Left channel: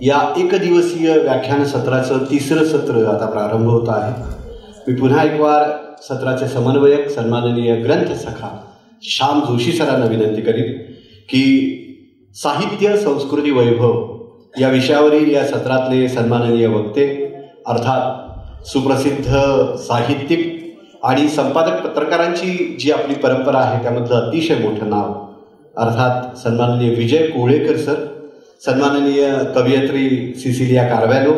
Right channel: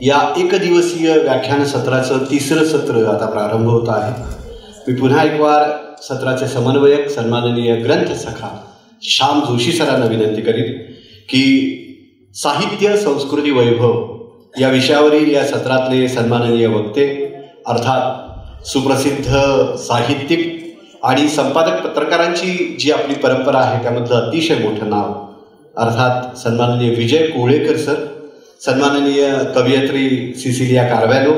या एकदिवसीय व्याख्यान सत्राचं तिसरं सत्र आता प्रारंभ होत आहे. मी पुन्हा एक वार सत्राचे समन्वयक सन्माननीय ग्रंथसखा श्याम जोशी सरांना विनंती करीन की साहित्य संस्कृती वैभव या विषयावरील या सत्रातले सन्माननीय वक्ते अर्थात सुप्रसिद्ध साहित्यिक आणि संपादक पत्रकारांची जी आपली परंपरा आहे त्यामधलं अतिशय मोठं नाव अर्थात सन्माननीय विजय कोळेकर सर, सन्माननीय कवयित्री सिसिलिया कारवॅलो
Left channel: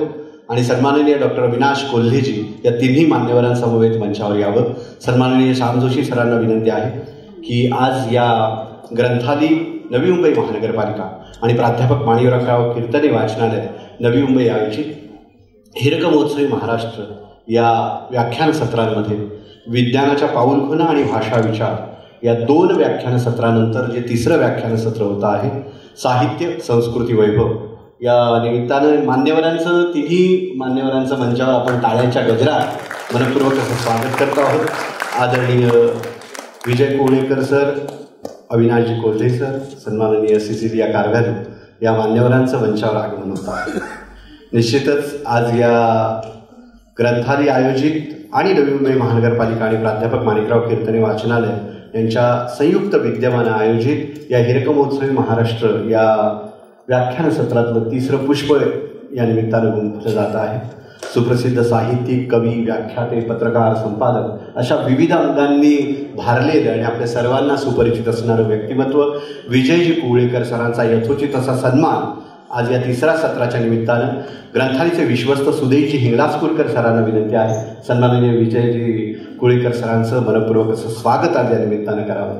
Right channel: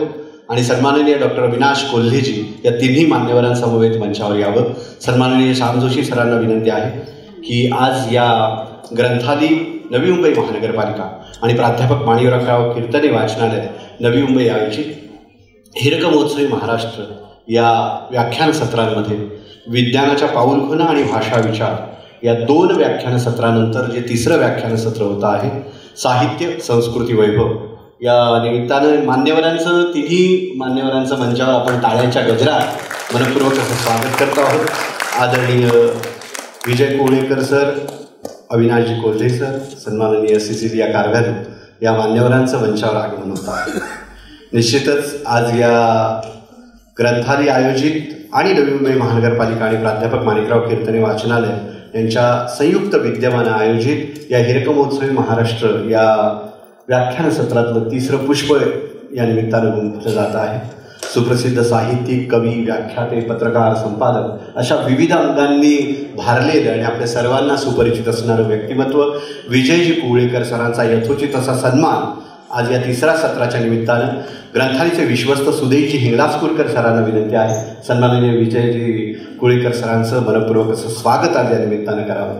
आणि सन्माननीय डॉक्टर अविनाश कोल्हेजी या तिन्ही मान्यवरांसमवेत मंचावर यावं. सन्माननीय श्याम जोशी सरांना विनंती आहे की आज या ग्रंथालय नवी मुंबई महानगरपालिका आणि प्राध्यापक माणिकराव कीर्तने वाचनालय नवी मुंबई आयोजित हिरक महोत्सवी महाराष्ट्र या व्याख्यान सत्रांमध्ये विज्ञानाच्या पाऊलखुणा आणि भाषा विचार या 2 व्याख्यान सत्रानंतर जे तिसरं व्याख्यान सत्र होतं आहे साहित्य संस्कृती वैभव या निमित्तानं तिन्ही मान्यवरांचं मंचावर आपण टाळ्यांच्या गजरात मनपूर्वक असं स्वागत करतो आहोत. आदरणीय विजय कोळेकर सर, अविनाशजी कोल्हे सर, सन्माननीय सिसिलिया कारवॅलो या मान्यवरांचं मंचावर आगमन होतं आहे. निश्चितच आज या ग्रंथालय आयोजित आणि नवी मुंबई महानगरपालिका आणि प्राध्यापक माणिकराव कीर्तने वाचनालय यांच्या संयुक्त विद्यमानं आयोजित या हिरक महोत्सवी महाराष्ट्र या व्याख्यान सत्रातलं तिसरं पुष्प या निमित्तानं गुंफलं जात आहे. सुप्रसिद्ध साहित्यिक, कवी, व्याख्याते, पत्रकार, संपादक अशा विविध अंगांनी भारलेलं आणि आपल्या सर्वांना सुपरिचित असणारं व्यक्तिमत्व विजयजी कोळेकर सरांचा यथोचित असा सन्मान आज या तिसऱ्या सत्राच्या निमित्तानं ग्रंथालयाचे विश्वस्त सुदेशजी हिंगलाजपूरकर सरांना विनंती आहे सन्माननीय विजयजी कोळेकर सरांचं मनपूर्वक असं स्वागत आज या निमित्तानं करावं.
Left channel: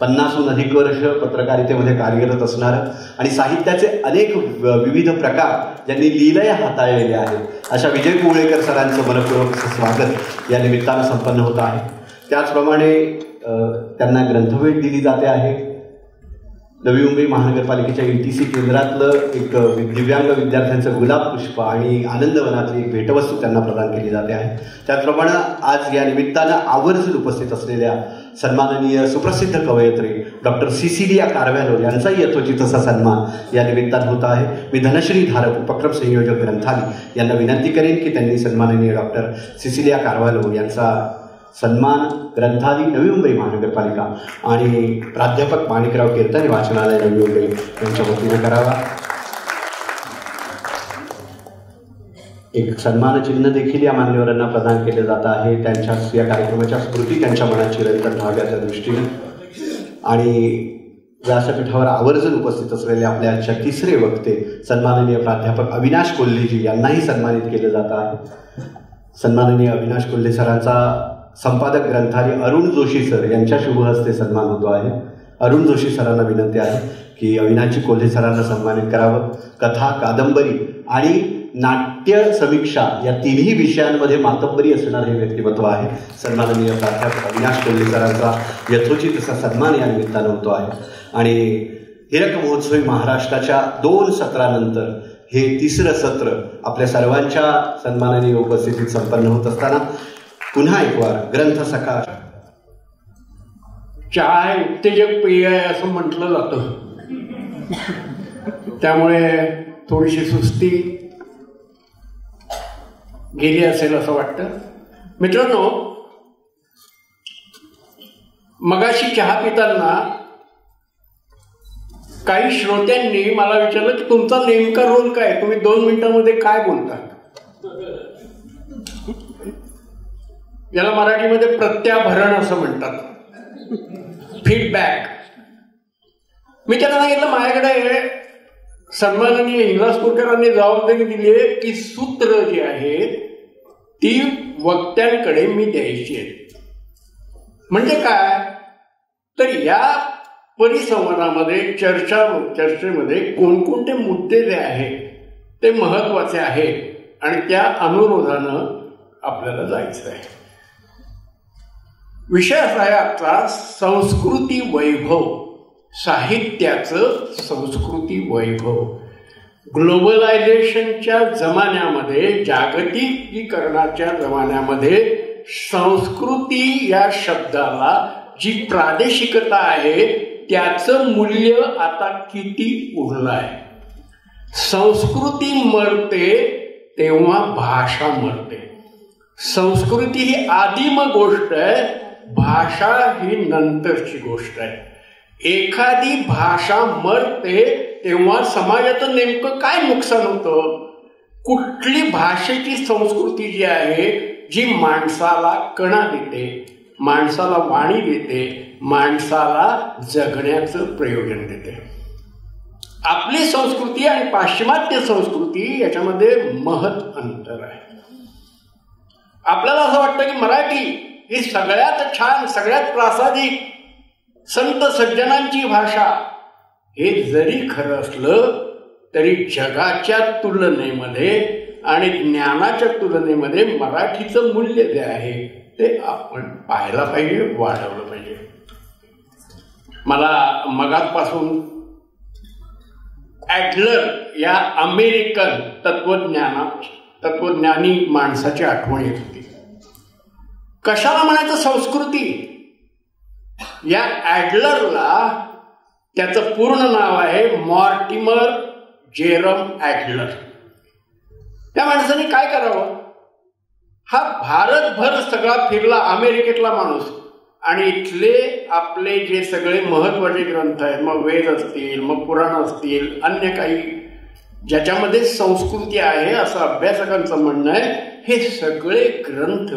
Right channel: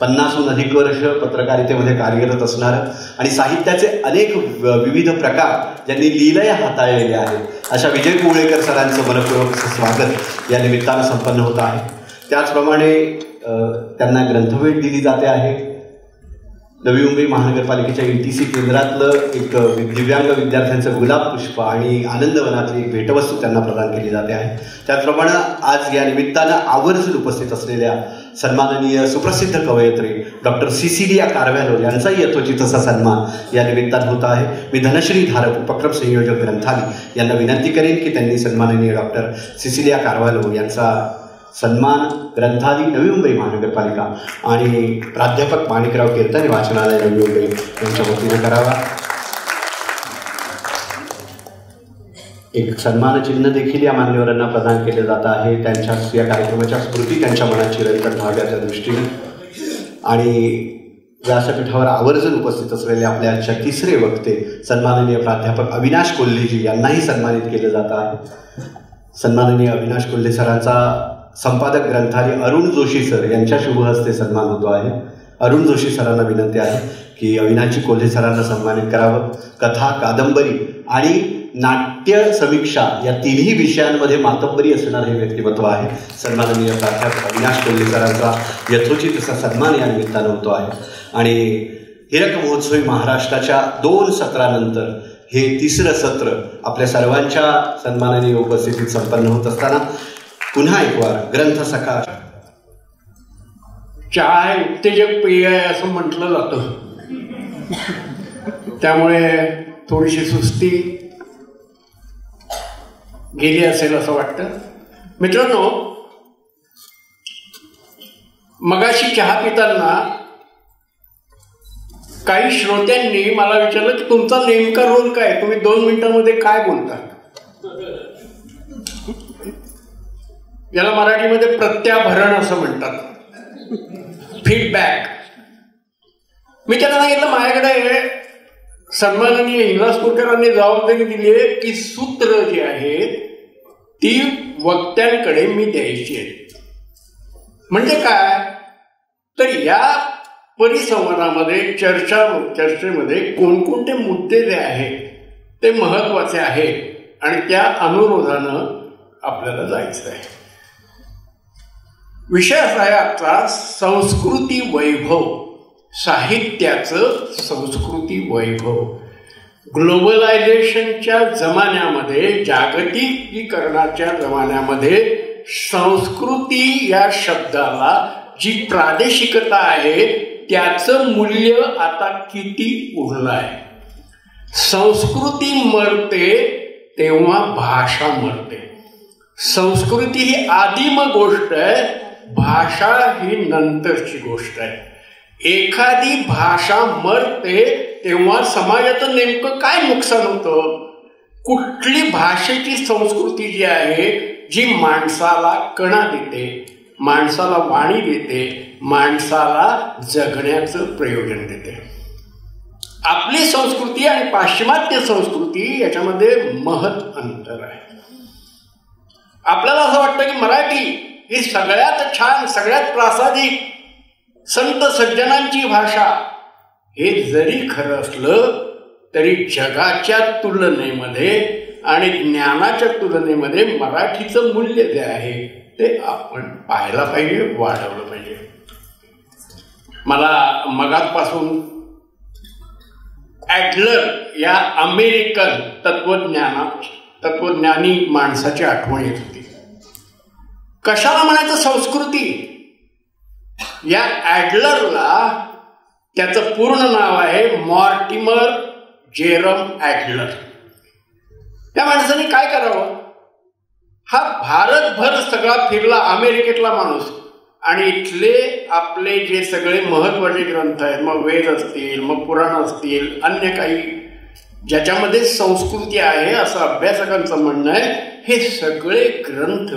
50हून अधिक वर्ष पत्रकारितेमध्ये कार्यरत असणारं आणि साहित्याचे अनेक विविध प्रकार ज्यांनी लीलया हाताळलेले आहेत अशा विजय कोळेकर सरांचं मनपूर्वक असं स्वागत या निमित्तानं संपन्न होत आहे. त्याचप्रमाणे त्यांना ग्रंथभेट दिली जाते आहे. नवी मुंबई महानगरपालिकेच्या ETC केंद्रातलं एक दिव्यांग विद्यार्थ्यांचं गुलाब पुष्प आणि आनंदवनातली एक भेटवस्तू त्यांना प्रदान केली जाते आहे. त्याचप्रमाणे आज या निमित्तानं आवर्जून उपस्थित असलेल्या सन्माननीय सुप्रसिद्ध कवयित्री डॉक्टर सिसिलिया कारवॅलो यांचाही यथोचित असा सन्मान या निमित्तानं होत आहे. मी धनश्री धारक उपक्रम संयोजक ग्रंथालय यांना विनंती करेन की त्यांनी सन्माननीय डॉक्टर सिसिलिया कारवॅलो यांचा सन्मान ग्रंथालय नवी मुंबई महानगरपालिका आणि प्राध्यापक माणिकराव कीर्तने वाचनालय नवी मुंबई यांच्या वतीने करावा. एक सन्मानचिन्ह देखील या मान्यवरांना प्रदान केले जात आहे त्यांच्या या कार्यक्रमाच्या स्मृती त्यांच्या मनात चिरंतन राहाव्याच्या दृष्टीने. आणि व्यासपीठावर आवर्जून उपस्थित असलेले आपल्या आजच्या तिसरे वक्ते सन्माननीय प्राध्यापक अविनाश कोल्हेजी यांनाही सन्मानित केलं जात आहे. सन्माननीय अविनाश कोल्हे सरांचा संपादक ग्रंथालय अरुण जोशी सर यांच्या शुभ हस्ते सन्मान होतो आहे. अरुण जोशी सरांना विनंती आहे की अविनाशजी कोल्हे सरांना सन्मानित करावं. कथा, कादंबरी आणि नाट्य समीक्षा या तिन्ही विषयांमध्ये मातब्बरी असणारे हे व्यक्तिमत्व आहे. सन्माननीय प्राध्यापक अविनाश कोल्हे सरांचा यथोचित असा सन्मान या निमित्तानं होतो आहे. आणि हिरक महोत्सवी महाराष्ट्राच्या 2 सत्रानंतर हे तिसरं सत्र आपल्या सर्वांच्या सन्मानाने उपस्थितीत संपन्न होत असताना पुन्हा एक वार ग्रंथसखा चहा उत्तेजक पेय आहे असं म्हटलं जातं, त्यामुळे थोडीशी सुस्ती गेली असेल असं वाटतं. मित्रांनो, मगाशी चहा पिताना काही श्रोत्यांनी मला विचारलं की तुमचा नेमका रोल काय, तुम्ही 2 मिनिटांमध्ये काय बोलता. याला मराठीमध्ये प्रत्याभरण असं म्हणतात, फीडबॅक. मी त्यांना सांगितलं माझ्याकडे सन्माननीय हिंगलाजपूरकरांनी जबाबदारी दिली आहे की सूत्र जी आहेत ती वक्त्यांकडे मी द्यायची आहेत. म्हणजे काय तर या परिसंवादामध्ये चर्चेमध्ये कोणकोणते मुद्दे जे आहेत ते महत्वाचे आहेत आणि त्या अनुरोधानं आपल्याला जायचं आहे. विषय असा आहे आजचा संस्कृती वैभव, साहित्याचं संस्कृती वैभव. ग्लोबलायझेशनच्या जमान्यामध्ये, जागतिकीकरणाच्या जमान्यामध्ये संस्कृती या शब्दाला जी प्रादेशिकता आहे त्याचं मूल्य आता किती उरलं आहे. संस्कृती मरते तेव्हा भाषा मरते. संस्कृती ही आदिम गोष्ट आहे, भाषा ही नंतरची गोष्ट आहे. एखादी भाषा मरते तेव्हा समाजाचं नेमकं काय नुकसान होतं? कुठली भाषेची संस्कृती जी आहे, जी माणसाला कणा देते, माणसाला वाणी देते, माणसाला जगण्याचं प्रयोजन देते. आपली संस्कृती आणि पाश्चिमात्य संस्कृती याच्यामध्ये महत् अंतर आहे. आपल्याला असं वाटतं की मराठी ही सगळ्यात छान, सगळ्यात प्रासादिक, संत सज्जनांची भाषा. हे जरी खरं असलं तरी जगाच्या तुलनेमध्ये आणि ज्ञानाच्या तुलनेमध्ये मराठीचं मूल्य जे आहे ते आपण पाहायला पाहिजे, वाढवलं पाहिजे. मला मगापासून ॲडलर या अमेरिकन तत्वज्ञानी माणसाची आठवण येत होती. कशाला म्हणायचं संस्कृती? या ॲडलरला त्याचं पूर्ण नाव आहे मॉर्टिमर जेरम ॲडलर. त्या माणसाने काय करावं? हा भारतभर सगळा फिरला, अमेरिकेतला माणूस, आणि इथले आपले जे सगळे महत्त्वाचे ग्रंथ आहेत, मग वेद असतील, मग पुराण असतील, अन्य काही ज्याच्यामध्ये संस्कृती आहे असं अभ्यासकांचं म्हणणं आहे, हे सगळे ग्रंथ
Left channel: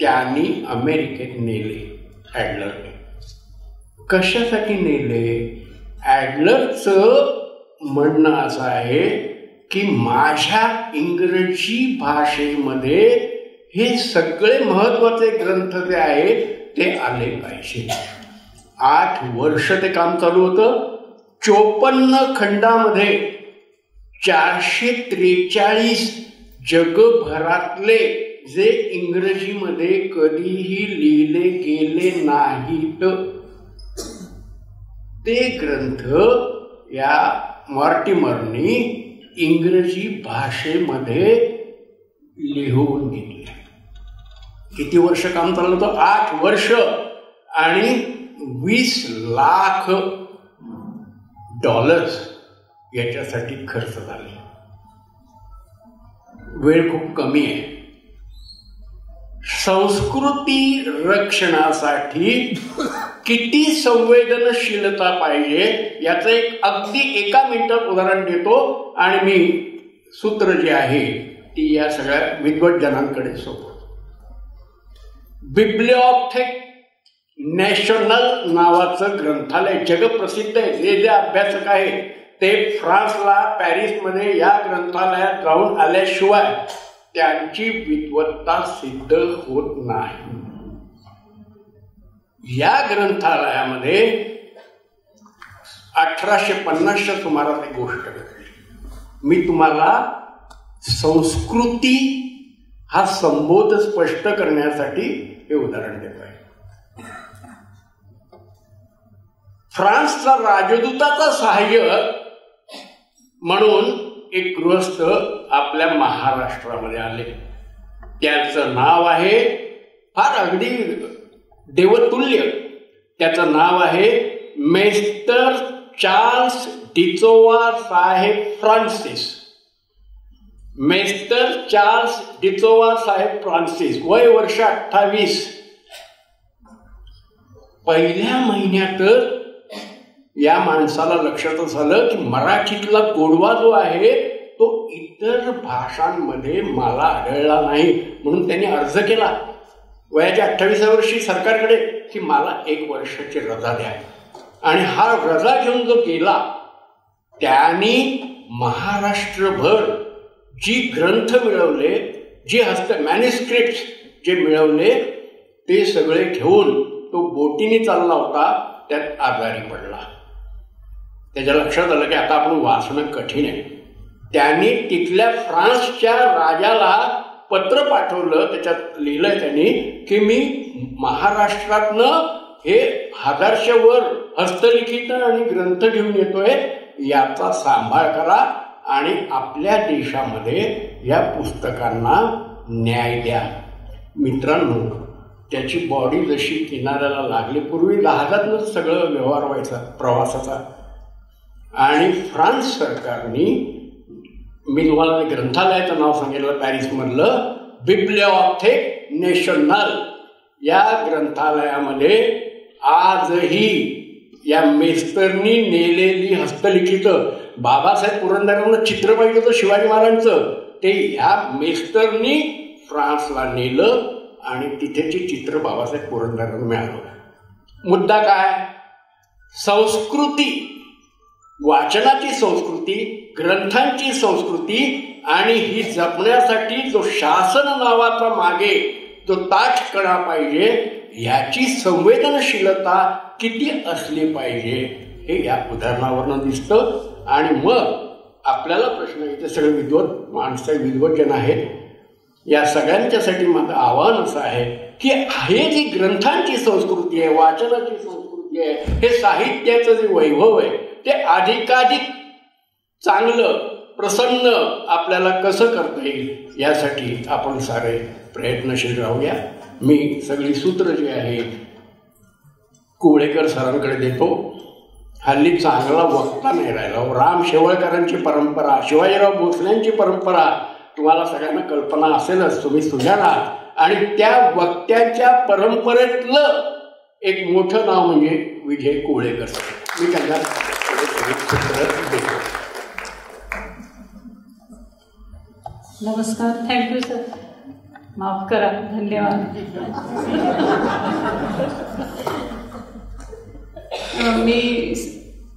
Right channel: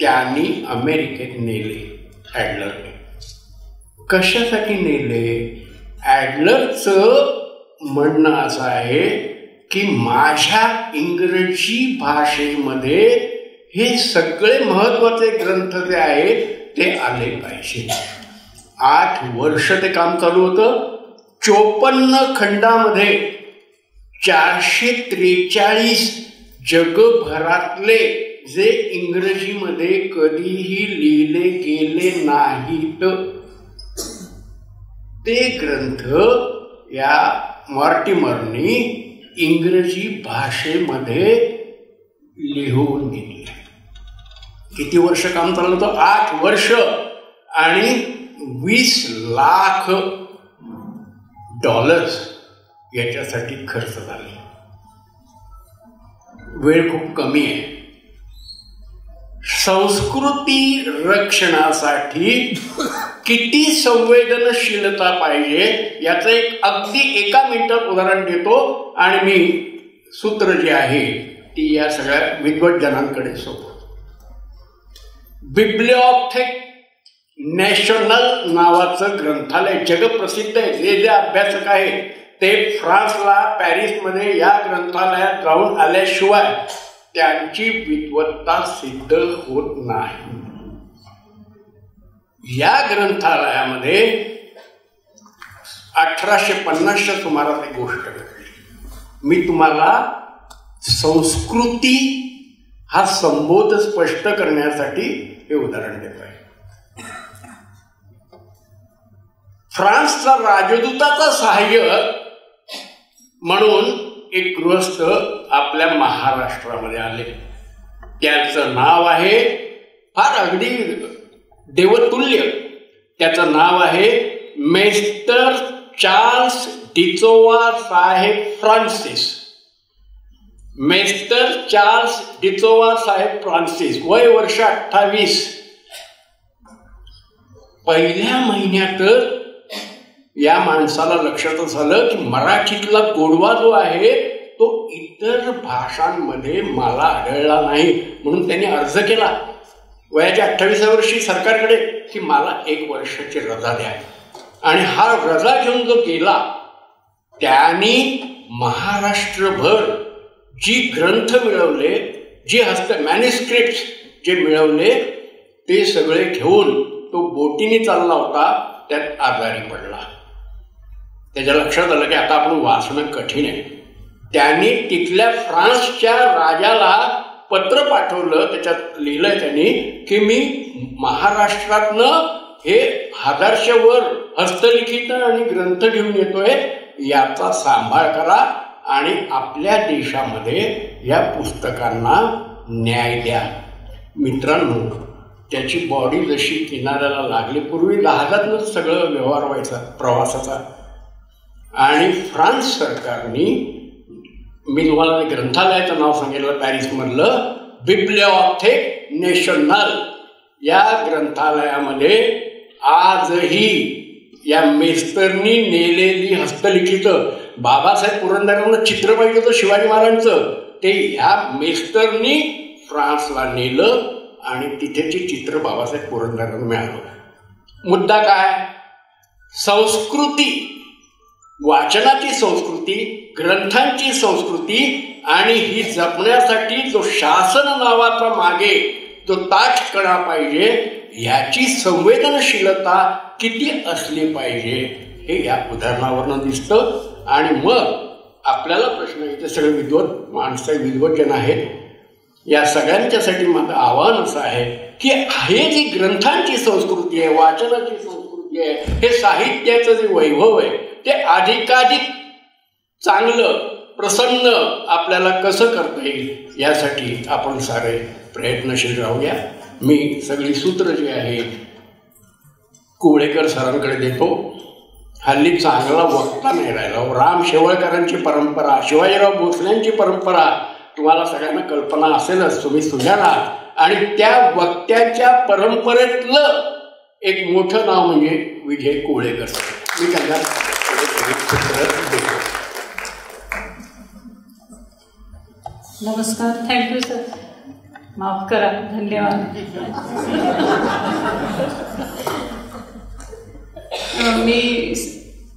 त्यांनी अमेरिकेत नेले ॲडलरने. कशासाठी नेले? ॲडलरचं म्हणणं असं आहे की माझ्या इंग्रजी भाषेमध्ये हे सगळे महत्त्वाचे ग्रंथ जे आहेत ते आले पाहिजे. 8 वर्ष ते काम चालू होतं. 54 खंडामध्ये 443 जगभरातले जे इंग्रजीमध्ये कधीही लिहिले गेले नाहीत ते ग्रंथ या मॉर्टिमरनी इंग्रजी भाषेमध्ये लिहून घेतले. किती वर्ष काम चाललं होतं? 8 वर्ष आणि $20 लाख याच्यासाठी खर्च झाले. वेळ खूप कमी आहे. संस्कृती रक्षणासाठी किती संवेदनशीलता पाहिजे याचं एक अगदी 1 मिनिटात उदाहरण देतो आणि मी सूत्र जी आहे ती या सगळ्या विद्वज्जनांकडे सोपवतो. बिब्लिओथेक नॅशनल नावाचं ग्रंथालय जगप्रसिद्ध आहे. जे अभ्यासक आहेत ते फ्रान्सला, पॅरिसमध्ये या ग्रंथालयात जाऊन आल्याशिवाय त्यांची विद्वत्ता सिद्ध होत नाही. या ग्रंथालयामध्ये 1850च्या सुमारास एक गोष्ट घडली. मी तुम्हाला संस्कृती हा संबोध स्पष्ट करण्यासाठी हे उदाहरण देतो आहे. फ्रान्सचा राजदूताचा सहाय्यक म्हणून एक गृहस्थ आपल्या महाराष्ट्रामध्ये आले. त्याचं नाव आहे, फार अगदी देवतुल्य, त्याचं नाव आहे मेस्टर चार्ल्स डिसोजा साहेब फ्रान्सिस. मेस्टर चार्ल्स डिसोजा साहेब फ्रान्सिस, वय वर्ष 28. पहिल्या महिन्यातच या माणसाला लक्षात झालं की मराठीतला गोडवा जो आहे तो इतर भाषांमध्ये मला आढळला नाही. म्हणून त्यांनी अर्ज केला वयाच्या 28व्या वर्षी सरकारकडे की मला 1 वर्षाची रजा द्या. आणि हा रजा घेऊन जो गेला त्यांनी महाराष्ट्रभर जी ग्रंथ मिळवले, जे मॅन्युस्क्रिप्ट जे मिळवले ते सगळे घेऊन तो बोटीने चालला होता. त्यात आजारी पडला. त्याच्या लक्षात आलं की आता आपण वाचणं कठीण आहे. त्यांनी तिथल्या फ्रान्सच्या राजाला पत्र पाठवलं. त्याच्यात लिहिलंय त्यांनी की मी महाराष्ट्रातनं हे 1000च्या वर हस्तलिखित आणि ग्रंथ घेऊन येतोय, याचा सांभाळ करा आणि आपल्या देशामध्ये या पुस्तकांना न्याय द्या. मित्रांनो, त्याची बॉडी जशी किनाऱ्याला लागली, पूर्वी जहाजातनं सगळं व्यवहार व्हायचा प्रवासाचा, आणि फ्रान्स सरकारने, मी तुम्हाला ग्रंथालयाचं नाव सांगितलं पॅरिसमधलं, बिब्लिओथेक नॅशनल, या ग्रंथालयामध्ये आजही या मेस्तरनी नेलेली हस्तलिखित बाबासाहेब पुरंदरेंना चित्र पाहिजे होतं शिवाजी महाराजांचं, ते ह्या मेस्तरनी फ्रान्सला नेलं आणि तिथेची चित्र बाबासाहेब पुरंदरेंना मिळालं. मुद्दा काय? संस्कृती, वाचनाची संस्कृती, ग्रंथांची संस्कृती, आणि ही जपण्यासाठी जो शासन नावाचा मागे जो ताठकणा पाहिजे, ह्याची संवेदनशीलता किती असली पाहिजे हे या उदाहरणावरनं दिसतं. आणि मग आपल्याला प्रश्न येते, सगळे विद्वत माणसं, विद्वजन आहेत, या सगळ्यांच्यासाठी माझं आव्हान असं आहे की हे जी ग्रंथांची संस्कृती आहे, वाचनाची संस्कृती आहे, हे साहित्याचं जे वैभव आहे ते अधिकाधिक चांगलं, प्रसन्न आपल्याला कसं करता येईल यासाठी आपण सारे प्रयत्नशील राहूया. मी सगळी सूत्र जी आहेत कुवळेकर सरांकडे देतो. हल्ली चांगला वक्ता नाही राहिला. राम शेवळकरांची परंपरा, शिवाजीराव भोसल्यांची परंपरा तुम्हाला सगळ्यांना कल्पना असेलच, तुम्ही सुजाण आहात. आणि त्या वक्त्यांच्या परंपरेतलं एक मोठं नाव म्हणजे विजय कुवळेकर. मी त्यांना नमस्कार. Thank you sir. माफ करा. धन्यवाद. मी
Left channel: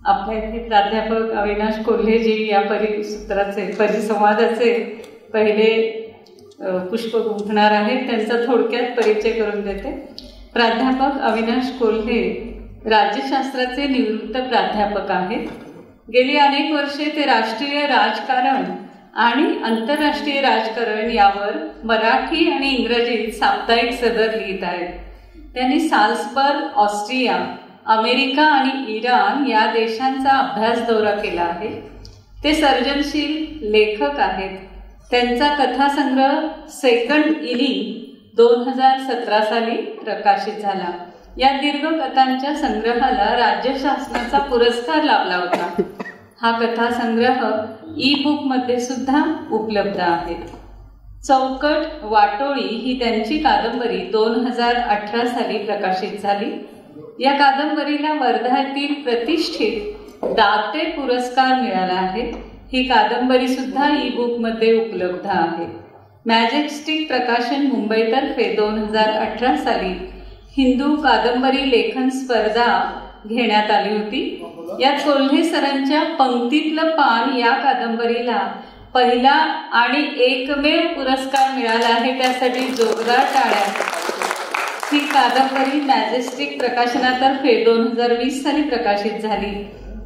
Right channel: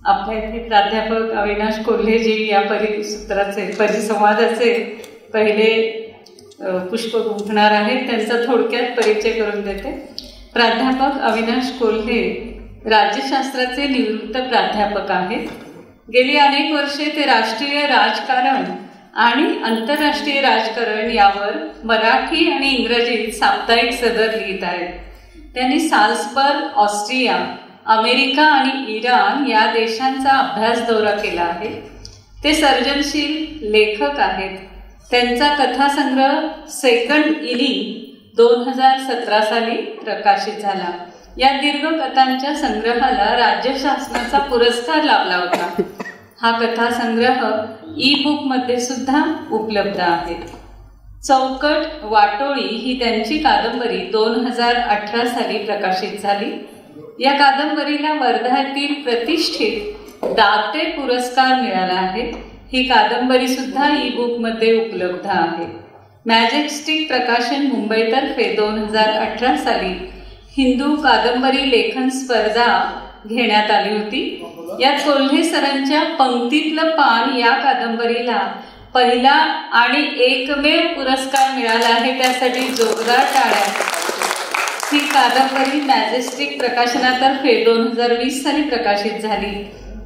आपल्या इथे प्राध्यापक अविनाश कोल्हेजी या परिसंवादाचे पहिले पुष्प गुंफणार आहेत. त्यांचा थोडक्यात परिचय करून देते. प्राध्यापक अविनाश कोल्हे राज्यशास्त्राचे निवृत्त प्राध्यापक आहेत. गेली अनेक वर्षे ते राष्ट्रीय राजकारण आणि आंतरराष्ट्रीय राजकारण यावर मराठी आणि इंग्रजीत साप्ताहिक सदर लिहित आहेत. त्यांनी साल्सबर्ग, ऑस्ट्रिया, अमेरिका आणि इराण या देशांचा अभ्यास दौरा केला आहे. ते सर्जनशील लेखक आहेत. त्यांचा कथासंग्रह सेकंड इनिंग 2017 साली प्रकाशित झाला. या दीर्घ कथांच्या संग्रहाला राज्य शासनाचा पुरस्कार लाभला होता. हा कथासंग्रह ई बुकमध्ये सुद्धा उपलब्ध आहे. चौकट वाटोळी ही त्यांची कादंबरी 2018 साली प्रकाशित झाली. या कादंबरीला वर्ध्यातील प्रतिष्ठित दाते पुरस्कार मिळाला आहे. ही कादंबरी सुद्धा ई बुकमध्ये उपलब्ध आहे. मॅजेस्टिक प्रकाशन मुंबईतर्फे 2018 साली हिंदू कादंबरी लेखन स्पर्धा घेण्यात आली होती. यात कोल्हे सरांच्या पंक्तीतलं पान या कादंबरीला पहिला आणि एकमेव पुरस्कार मिळाला आहे. त्यासाठी जोरदार टाळ्या. ही कादंबरी मॅजेस्टिक प्रकाशनातर्फे 2020 साली प्रकाशित झाली.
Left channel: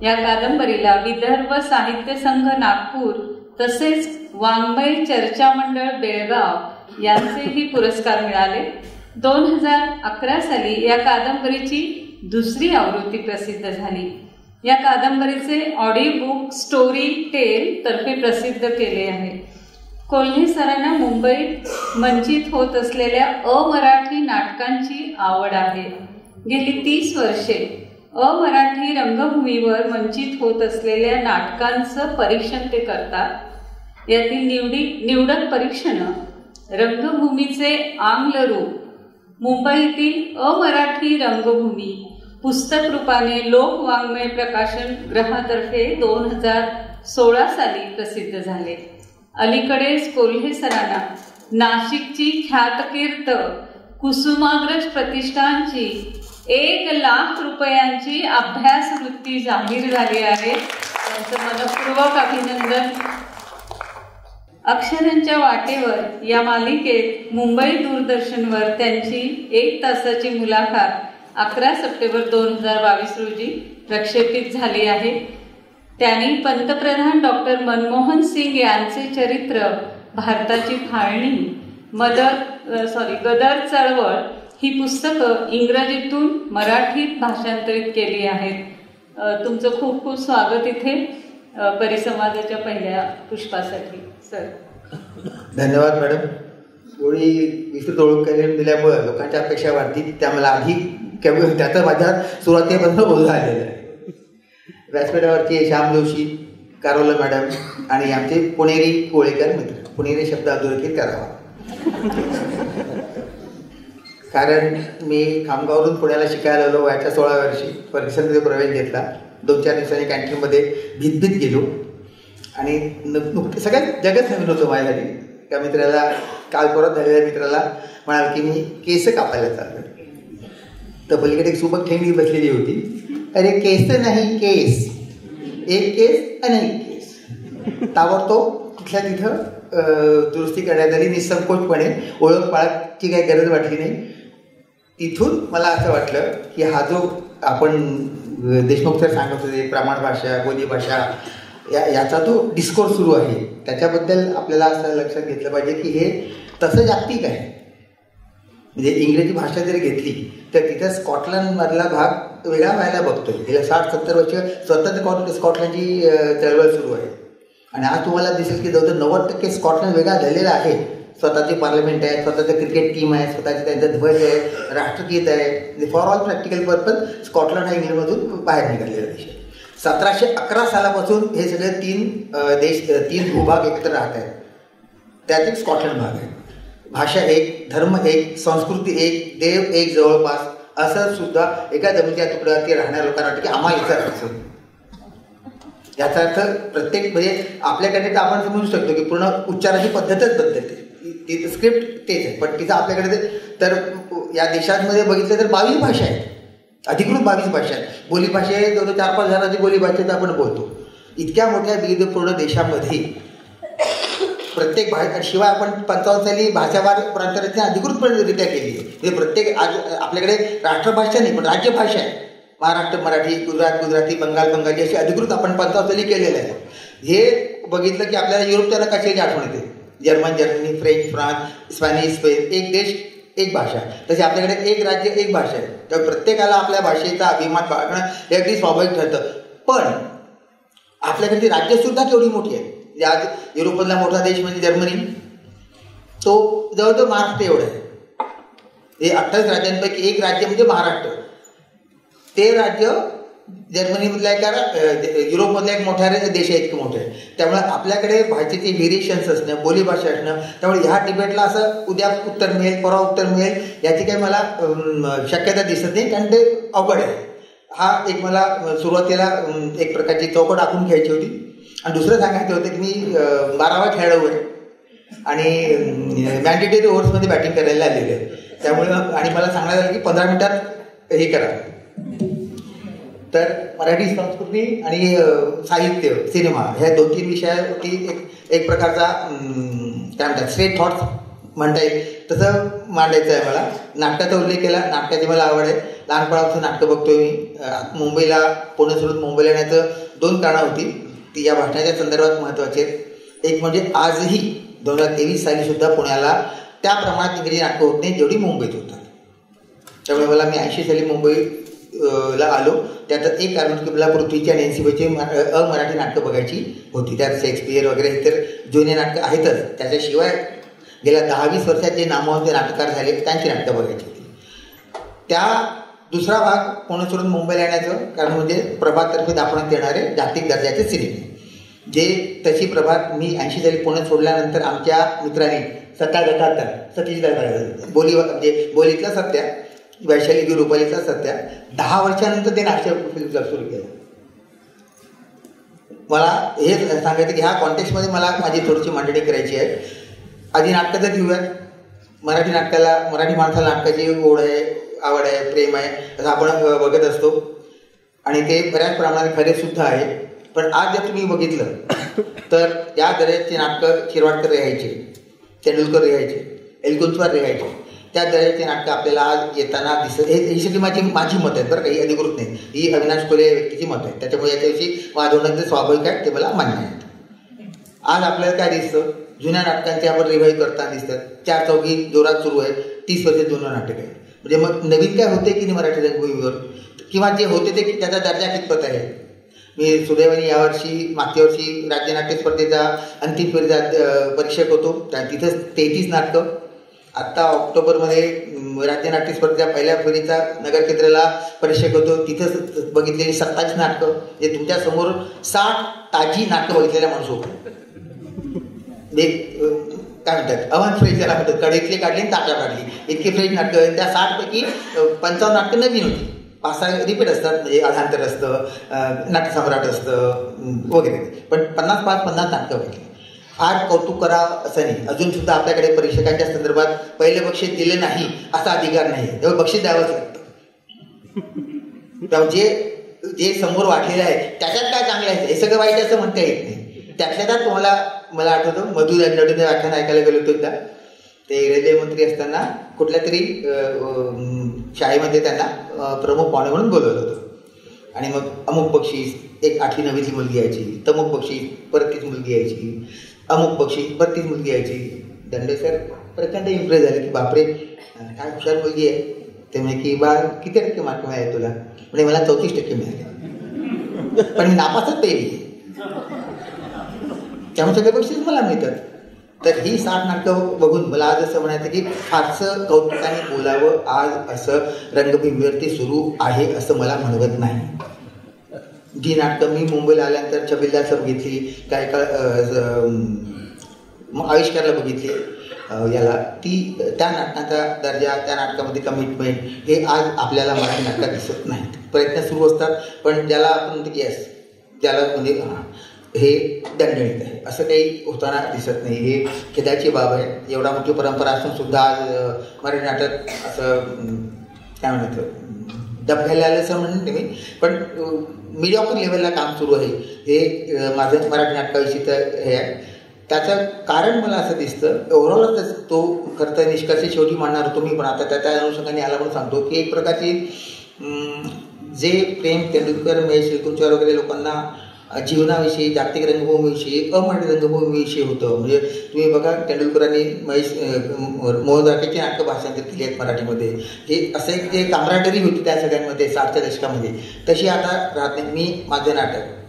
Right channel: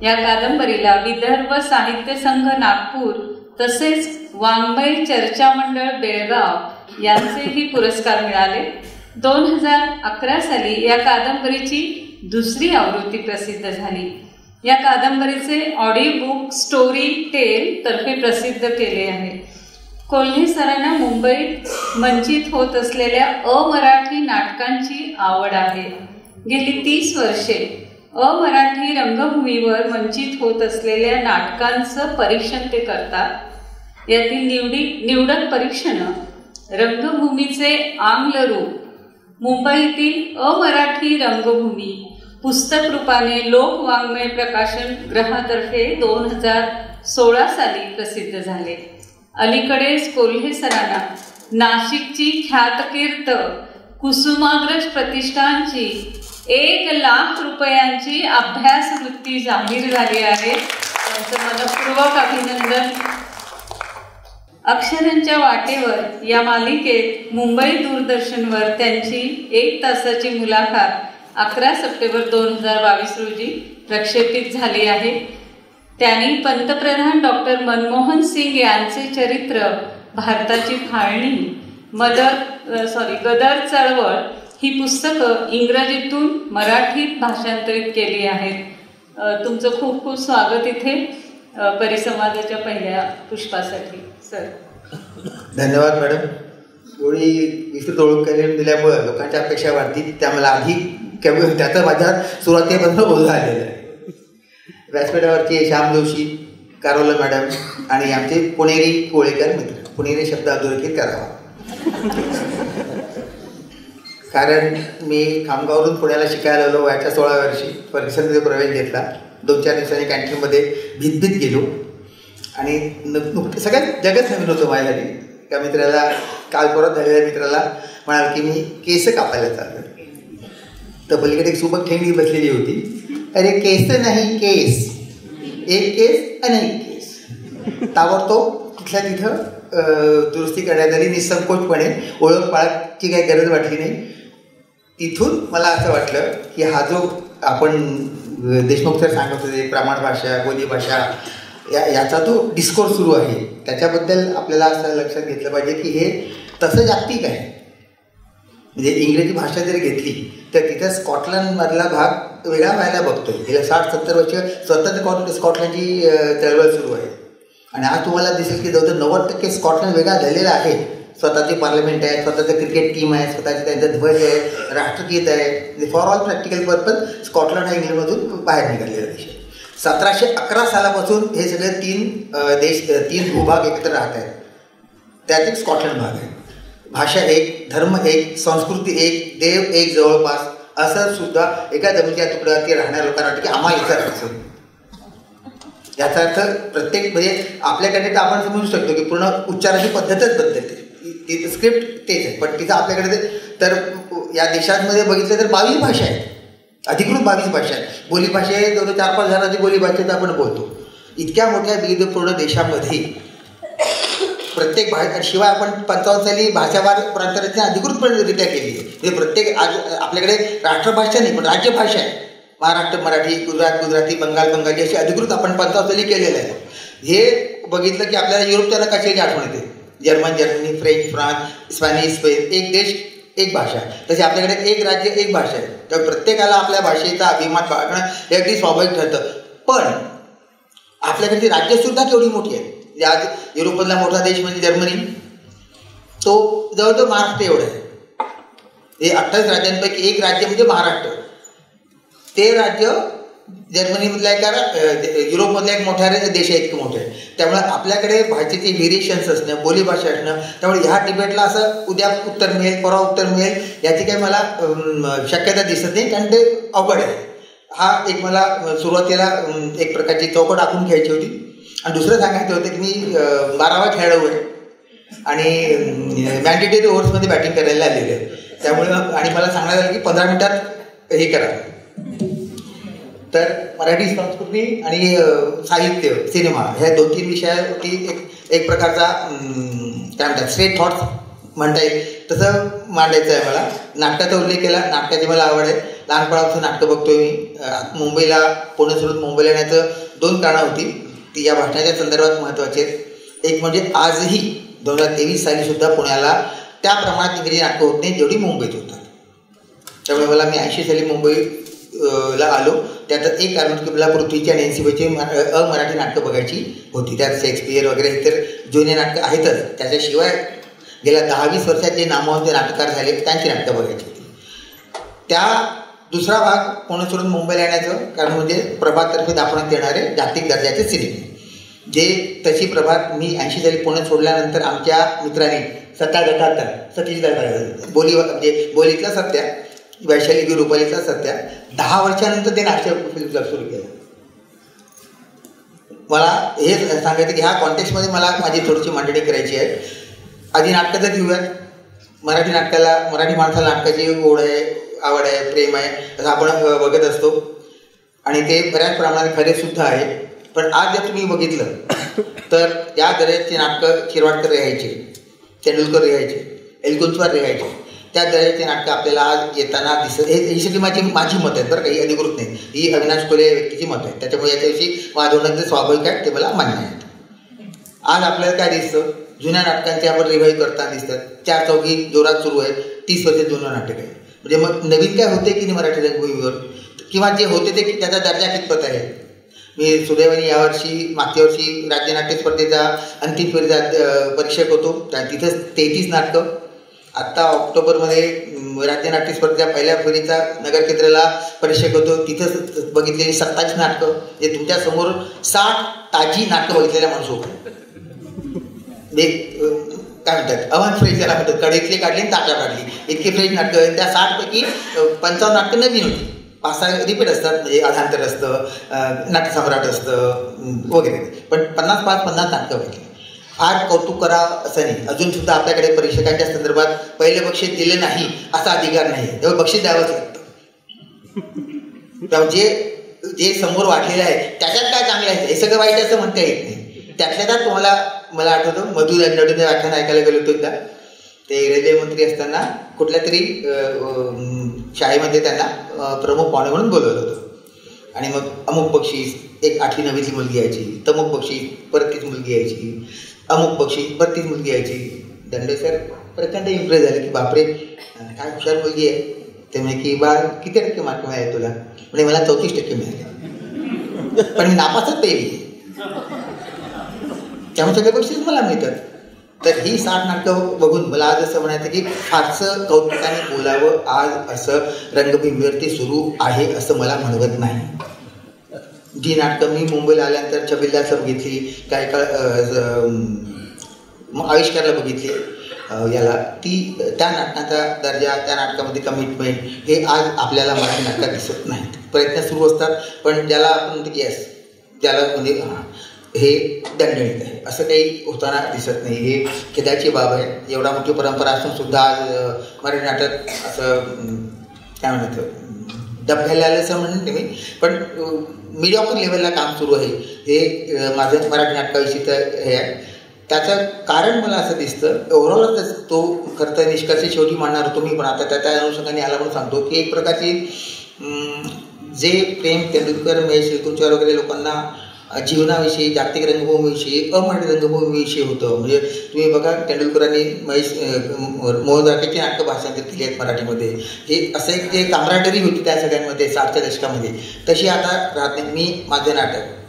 या कादंबरीला विदर्भ साहित्य संघ नागपूर तसेच वाङ्मय चर्चा मंडळ बेळगाव यांचेही पुरस्कार मिळाले. 2011 साली या कादंबरीची दुसरी आवृत्ती प्रसिद्ध झाली. या कादंबरीचे ऑडिओ बुक स्टोरी टेल तर्फे प्रसिद्ध केले आहे. कोल्हे सरांना मुंबईत मंचित होत असलेल्या अमराठी नाटकांची आवड आहे. गेली 30 वर्षे अमराठी रंगभूमीवर मंचित होत असलेल्या नाटकांचं परीक्षण ते करतात. यातील निवडक परीक्षणं रंगभूमीचे आंग्ल रूप, मुंबईतील अमराठी रंगभूमी पुस्तक रूपाने लोकवाङ्मय प्रकाशन गृहातर्फे 2016 साली प्रसिद्ध झाले. अलीकडेच कोल्हे सरांना नाशिकची ख्यातकीर्त कुसुमाग्रज प्रतिष्ठानची 1 लाख रुपयांची अभ्यासवृत्ती जाहीर झाली आहे. त्यांचं मनपूर्वक अभिनंदन. अक्षरांच्या वाटेवर या मालिकेत मुंबई दूरदर्शनवर त्यांची 1 तासाची मुलाखत 11 सप्टेंबर 2022 रोजी प्रक्षेपित झाली आहे. त्यांनी पंतप्रधान डॉक्टर मनमोहन सिंग यांचे चरित्र, भारताची फाळणी, गदर चळवळ ही पुस्तकं इंग्रजीतून मराठीत भाषांतरित केली आहेत. तुमचं खूप खूप स्वागत इथे परिसंवादाच्या पहिल्या पुष्पासाठी. सर धन्यवाद मॅडम. एवढी विस्तृत ओळख करून दिल्यामुळे लोकांच्या अपेक्षा वाढतील. त्या मला आधी त्याचा माझ्या सुरुवातीपासून बोलणं आलेलं आहे. व्यासपीठावरचे श्याम जोशी, कारोला मॅडम आणि आमचे पुणेरी कोळेकर मित्र. पुणेरी शब्द अधोरेखित करावा, कारण मी खामगाववरून पुण्याला शिकायला आलो. वयाच्या 16 वर्षी फर्ग्युसनमध्ये प्रवेश घेतला. 2-4 दिवसांनी कॅन्टीनमध्ये भीत गेलो आणि सगळ्यात जगच नवीन होतं माझ्यासाठी. त्या मित्राला, काल परत झालेल्या मित्राला म्हणाल की मी केस कापायला चाललो. तर पलीकडे एक सुबक ठेंगडी बसलेली होती. अरे केस नाही केस, एक केस अनेक केस. ताबडतोब तिथल्या तिथं दुरुस्ती करण्यात आली. निसंकोचपणे, ओळख पाळखची काही गरज वाटली नाही. तिथून मला असं वाटलं की हा जो आपण देशमुख सर सांगत होते प्रमाण भाषा, बोलीभाषा, याचा जो डिस्कोर्स सुरू आहे त्याच्याबद्दल आपल्याला असं लक्षात घेतलं पाहिजे की हे तसं जागतिक आहे. म्हणजे इंग्रजी भाषा जरी घेतली तर तिथं स्कॉटलंडमधला भाग वेगळा व्हायला बघतोय. गेल्या 60-70 वर्ष स्वतंत्र स्कॉटलंडची चळवळ सुरू आहे आणि आज तुम्हाला दिसेल की जवळजवळ 90% स्कॉटलंड वेगळा झालेला आहे. स्वतःची पार्लमेंट आहे, स्वतःचं क्रिकेट टीम आहे, स्वतःची त्यांचा ध्वज आहे, राष्ट्रगीत आहे. For all practical purpose Scotland हा इंग्लंडमधून बाहेर निघालेला देश आहे. 1711 सालापासून हे सगळे 3 भूभाग एकत्र राहत आहेत. त्यात एक स्कॉटलंड भाग आहे. भाषा एक, धर्म एक, संस्कृती एक, देव एक जवळपास, असं सुद्धा एका जमिनीच्या तुकड्यावरती राहणाऱ्या लोकांना वाटतं की आम्हाला इथं राहायचं. याचा अर्थ प्रत्येक म्हणजे आपल्याकडे तर आपण समजू शकतो की पूर्ण उच्चाराची पद्धतच बदलते. ती स्क्रिप्ट तेच आहे, पण तिथं आपल्याकडे तर या देशांमध्ये बघितलं तर 22 भाषा आहेत, अधिकृत 22 भाषा आहेत. बोलीभाषा आहे जवळ 4-5 हजाराची बोलीभाषेत आपण बोलतो. इतक्या मोठ्या विविधपूर्ण देशामध्ये प्रत्येक भाषा, शिवाय आपण 55 साली भाषावार प्रांतरचना अधिकृतपणेरित्या केली आहे. म्हणजे प्रत्येक आज आपल्याकडे राष्ट्रभाषा नाही पण राज्यभाषा आहे. महाराष्ट्र मराठी, गुजराती, बंगाली अशी अधिकृत आपण 55 साली केलेलं आहे. हे बघितलं की आपल्याला युरोपच्या कशाची आठवण येते. जर्मनी, फ्रान्स, स्पॅनिश, स्पेन, एक देश एक भाषा. तसे आपल्याकडे एक राज्य एक भाषा आहे. तर प्रत्येकाला आपल्या भाषेचा अभिमान बाळगणं हे अगदी स्वाभाविक ठरतं. पण आपल्याकडची राज्यसुद्धा केवढी मोठी आहे. आज युरोपमधला मोठा देश म्हणजे जर्मनी, तो जवळजवळ महाराष्ट्र एवढा आहे. हे 28 राज्यांपैकी एक राज्य म्हणजे महाराष्ट्र. ते राज्य जर्मनीमधला एक युरोपमधला एक मोठा देश आहे, इतकं मोठं आहे. त्यामुळे आपल्याकडे भाषेचे व्हेरिएशन्स असणं, बोलीभाषा असणं, त्यामुळे ह्या डिबेटला असं उद्या उत्तर मिळेल, परवा उत्तर मिळेल याची काही मला शक्यता दिसत नाही, कारण ते अवघड आहे. हा एक मला सुरुवातीला एक प्रकारची चौकट आखून घ्यायची होती. आणि दुसरं सांगायचं होतं की मी 12वा खेळाडू आहे आणि मॅन्डेटरी ओव्हर्समध्ये बॅटिंग करायला आलेले आहे. त्यामुळं आणि मला सांगण्यात आलं की 15 मिनिटात हे करा. तर मराठी संस्कृती आणि साहित्य, सिनेमा ह्या 2-3 विषयावरती एक प्रकारचा काय म्हणतात स्ट्रेट थॉट्स म्हणता येईल तसं मांडायचं आहे मला. नाटकाचा उल्लेख केला. नाटकाची मला आवड आहे. लहानपणापासून नाटकं बघतोय मी. मुंबईला, पुणे सोडून मुंबईला येण्याचं 2 कारणं होती. ती या भाषणाच्या संदर्भात महत्त्वाची आहेत. एक म्हणजे आजही 2023 सालीसुद्धा पुण्याला त्या प्रमाणात इंग्रजी नाटकं होत नाही जेवढी मुंबईत होतात. त्यामुळे मी 80 साली मुंबईला आलो. त्यात एक कारण की मला पृथ्वीची आणि NCBची अमराठी नाटकं बघायची होती. त्यात शेक्सपियर वगैरे इतर जुने नाटकं आहेतच. त्याच्याशिवाय गेल्या 10-20 वर्षात जे नामवंत नाटककार झाले त्यांची नाटकं बघायची होती. त्या दुसरा भाग पुणे सोडून मुंबईला येण्याचं कारण म्हणजे प्रभाततर्फे दाखवण्यात येणारे जागतिक दर्जाचे सिनेमे. जे तशी प्रभात मी 80 साली पुणे सोडल्यानंतर आमच्या मित्रांनी सतीश बोली म्हणजे बोलीतला सत्या, वैशाली रुपालीचा सत्या 10 वर्षानंतर ते नाट्य फिल्म क्लब सुरू केलं. मला हे सांगायचं की ह्या कॉन्टेक्स्टमध्ये मला माझी थोडीशी मांडणी करायची आहे. आधी नाटकाचं घेऊयात. मराठी नाटकाला, मराठी माणसाला नाटकाची ओढ आहे, आवड आहे, प्रेम आहे असं आपण बघत असतो आणि ते बऱ्याच प्रमाणात खरेसुद्धा आहे. पण आज जर तुम्ही बघितलं तर या दर्जाचे नाटकं शिरवाडकर लिहायचे, तेंडुलकर लिहायचे, एलकुंचवार लिहायचे. त्या दर्जाचे नाटकं आपल्याला आज येताना दिसत. ही सगळी माझी मत आहेत बरं, काही अधिकृत नाही. ही अविनाश कोले या व्यक्तीची मत आहे. त्याच्यामुळे याच्याविषयी वाद होणं जे स्वाभाविक आहे ते मला मान्य आहे. आज आपल्याला काय दिसतं, जुन्या नाटकांचे आपण रिवाईव्ह करताना दिसतात. 4 चौघी जोरात सुरू आहे. 30 वर्ष जुनं नाटक आहे. म्हणजे मग नवीन काय होते की नाही मराठी रंगभूमीवर, किंवा जे होते ते त्याचा दर्जा कितपत आहे. मी सुदैवाने यावर्षी मागच्या वर्षी राज्य नाट्य स्पर्धेचा अंतिम फेरीचा परीक्षक होतो. तिथंच 33 नाटकं. आत्ता ऑक्टोबरमध्ये राज्य नाट्य स्पर्धेच्या पहिल्या फेरीचा नगर केंद्राला परीक्षक होतो, तिथं बघितलेली 27 नाटकं, जे तुमच्यासमोर 60 ताजी नाटकं बघितलेल्या माणूस होतो. काय म्हणतात अवन फ्रेश ज्याला म्हणतात, कडेतली काढली आणि ताटा काढली, इतकी फ्रेश नाटकं. त्या 60पैकी 55 नाटकं नवीन होती, 5-6 रिपीट असतात, म्हणजे अधांतर असतं, नाट्यसम्राट असतं वगैरे. पण 50 नाटकं बघितली. फार कौतुक करावं असं नाही. अजूनसुद्धा आपल्याकडे परीक्षकांच्या संदर्भात पहिले बक्षीस दिले नाही असा अधिकार नाही, तेव्हा बक्षीस द्यावंच लागतं. तेव्हा जे समोर वाटलेलं आहे त्याच्यात काय चांगलं आहे हे सगळं वाईट असं म्हणता येत नाही. त्यातल्या त्यात मला आठवतं मधु नडून व्याख्यान ऐकायला गेलो होतो एकदा. ते रेल्वे मंत्री असताना कुठल्या तरी शाळेमध्ये त्यांना प्रमुख पाहुणे म्हणून बोलवलं होतं. आणि मग अमुक बक्षीस, एक 8वी 9वीची मुलगी यायची, तमुक बक्षीस परत तीच मुलगी यायची, अमुक बक्षीस परत तीच मुलगी यायची. दंडे सर प्रचंड इम्प्रेस झाले की बापरे काय हुशार मुलगी आहे. ते म्हणे की बा किती टक्के मार्क मिळाले तुला? म्हणजे मला 34% मिळाले, पण मी नापासच पेली, त्यामुळे सगळे बक्षीस मला मिळतात. तर ही 60 नाटकं बघून मला आज असं म्हणायचं की फारसं कौतुकाने बोलावं आज असं रंगभूमीवरती सुरू आहे असं मला म्हणवत नाही. जी नाटकं मी मुंबईला आल्यानंतर छबिल्ला सर बघितली, काही काळ आविष्कारला बघितली, याला त्या नाटकाचा दर्जा, त्या नाटकामध्ये कमिटमेंट हे आज आपल्याला मराठी नाटकात दिसत नाहीत. प्रयत्न सुरू असतात पण ज्याला आपण म्हणतो येस, ज्याला म्हणजे हे दणदणीत आहे असं काही होताना दिसत नाही. हे खेदाची बाब आहे. एवढा मोठी परंपरा असून सुद्धा आज मराठी नाटक असं काय म्हणतं डबघायला आलं असं म्हणते मी, पण मीडियॉकर लेवलला काम सुरू आहे. हे माझं मराठी नाटकाविषयी तर हे आहे. त्याचं कारण मला असं दिसतं, ओव्हरऑलच तो खरं तर निष्कर्ष शेवटी मांडणार होतो मी, पण आता त्या अनुषंगाने आला म्हणून सांगतो की एक प्रकारची जे प्रेम तेंडुलकर, महेश ऋतुंचर वगैरे लोकांना जीवनाविषयी, जागतिक रंगभूमीविषयी, अमराठी रंगभूमीविषयी होतं. म्हणजे तुम्ही बघा तेंडुलकरांनी मोहन राकेची नाटकं भाषांतर केली आहेत मराठीमध्ये. हे असं एक जे कामराडरी होती त्या सगळ्यांमध्ये 60च्या दशकामध्ये, तशी आता राहत नाही. मी माझं नाटक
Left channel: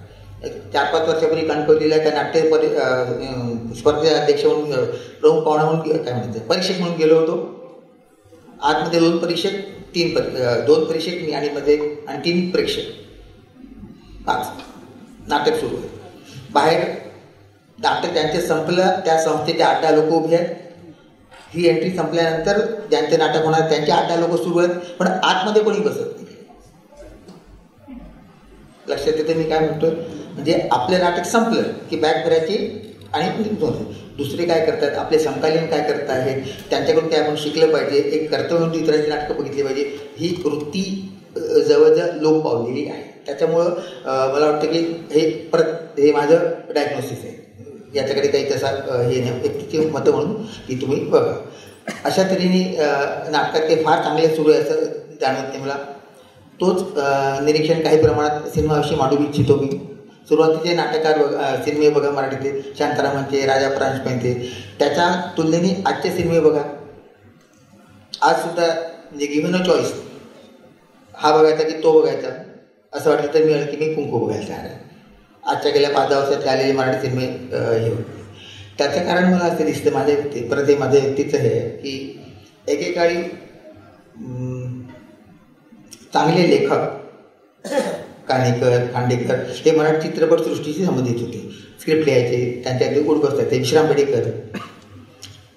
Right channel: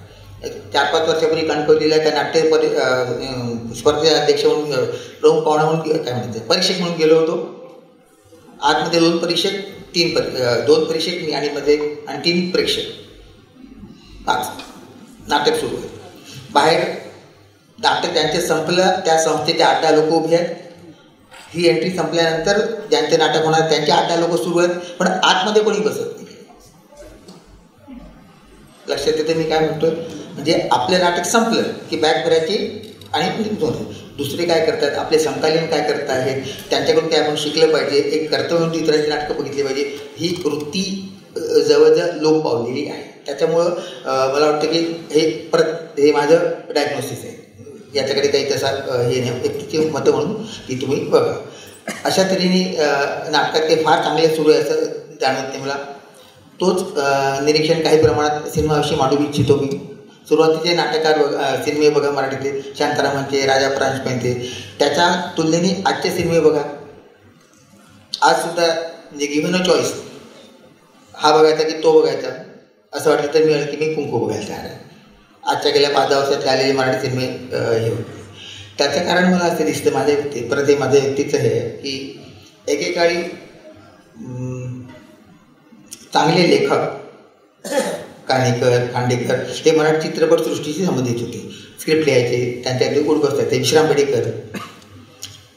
4-5 वर्षापूर्वी कणकवलीला त्या नाट्य स्पर्धेचे अध्यक्ष म्हणून, प्रमुख पाहुणा म्हणून, काय म्हणते परीक्षक म्हणून गेलो होतो. आतमध्ये 2 परीक्षक, 2 परीक्षक मी आणि मध्ये आणि 3 प्रेक्षक, 5 नाटक सुरू आहे. बाहेर नाटक ज्यांचे संपलं त्या संस्थेचे 8-10 लोक उभे आहेत. ही एंट्री संपल्यानंतर ज्यांचे नाटक होणार त्यांचे 8-10 लोक सुरू आहेत, पण आतमध्ये कोणी बसत नाही. लक्षात येते मी काय म्हणतोय? म्हणजे आपलं नाटक संपलं की बॅग भरायची आणि दुसरे काय करतात, आपले समकालीन काय करत आहेत, त्यांच्याकडून काय आपण शिकलं पाहिजे, एक कर्तव्य म्हणून इतरांची नाटकं बघितली पाहिजे, ही वृत्ती जवळजवळ लोप पावलेली आहे. त्याच्यामुळं मला वाटतं की हे माझं डायग्नोसिस आहे. याच्याकडे काही तसा हे नाही, व्यक्तीची मतं म्हणून ती तुम्ही बघा. अशा तऱ्हेने नाटकात ते फार चांगले सुरू आहे असं जाणवत नाही मला. तोच निरीक्षण काही प्रमाणात सिनेमाविषयी मांडू इच्छितो मी. सुरुवातीचे नाटककार सिनेमे बघा मराठीतले, शांतारामांचे, राजा प्रांशुपांचे, त्याच्या तुलनेने आजचे सिनेमे बघा. आजसुद्धा म्हणजे गिव्हन अ चॉईस, हा बघायचा की तो बघायचा असं वाटलं तर मी की मी कुंकू बघायला तयार आहे. आजच्या गेल्या 5-10 वर्षात आलेले मराठी सिनेमे हे होते. त्याचं कारण मला असं दिसतं माझ्या परत हे माझ्या व्यक्तीचं हे आहे की एकेकाळी चांगले लेखक काणेकर, खांडेकर हे मराठी चित्रपटसृष्टीशी संबंधित होते. स्क्रिप्ट लिहायचे, त्यांच्यातले गुड बसतायचे, विश्राम बेडेकर.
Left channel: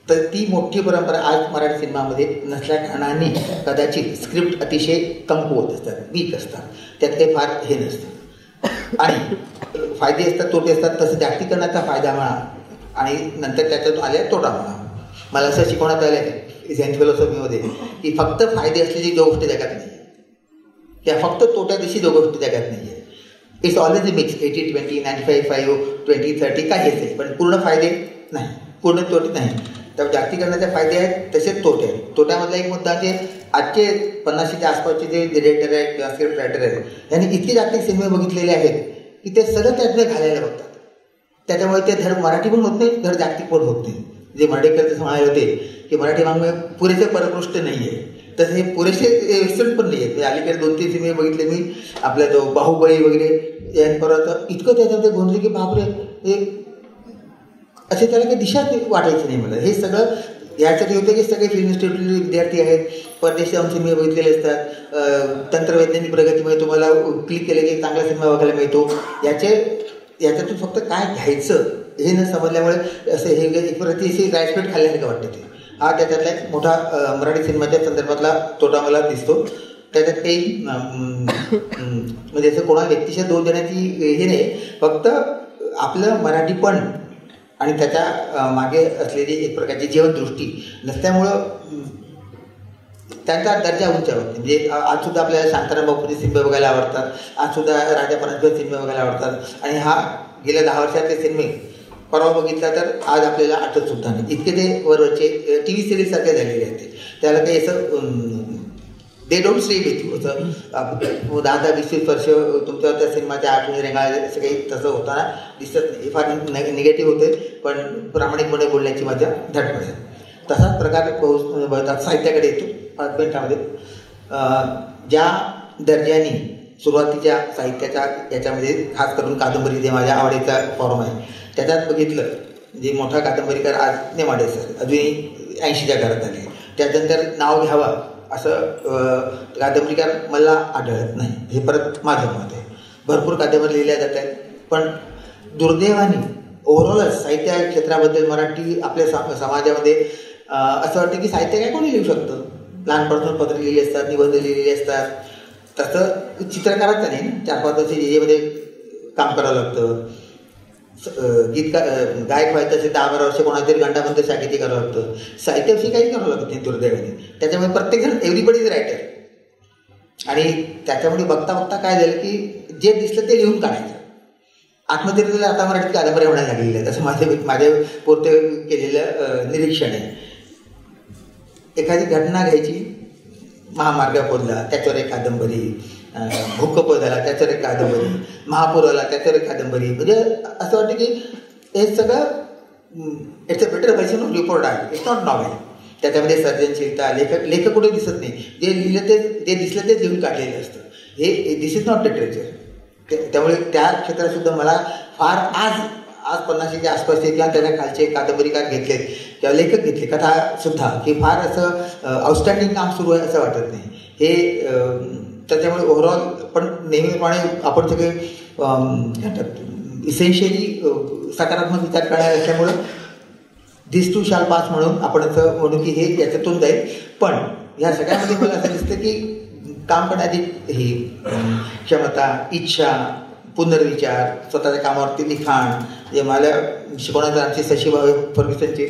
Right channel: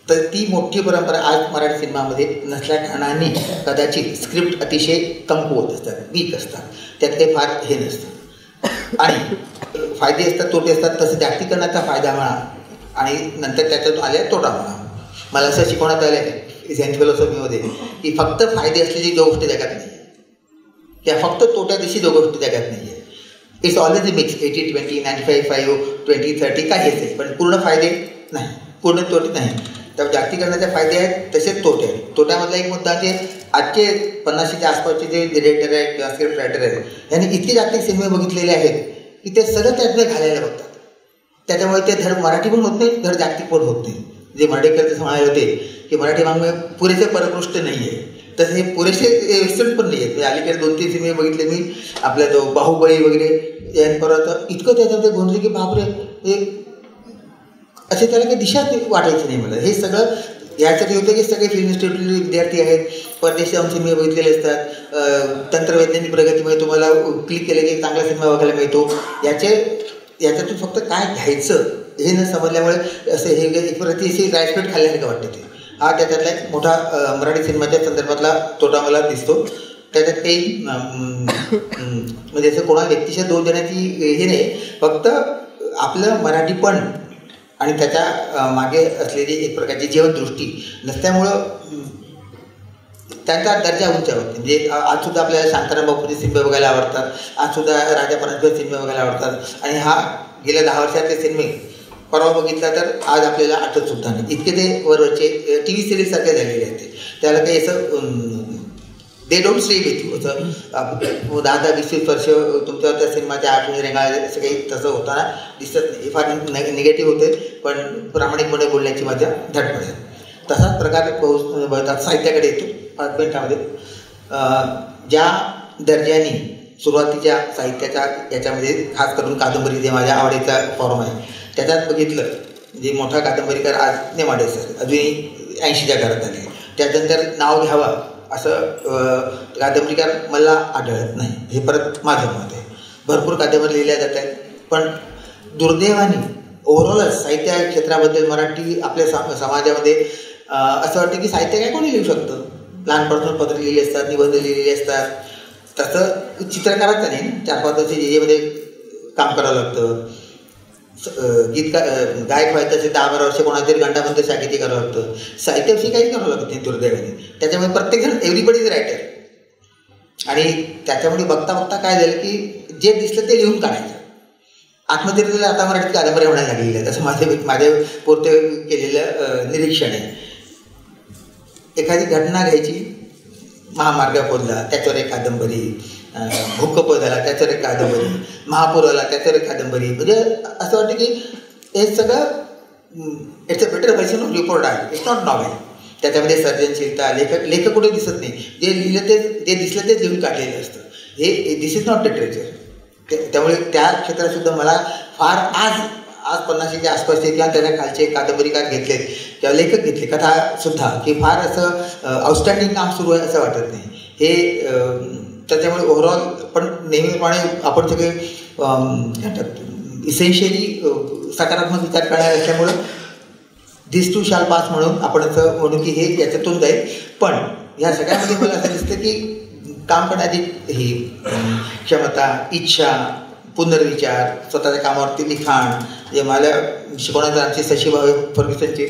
तर ती मोठी परंपरा आज मराठी सिनेमामध्ये नसल्या कारणाने कदाचित स्क्रिप्ट अतिशय कमकुवत असतात, वीक असतात, त्यात काही फार हे नसतं. आणि फायदे असतात, तोटे असतात. तसं जागतिकीकरणाचा फायदा म्हणा आणि नंतर त्याच्यातून आले तोटा म्हणा. मला असं शिकवण्यात आलं आहे झेन फिलॉसॉफीमध्ये की फक्त फायदे असलेली जो गोष्टी जगात नाही, त्या फक्त तोट्या दिवशी जो गोष्टी जगात नाही आहे. इट्स ऑलवेज अ मिक्स, 80-20, 95-5, 20-30 काही असेल, पण पूर्ण फायदे नाही, पूर्ण तोटे नाही. तर जागतिकीकरणाचे फायदे आहेत तसेच तोटे आहेत. तोट्यामधला एक मुद्दा जे आजचे 50च्या आसपासचे जे डिरेक्टर आहेत किंवा स्क्रिप्ट रायटर आहेत यांनी इतके जागतिक सिनेमे बघितलेले आहेत की ते सगळं त्यातले घालायला बघतात. त्याच्यामुळे ते धड मराठी पण होत नाही, धड जागतिक पण होत नाही. जे मांडेकर म्हणाले होते की मराठी वाङ्मय पुरेसे परकृष्ट नाही आहे, तसे हे पुरेसे वेस्टर्न पण नाही आहेत. अलीकडे 2-3 सिनेमे बघितले मी, आपला तो बाहुबली वगैरे यांपर्यंत इतकं त्याच्यामध्ये गोंधळे की बापरे, हे असे त्याला काही दिशाच वाटायची नाही मला. हे सगळं यासाठी होतं की सगळे फिल्म इन्स्टिट्यूटले विद्यार्थी आहेत, परदेशी जाऊन सिनेमे बघितलेले असतात, तंत्रवैज्ञानिक प्रगतीमुळे तुम्हाला क्लिक केलं की चांगला सिनेमा बघायला मिळतो. याच्यातून फक्त काय घ्यायचं हे न समजल्यामुळे असं हे एक अतिशय राईसपेट खाल्ल्यासारखं वाटतं. ते हा त्याच्यातला एक मोठा मराठी सिनेमाच्या संदर्भातला तोटा मला दिसतो. त्याच्यात काही म्हणजे असं कोणा व्यक्तीच्या दोष देण्याची हे नाही, फक्त आपलं मराठीपण आणि त्याच्या मागे असलेली एक प्रकारची जीवनदृष्टी नसल्यामुळं त्यांचा दर्जा उंचावत. म्हणजे आजसुद्धा आपल्याला शांताराम बापूचे सिनेमे बघायला आवडतात, आजसुद्धा राजा परांजपे सिनेमे बघायला आवडतात, आणि हा गेल्या 10 वर्षातले सिनेमे परवा बघितला तर आज आपल्याला आठवतसुद्धा नाही. इतके ते वरवरचे TV सिरीज सारखे झालेले आहेत. त्याला काही असं they don't stay with you, असं 10-20 वर्ष तुमच्यावर त्या सिनेमाच्या आठवणी रेंगाळले असं काही तसं होताना दिसत नाही. हे फार निगेटिव्ह होते, पण प्रामाणिकपणे बोलण्याची माझ्या धडपड आहे. तसाच प्रकार बहुतात साहित्याकडे येतो. 5 मिनिटामध्ये ज्या दर्जाने सुरुवातीच्या साहित्याच्या याच्यामध्ये खास करून कादंबरी जे माझ्या आवडीचा फॉर्म आहे त्याच्यात बघितलं, जे मोठा कादंबरीकार आज नेमाडे सर अजूनही 80च्या घरात आले, त्याच्यानंतर नाव घ्यावं असं कादंबरीकार मला आढळत नाही. हे परत माझं मत आहे. भरपूर कादंबरी लिहिल्या जात आहेत, पण दुर्दैवाने ओव्हरऑलच साहित्य क्षेत्राबद्दल मराठी आपल्या समाजामध्ये असं वाटतं की साहित्य काय कोणी लिहू शकतं. लहानपणापासून पत्र लिहिली असतात, निबंध लिहिलेले असतात. तसं चित्रकाराचं नाही, 4-5 वर्ष जेमध्ये काम करावं लागतं. गायक व्हायचं असेल 10-12 वर्ष कोणातरी गंडाबंद शाखेची करावं लागतं. साहित्याविषयी काही करावं लागतं नाही दुर्दैवाने. त्याच्यामुळे प्रत्येकजण एव्हरीबडी इज रायटर. आणि त्याच्यामुळे बघता बघता काय झालं की जे दिसलं ते लिहून काढायचं. आत्मचरित्र आता मराठीत कादंबऱ्या म्हणायला लागलेल्या आहेत, असं माझ्या पुरते केलेलं निरीक्षण आहे. एखादी घटना घ्यायची, महामार्ग खोदला त्याच्यावर एक कादंबरी, भूकंप झाला त्याच्यावर एक कादंबरी, महापूर आला त्याच्यावर एक कादंबरी. म्हणजे असं वाटतं की हे सगळं it's a better version of report आहे, इट्स नॉट नॉवेल. त्याच्यामध्ये सर्जनशीलता, लेखक कुठे दिसत नाही. जे लिहिलं ते जे दिसलं तेच लिहून काढलेलं असतं. हे दिस इज नॉट लिटरेचर. त्यामुळे त्या क्षेत्रातसुद्धा मला फार आज 50च्या आसपासचे किंवा त्याच्या खालचे कादंबरीकार घेतलेत किंवा लेखक घेतले कथासुद्धा, की फार असं आउटस्टँडिंग काम सुरू आहे असं वाटत नाही. हे त्याच्यामुळे ओव्हरऑल पण नेहमीप्रमाणे आपण सगळे इसेन्शियली सकारात्मक विचार करणारे असल्यामुळं दिस टू शाल पास म्हणून आपण असं म्हणू की हे याच्यातून जाईल. पण ह्या सगळ्यामध्ये मला असं दिसतं की काम करण्याची ही क्षमता, इच्छा, पुनर्विचार, स्वतःच्या कामावरती लिखाण, जे मला शिकवण्याचं आमचे सचिव फर्ग्युसनचे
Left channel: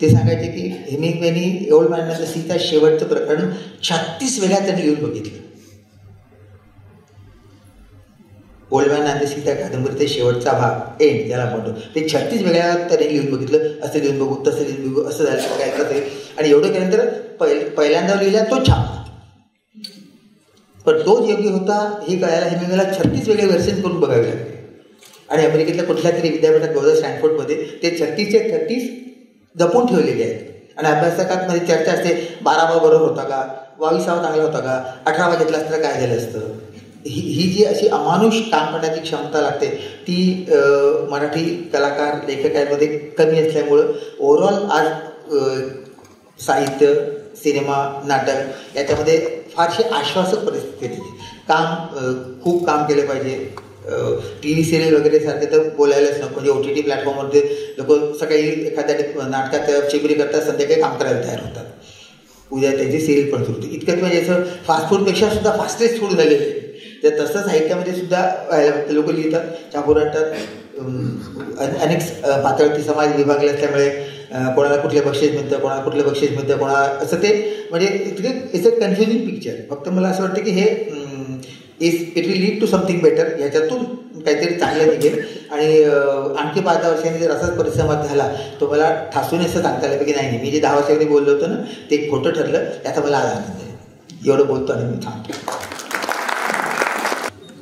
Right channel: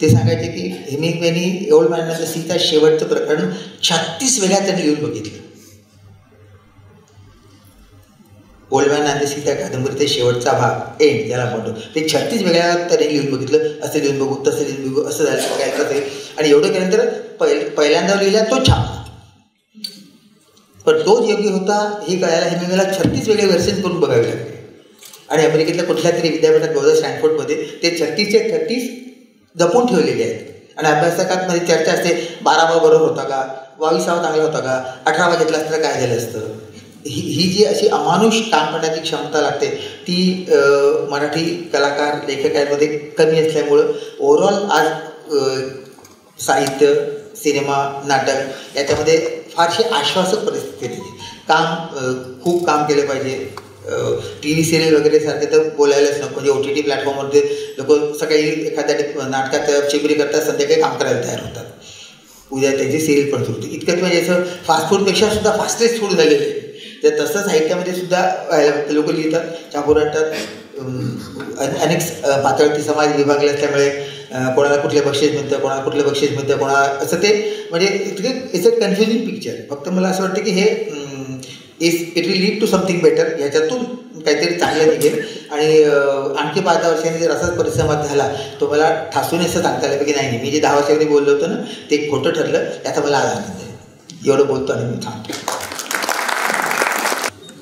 ते सांगायचे की हेमिंग्वेनी ओल्ड मॅन अँड द सीचं शेवटचं प्रकरण 36 वेळा त्यांनी लिहून बघितलं. Old man and the sea त्या कादंबरीचा शेवटचा भाग एंड ज्याला म्हणतो ते 36 वेळा त्यांनी लिहून बघितलं. असं लिहून बघू, तसं लिहून बघू, असं झालं काय कसं. आणि एवढं केल्यानंतर पहिल्यांदा लिहिला तो छाप, पण तोच योग्य होता हे कळायला हेमिंग्वेला 36 वेगळे व्हर्जन करून बघावे लागले. आणि अमेरिकेतल्या कुठल्या तरी विद्यापीठात बहुधा स्टॅनफोर्डमध्ये ते 36चे 36 जपून ठेवलेले आहेत. आणि अभ्यासकांमध्ये चर्चा असते 12वा बरोबर होता का, 22वा चांगला होता का, 18वा घेतला असता काय झालं असतं. ही जी अशी अमानुष काम करण्याची क्षमता लागते ती मराठी कलाकार लेखकांमध्ये कमी असल्यामुळं ओव्हरऑल आज साहित्य, सिनेमा, नाटक याच्यामध्ये फारशी आश्वासक परिस्थिती आहे. खूप काम केलं पाहिजे. TV सिरियल वगैरे सारखे तर बोलायलाच नको. म्हणजे OTT प्लॅटफॉर्मवरती लोक सकाळी एखाद्या नाटकात चिबरी करतात, संध्याकाळी काम करायला तयार होतात. उद्या त्याची सिरियल पण सुरू होते. इतकंच म्हणजे असं फास्ट फूडपेक्षा सुद्धा फास्टेस्ट फूड झालेलं आहे. तर तसं साहित्यामध्ये सुद्धा लोक लिहितात, छापूर आणतात. अनेक पातळी समाज विभागले असल्यामुळे कोणाला कुठले बक्षीस मिळतं, कोणाला कुठलं बक्षीस मिळतं, कोणाला असं ते म्हणजे इट्स अ कन्फ्युजिंग पिक्चर. फक्त मला असं वाटतं की हे it will lead to something better. ह्याच्यातून काहीतरी चांगलं निघेल. आणि आणखी 5-10 वर्षांनी जर असाच परिसंवाद झाला तो मला ठासून असं सांगता आलं की नाही मी जे 10 वर्षांनी बोललो होतो ना ते एक खोटं ठरलं, याचा मला आज आनंद आहे. एवढं बोलतो आणि मी थांबतो.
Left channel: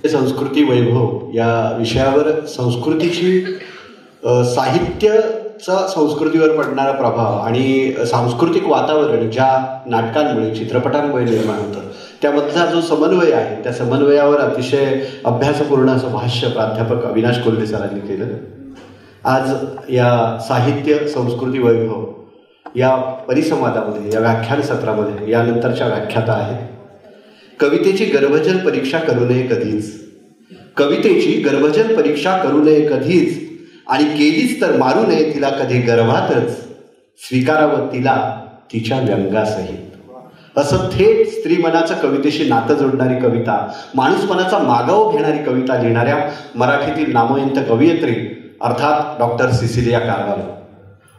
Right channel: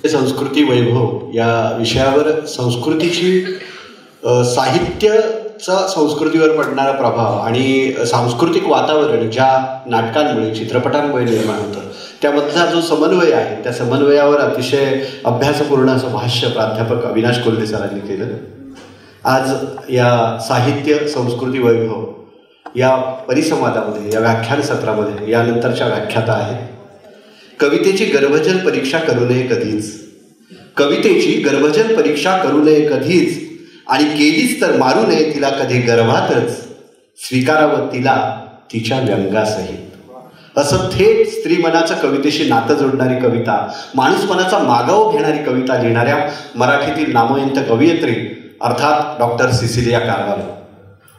संस्कृती वैभव या विषयावर संस्कृतीची साहित्याचा संस्कृतीवर पडणारा प्रभाव आणि सांस्कृतिक वातावरण ज्या नाटकांमुळे चित्रपटांमुळे निर्माण होतं त्यामधला जो समन्वय आहे त्या समन्वयावर अतिशय अभ्यासपूर्ण असं भाष्य प्राध्यापक अविनाश कोल्हे सरांनी केलं. आज या साहित्य संस्कृती वैभव या परिसंवादामध्ये, या व्याख्यान सत्रामध्ये यानंतरच्या व्याख्याता आहेत. कवितेची गर्भजल परीक्षा करू नये कधीच, कवितेची गर्भजल परीक्षा करू नये कधीच, आणि केलीच तर मारू नये तिला कधी गर्भातच, स्वीकारावं तिला तिच्या व्यंगासहित. असं थेट स्त्रीमनाचं कवितेशी नातं जोडणारी कविता, माणूसपणाचा मागोवा घेणारी कविता लिहिणाऱ्या मराठीतील नामवंत कवयित्री अर्थात डॉक्टर सिसिलिया कारवालो.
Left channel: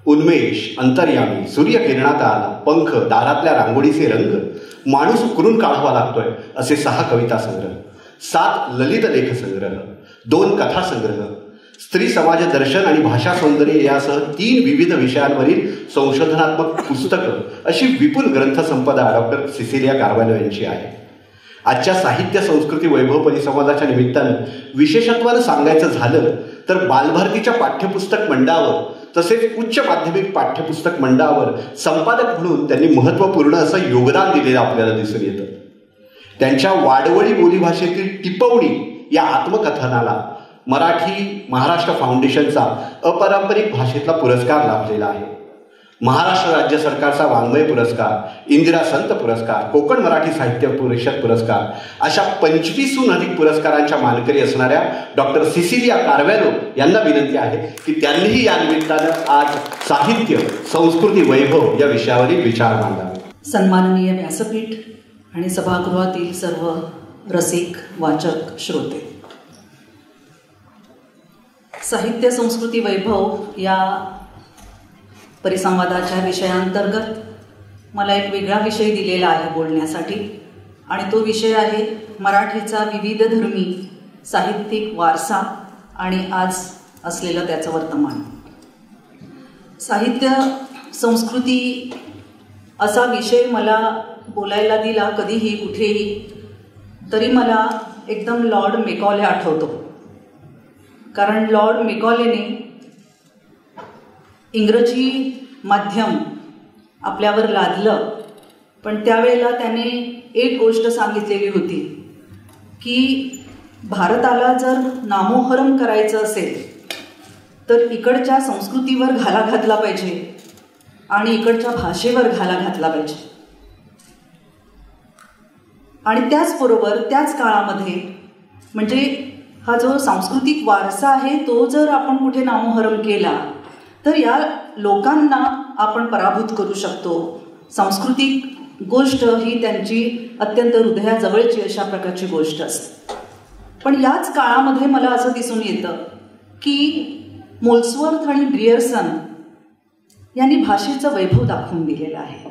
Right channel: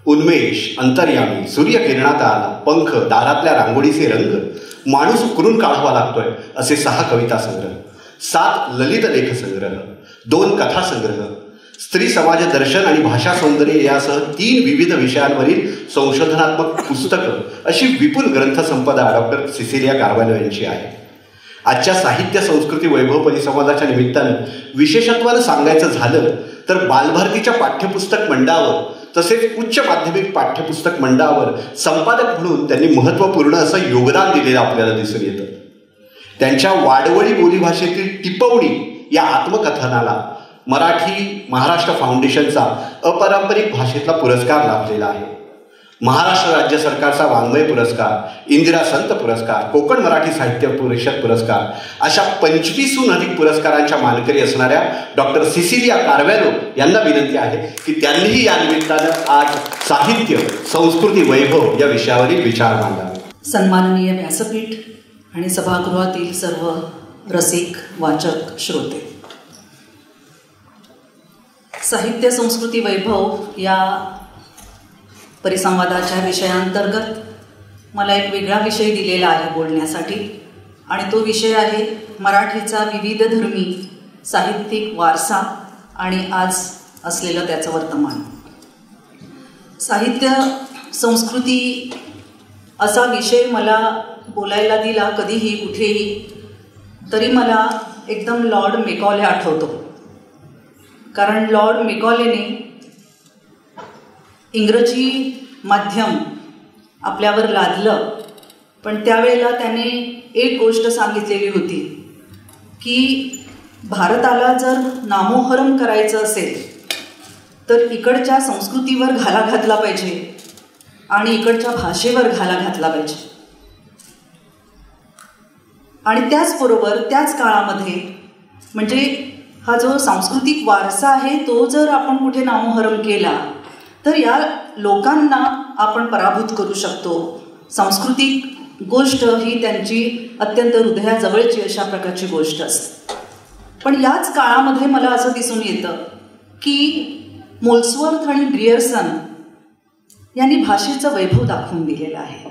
उन्मेष, अंतर्यामी, सूर्यकिरणात आला, पंख, दारातल्या रांगोळीचे रंग, माणूस उकरून काढावा लागतोय असे 6 कविता संग्रह, 7 ललित लेख संग्रह, 2 कथा संग्रह, स्त्री समाज दर्शन आणि भाषा सौंदर्य यासह 3 विविध विषयांवरील संशोधनात्मक पुस्तकं अशी विपुल ग्रंथसंपदा डॉक्टर सिसिलिया कारवालो यांची आहे. आजच्या साहित्य संस्कृती वैभव परिसंवादाच्या निमित्तानं विशेषत्वानं सांगायचं झालं तर बालभारतीच्या पाठ्यपुस्तक मंडळावर तसेच उच्च माध्यमिक पाठ्यपुस्तक मंडळावर संपादक म्हणून त्यांनी महत्त्वपूर्ण असं योगदान दिलेलं आपल्याला दिसून येतं. त्यांच्या वाडवळी बोलीभाषेतील टिपवणी या आत्मकथनाला मराठी महाराष्ट्र फाउंडेशनचा अपारंपरिक भाषेतला पुरस्कार लाभलेला आहे. महाराष्ट्र राज्य सरकारचा वाङ्मय पुरस्कार, इंदिरा संत पुरस्कार, कोकण मराठी साहित्य परिषद पुरस्कार अशा 25हून अधिक पुरस्कारांच्या मानकरी असणाऱ्या डॉक्टर सिसिलिया कारवालो यांना विनंती आहे की त्यांनीही या निमित्तानं आज साहित्य संस्कृती वैभव या विषयावरील विचार मांडावे. सन्माननीय व्यासपीठ आणि सभागृहातील सर्व रसिक वाचक श्रोते, साहित्य संस्कृती वैभव या परिसंवादाच्या विषयांतर्गत मला एक वेगळा विषय दिलेला आहे बोलण्यासाठी, आणि तो विषय आहे मराठीचा विविध धर्मी साहित्यिक वारसा आणि आज असलेलं त्याचं वर्तमान. साहित्य संस्कृती असा विषय मला बोलायला दिला कधीही कुठेही तरी मला एकदम लॉर्ड मेकॉले आठवतो. कारण लॉर्ड मेकॉलेने इंग्रजी माध्यम आपल्यावर लादलं, पण त्यावेळेला त्याने एक गोष्ट सांगितलेली होती की भारताला जर नामोहरम करायचं असेल तर इकडच्या संस्कृतीवर घाला घातला पाहिजे आणि इकडच्या भाषेवर घाला घातला पाहिजे. आणि त्याचबरोबर त्याच काळामध्ये म्हणजे हा जो सांस्कृतिक वारसा आहे तो जर आपण कुठे नामोहरम केला तर या लोकांना आपण पराभूत करू शकतो. सांस्कृतिक गोष्ट ही त्यांची अत्यंत हृदयाजवळची अशा प्रकारची गोष्ट असते. पण याच काळामध्ये मला असं दिसून येतं की मोल्सवर्थ आणि ग्रियर्सन यांनी भाषेचं वैभव दाखवून दिलेलं आहे.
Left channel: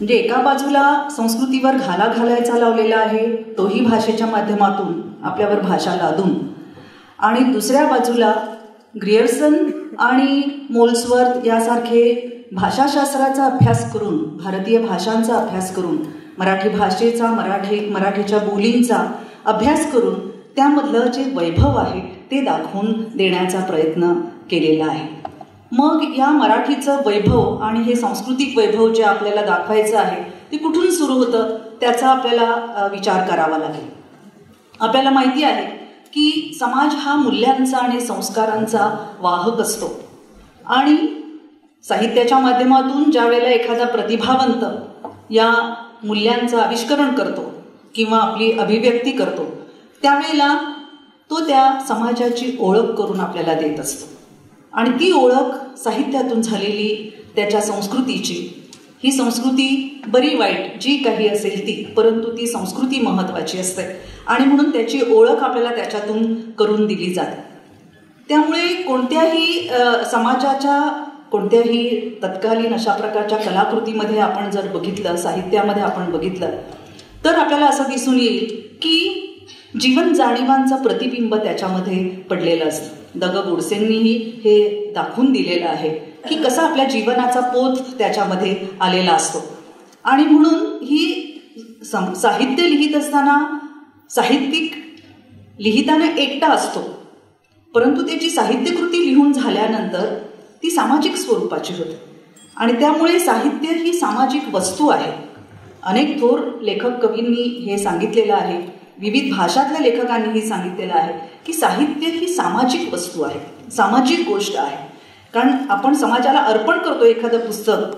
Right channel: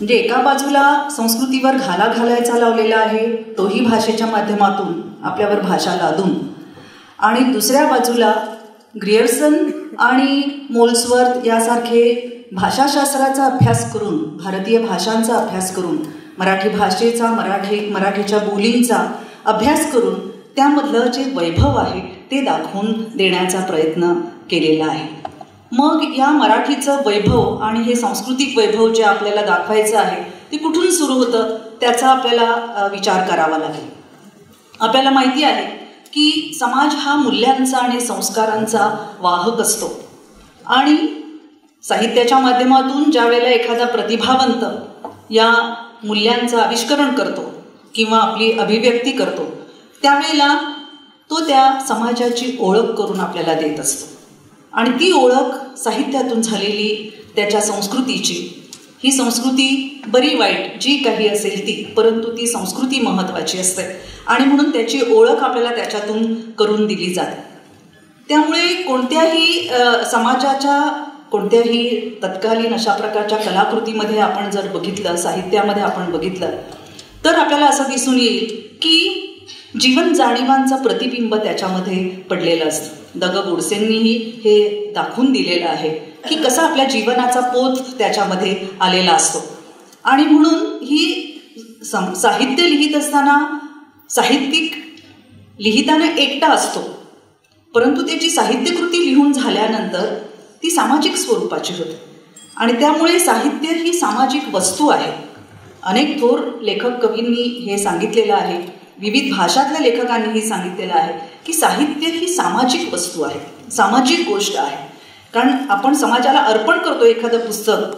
म्हणजे एका बाजूला संस्कृतीवर घाला घालायचा लावलेला आहे तोही भाषेच्या माध्यमातून आपल्यावर भाषा लादून, आणि दुसऱ्या बाजूला ग्रियर्सन आणि मोल्सवर्थ यासारखे भाषाशास्त्राचा अभ्यास करून, भारतीय भाषांचा अभ्यास करून, मराठी भाषेचा मराठीच्या बोलींचा अभ्यास करून त्यामधलं जे वैभव आहे ते दाखवून देण्याचा प्रयत्न केलेला आहे. मग या मराठीचं वैभव आणि हे सांस्कृतिक वैभव जे आपल्याला दाखवायचं आहे ते कुठून सुरू होतं त्याचा आपल्याला विचार करावा लागेल. आपल्याला माहिती आहे की समाज हा मूल्यांचा आणि संस्कारांचा वाहक असतो, आणि साहित्याच्या माध्यमातून ज्या वेळेला एखादा प्रतिभावंत या मूल्यांचं आविष्करण करतो किंवा आपली अभिव्यक्ती करतो त्यावेळेला तो त्या समाजाची ओळख करून आपल्याला देत असतो. आणि ती ओळख साहित्यातून झालेली त्याच्या संस्कृतीची, ही संस्कृती बरी वाईट जी काही असेल ती, परंतु ती संस्कृती महत्त्वाची असते आणि म्हणून त्याची ओळख आपल्याला त्याच्यातून करून दिली जाते. त्यामुळे कोणत्याही समाजाच्या कोणत्याही तत्कालीन अशा प्रकारच्या कलाकृतीमध्ये आपण जर बघितलं, साहित्यामध्ये आपण बघितलं तर आपल्याला असं दिसून येईल की जीवन जाणीवांचं प्रतिबिंब त्याच्यामध्ये पडलेलं असतं. द ग गोडसेंनीही हे दाखवून दिलेलं आहे की कसा आपल्या जीवनाचा पोत त्याच्यामध्ये आलेला असतो. आणि म्हणून ही साहित्य लिहित असताना साहित्यिक लिहिताना एकटा असतो, परंतु त्याची साहित्यकृती लिहून झाल्यानंतर ती सामाजिक स्वरूपाची होते. आणि त्यामुळे साहित्य ही सामाजिक वस्तू आहे. अनेक थोर लेखक कवींनी हे सांगितलेलं आहे, विविध भाषातल्या लेखकांनीही सांगितलेलं आहे की साहित्य ही सामाजिक वस्तू आहे, सामाजिक गोष्ट आहे. कारण आपण समाजाला अर्पण करतो एखादं पुस्तक,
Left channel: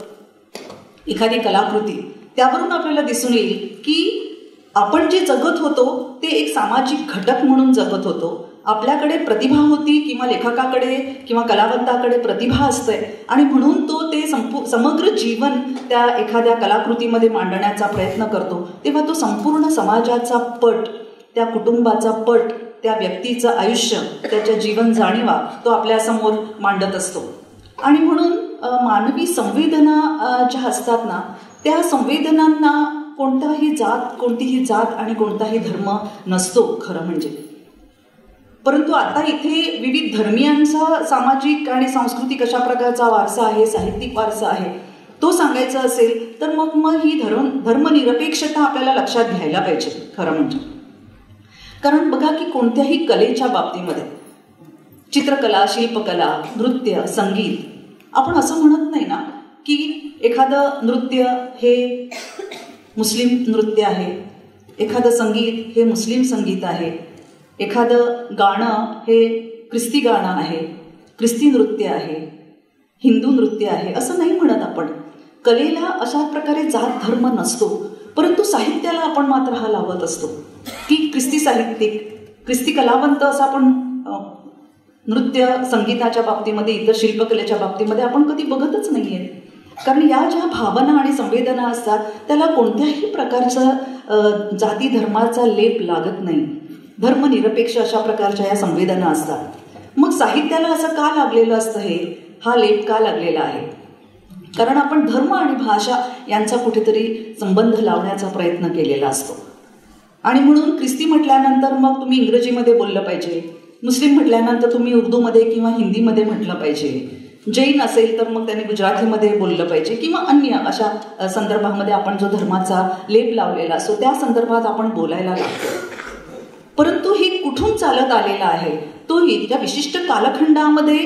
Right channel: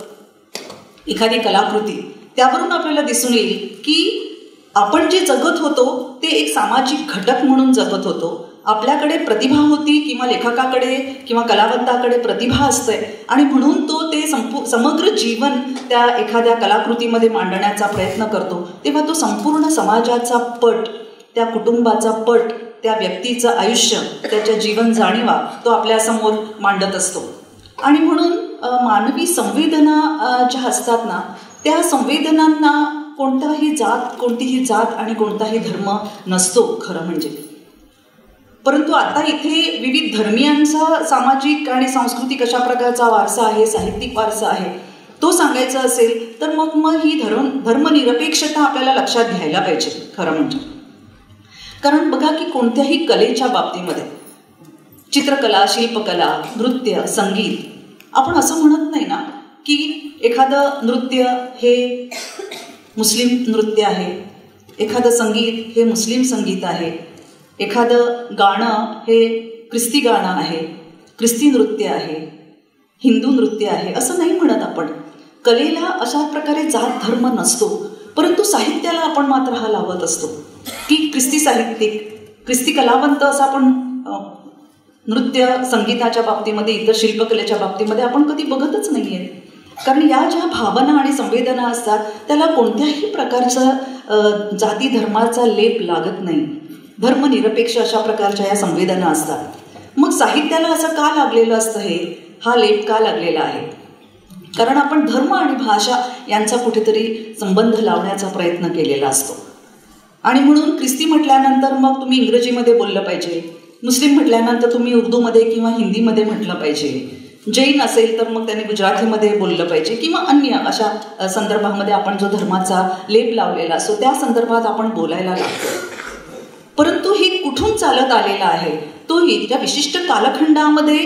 एखादी कलाकृती, त्यावरून आपल्याला दिसून येईल की आपण जे जगत होतो ते एक सामाजिक घटक म्हणून जगत होतो. आपल्याकडे प्रतिभा होती किंवा लेखकाकडे किंवा कलावंताकडे प्रतिभा असते आणि म्हणून तो ते समग्र जीवन त्या एखाद्या कलाकृतीमध्ये मांडण्याचा प्रयत्न करतो. तेव्हा तो संपूर्ण समाजाचा पट, त्या कुटुंबाचा पट, त्या व्यक्तीचं आयुष्य, त्याच्या जीवन जाणीवा तो आपल्यासमोर मांडत असतो. आणि म्हणून मानवी संवेदना ज्या असतात ना, त्या संवेदनांना कोणतीही जात आणि कोणताही धर्म नसतो खरं म्हणजे. परंतु आता इथे विविध धर्मियांचा सामाजिक आणि सांस्कृतिक अशा प्रकारचा वारसा आहे, साहित्यिक वारसा आहे, तो सांगायचा असेल तर मग ही धर्मनिरपेक्षता आपल्याला लक्षात घ्यायला पाहिजे खरं म्हणजे. कारण बघा की कोणत्याही कलेच्या बाबतीमध्ये, चित्रकला, शिल्पकला, नृत्य, संगीत, आपण असं म्हणत नाही ना की एखादं नृत्य हे मुस्लिम नृत्य आहे, एखादं संगीत हे मुस्लिम संगीत आहे, एखादं गाणं हे ख्रिस्ती गाणं आहे, ख्रिस्ती नृत्य आहे, हिंदू नृत्य आहे, असं नाही म्हणत आपण. कलेला अशा प्रकारे जात धर्म नसतो. परंतु साहित्याला आपण मात्र हा लावत असतो की ख्रिस्ती साहित्यिक, ख्रिस्ती कलावंत असं आपण नृत्य संगीताच्या बाबतीमध्ये, इतर शिल्पकलेच्या बाबतीमध्ये आपण कधी बघतच नाही आहे. कारण या ज्या भावना आणि संवेदना असतात त्याला कोणत्याही प्रकारचा जाती धर्माचा लेप लागत नाही. धर्मनिरपेक्ष अशा प्रकारच्या या संवेदना असतात. मग साहित्याला असं का लागलेलं असतं, हा लेप का लागलेला आहे? कारण आपण धर्म आणि भाषा यांचा कुठेतरी संबंध लावण्याचा प्रयत्न केलेला असतो. आणि म्हणून ख्रिस्ती म्हटल्यानंतर मग तुम्ही इंग्रजीमध्ये बोललं पाहिजे, मुस्लिम म्हटल्यानंतर तुम्ही उर्दूमध्ये किंवा हिंदीमध्ये म्हटलं पाहिजे, जैन असेल तर मग त्यांनी गुजरातीमध्ये बोललं पाहिजे किंवा अन्य अशा संदर्भामध्ये आपण जो धर्माचा लेप लावलेला असतो त्या संदर्भात आपण बोलायला लागतो. परंतु हे कुठून चालत आलेलं आहे, तोही त्या विशिष्ट कालखंडामध्ये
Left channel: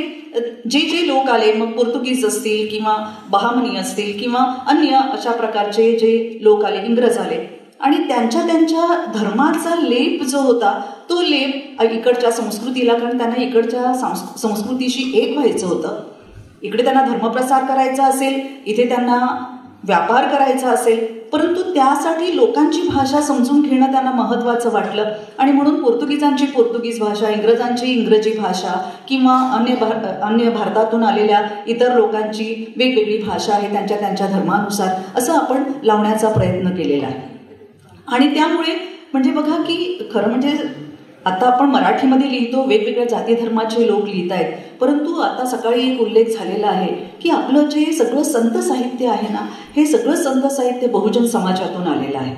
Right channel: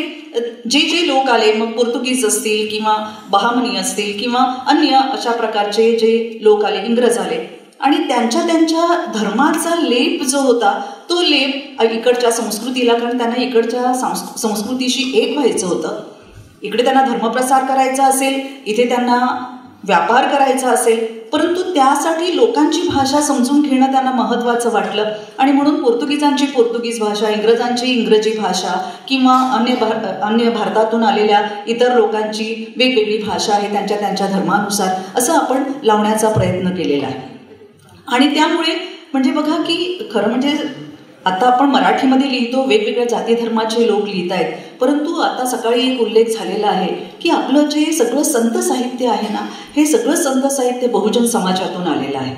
जे लोक आले, मग पोर्तुगीज असतील किंवा बहामनी असतील किंवा अन्य अशा प्रकारचे जे लोक आले, इंग्रज आले, आणि त्यांच्या धर्माचा लेप जो होता तो लेप इकडच्या संस्कृतीला, कारण त्यांना इकडच्या संस्कृतीशी एक व्हायचं होतं. इकडे त्यांना धर्मप्रसार करायचा असेल, इथे त्यांना व्यापार करायचा असेल, परंतु त्यासाठी लोकांची भाषा समजून घेणं त्यांना महत्त्वाचं वाटलं. आणि म्हणून पोर्तुगीजांची पोर्तुगीज भाषा, इंग्रजांची इंग्रजी भाषा किंवा अन्य भारतातून आलेल्या इतर लोकांची वेगवेगळी भाषा आहे त्यांच्या धर्मानुसार, असं आपण लावण्याचा प्रयत्न केलेला आहे. आणि त्यामुळे म्हणजे बघा की खरं म्हणजे आता आपण मराठीमध्ये लिहितो, वेगवेगळ्या जाती धर्माचे लोक लिहित आहेत, परंतु आता सकाळी एक उल्लेख झालेला आहे की आपलं जे सगळं संत साहित्य आहे ना, हे सगळं संत साहित्य बहुजन समाजातून आलेलं आहे.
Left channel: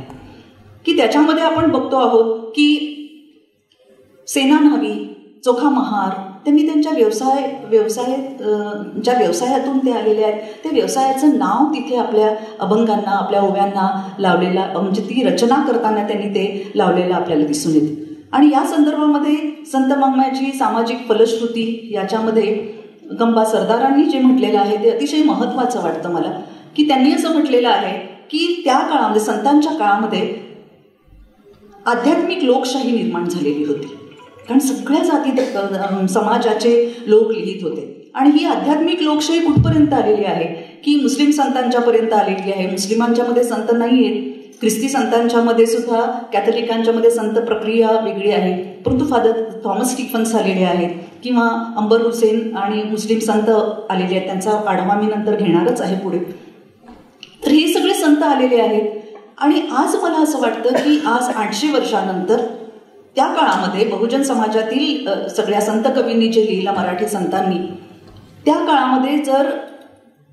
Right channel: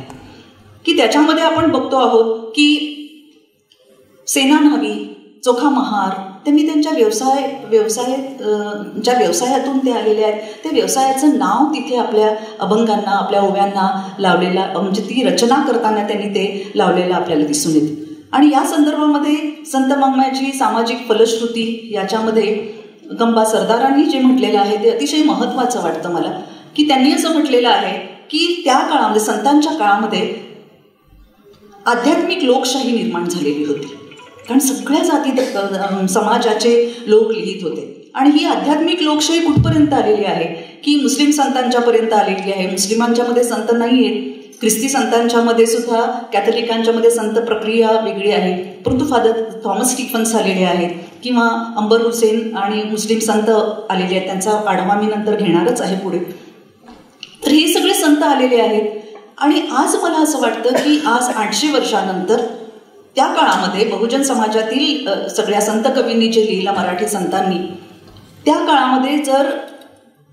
की त्याच्यामध्ये आपण बघतो आहोत की सेना न्हावी, चोखा महार, त्यांनी त्यांच्या ज्या व्यवसायातून ते आलेले आहेत त्या व्यवसायाचं नाव तिथे आपल्या अभंगांना, आपल्या ओव्यांना लावलेला, म्हणजे ती रचना करताना त्यांनी ते लावलेलं आपल्याला दिसून येते. आणि या संदर्भामध्ये संत वाङ्मयाची सामाजिक फलश्रुती याच्यामध्ये गंबा सरदारांनी जे म्हटलेलं आहे ते अतिशय महत्त्वाचं वाटतं मला. की त्यांनी असं म्हटलेलं आहे की त्या काळामध्ये, संतांच्या काळामध्ये आध्यात्मिक लोकशाही निर्माण झालेली होती. कारण सगळ्या जाती समाजाचे लोक लिहित होते. आणि ही आध्यात्मिक लोकशाही कुठपर्यंत आलेली आहे की मुस्लिम संतांच्यापर्यंत आलेली आहे. मुस्लिमांच्यामध्ये संत नाही आहेत, ख्रिस्ती संतांच्यामध्ये सुद्धा, कॅथलिकांच्यामध्ये संत प्रक्रिया वेगळी आहे, परंतु फादर थॉमस स्टीफन्स आलेले आहेत किंवा अंबर हुसेन आणि मुस्लिम संत आलेले आहेत. त्यांचा आढावा मी नंतर घेणारच आहे पुढे. तर हे सगळे संत आलेले आहेत. आणि आज मला असं वाटतं की आज 800 वर्षानंतर त्या काळामध्ये बहुजन समाजातील सगळ्या संत कवींनी जे लिहिलं, मराठी संतांनी, त्या काळामध्ये जर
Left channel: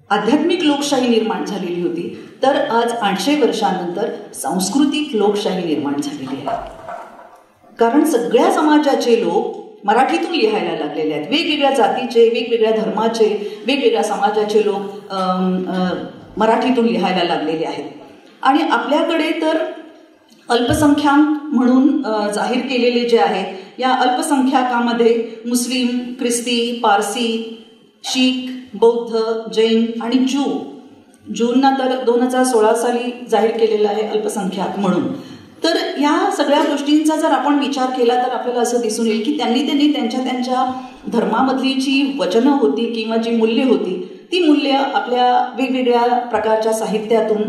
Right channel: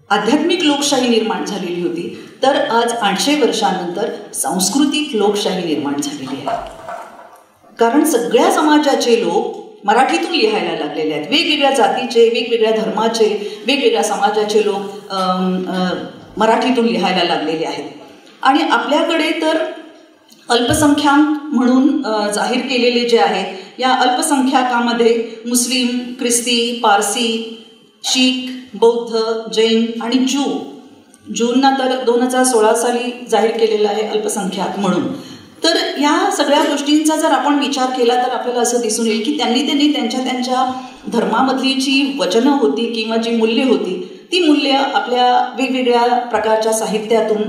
आध्यात्मिक लोकशाही निर्माण झालेली होती, तर आज 800 वर्षानंतर सांस्कृतिक लोकशाही निर्माण झालेली आहे. कारण सगळ्या समाजाचे लोक मराठीतून लिहायला लागलेले आहेत. वेगवेगळ्या जातीचे, वेगवेगळ्या धर्माचे, वेगवेगळ्या समाजाचे लोक मराठीतून लिहायला लागलेले आहेत. आणि आपल्याकडे तर अल्पसंख्याक म्हणून जाहीर केलेले जे आहेत, या अल्पसंख्याकामध्ये मुस्लिम, ख्रिस्ती, पारसी, शीख, बौद्ध, जैन आणि ज्यूंना तर 2016 साली जाहीर केलेलं आहे अल्पसंख्याक म्हणून. तर या सगळ्या गोष्टींचा जर आपण विचार केला तर आपल्याला असं दिसून येईल की त्यांनी त्यांच्या धर्मामधली जी वचनं होती किंवा जी मूल्य होती ती मूल्य आपल्या वेगवेगळ्या प्रकारच्या साहित्यातून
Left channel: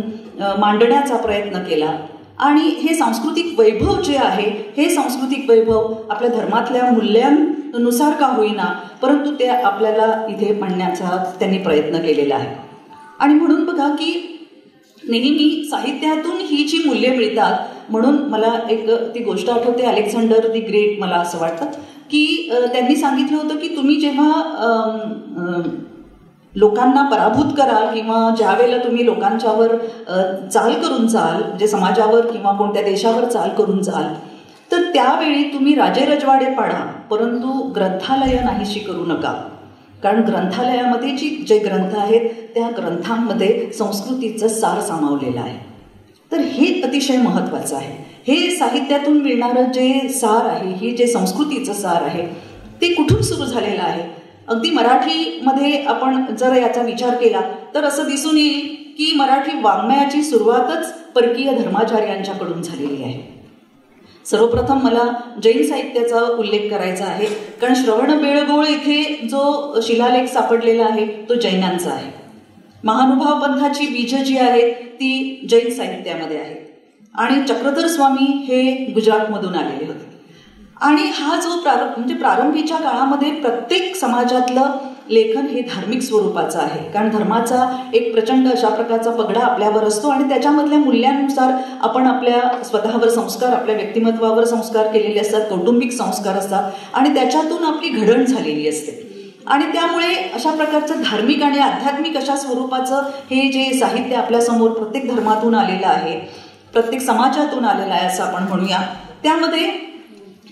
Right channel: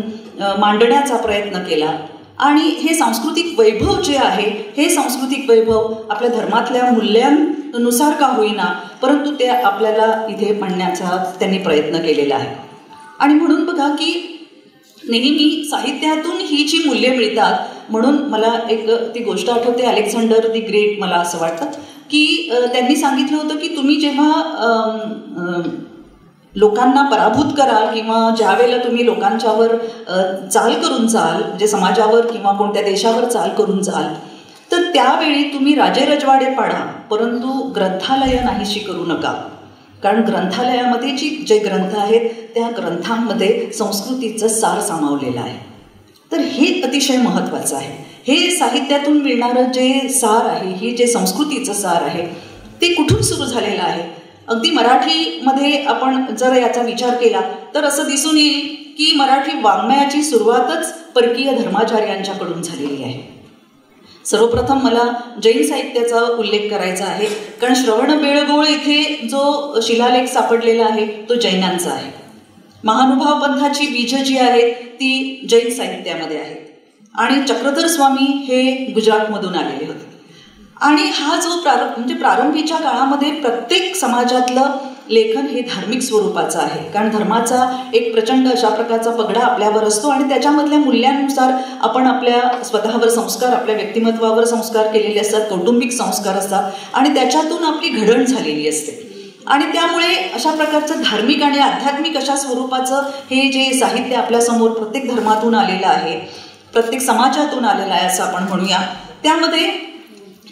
मांडण्याचा प्रयत्न केला. आणि हे सांस्कृतिक वैभव जे आहे हे सांस्कृतिक वैभव आपल्या धर्मातल्या मूल्यांनुसार का होईना परंतु ते आपल्याला इथे मांडण्याचा त्यांनी प्रयत्न केलेला आहे. आणि म्हणून बघा की नेहमी साहित्यातून ही जी मूल्ये मिळतात म्हणून मला एक ती गोष्ट आठवते अलेक्झांडर दी ग्रेट मला असं वाटतं की त्यांनी सांगितलं होतं की तुम्ही जेव्हा लोकांना पराभूत कराल किंवा ज्या वेळेला तुम्ही लोकांच्यावर चाल करून जाल म्हणजे समाजावर किंवा कोणत्या देशावर चाल करून जाल तर त्यावेळी तुम्ही राजेरजवाडे पाडा परंतु ग्रंथालय नाहीशी करू नका. कारण ग्रंथालयामध्ये जे ग्रंथ आहेत त्या ग्रंथांमध्ये संस्कृतीचं सार सामावलेलं आहे. तर हे अतिशय महत्त्वाचं आहे. हे साहित्यातून मिळणारं जे सार आहे हे जे संस्कृतीचं सार आहे ते कुठून सुरू झालेलं आहे. अगदी मराठीमध्ये आपण जर याचा विचार केला तर असं दिसून येईल की मराठी वाङ्मयाची सुरुवातच परकीय धर्माचार्यांच्याकडून झालेली आहे. सर्वप्रथम मला जैन साहित्याचा उल्लेख करायचा आहे कारण श्रवणबेळगोळ इथे जो शिलालेख सापडलेला आहे तो जैनांचा आहे. महानुभाव पंथाची बीजं जी आहेत ती जैन साहित्यामध्ये आहेत आणि चक्रधर स्वामी हे गुजरातमधून आलेले होते. आणि हा जो प्रारंभीच्या काळामध्ये प्रत्येक समाजातलं लेखन हे धार्मिक स्वरूपाचं आहे कारण धर्माचा एक प्रचंड अशा प्रकारचा पगडा आपल्यावर असतो आणि त्याच्यामधल्या मूल्यांनुसार आपण आपल्या स्वतःवर संस्कार आपल्या व्यक्तिमत्वावर संस्कार केलेले असतात कौटुंबिक संस्कार असतात आणि त्याच्यातून आपली घडण झालेली असते. आणि त्यामुळे अशा प्रकारचं धार्मिक आणि आध्यात्मिक अशा स्वरूपाचं हे जे साहित्य आपल्यासमोर प्रत्येक धर्मातून आलेलं आहे प्रत्येक समाजातून आलेलं आहे असं आपण म्हणूया. त्यामध्ये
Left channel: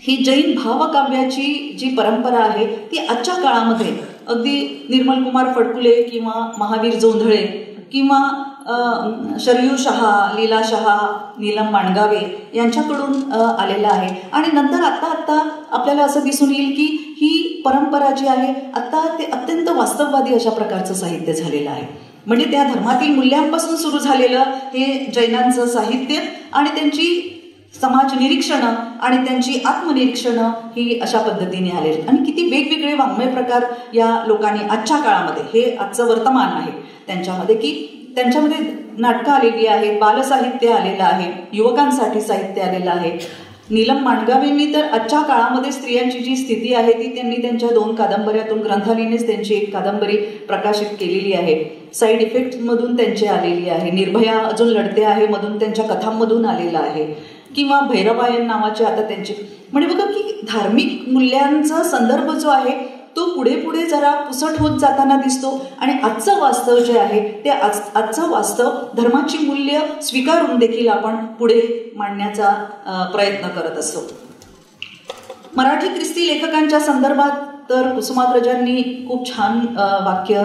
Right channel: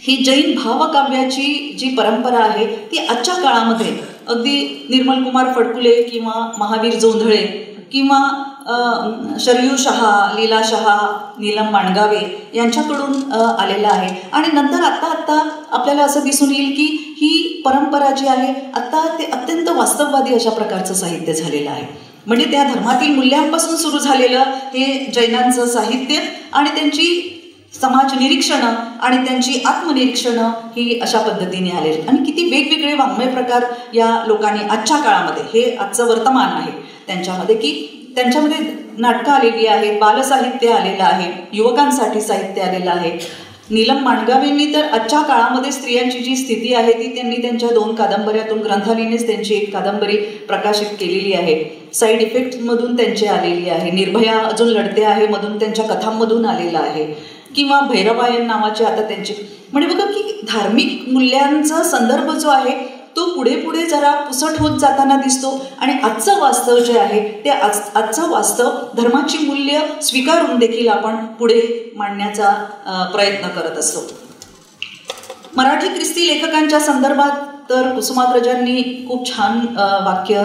ही जैन भावकाव्याची जी परंपरा आहे ती आजच्या काळामध्ये अगदी निर्मल कुमार फडकुले किंवा महावीर जोंधळे किंवा शरयू शहा लीला शहा नीलम माणगावे यांच्याकडून आलेला आहे. आणि नंतर आत्ता आपल्याला असं दिसून येईल की ही परंपरा जी आहे आत्ता ते अत्यंत वास्तववादी अशा प्रकारचं साहित्य झालेलं आहे. म्हणजे त्या धर्मातील मूल्यांपासून सुरू झालेलं हे जैनांचं साहित्य आणि त्यांची समाज निरीक्षणं आणि त्यांची आत्मनिरीक्षणं ही अशा पद्धतीने आलेली. आणि किती वेगवेगळे वाङ्मय प्रकार या लोकांनी आजच्या काळामध्ये हे आजचं वर्तमान आहे त्यांच्यामध्ये की त्यांच्यामध्ये नाटकं आलेली आहेत बालसाहित्य आलेलं आहे युवकांसाठी साहित्य आलेलं आहे. नीलम माणगावेंनी तर आजच्या काळामध्ये स्त्रियांची जी स्थिती आहे ती त्यांनी त्यांच्या 2 कादंबऱ्यातून ग्रंथालीनेच त्यांची एक कादंबरी प्रकाशित केलेली आहे. साईड इफेक्टमधून त्यांची आलेली आहे. निर्भया अजून लढते आहे मधून त्यांच्या कथांमधून आलेलं आहे किंवा भैरवायन नावाचे आता त्यांचे म्हणजे बघा की धार्मिक मूल्यांचा संदर्भ जो आहे तो पुढे जरा पुसट होत जाताना दिसतो. आणि आजचं वास्तव जे आहे ते आजचं वास्तव धर्माची मूल्य स्वीकारून देखील आपण पुढे मांडण्याचा प्रयत्न करत असतो. मराठी ख्रिस्ती लेखकांच्या संदर्भात तर कुसुमाग्रजांनी खूप छान वाक्य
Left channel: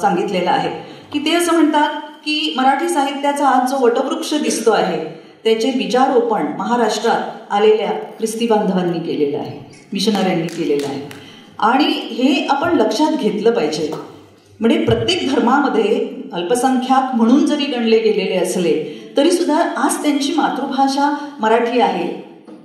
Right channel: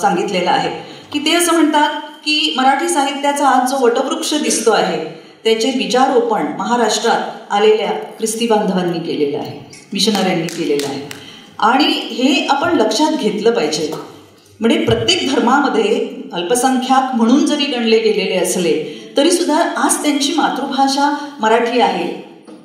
सांगितलेलं आहे की ते असं म्हणतात की मराठी साहित्याचा आज जो वटवृक्ष दिसतो आहे त्याचे बीजारोपण महाराष्ट्रात आलेल्या ख्रिस्ती बांधवांनी केलेलं आहे मिशनऱ्यांनी केलेलं आहे. आणि हे आपण लक्षात घेतलं पाहिजे. म्हणजे प्रत्येक धर्मामध्ये अल्पसंख्याक म्हणून जरी गणले गेलेले असले तरीसुद्धा आज त्यांची मातृभाषा मराठी आहे.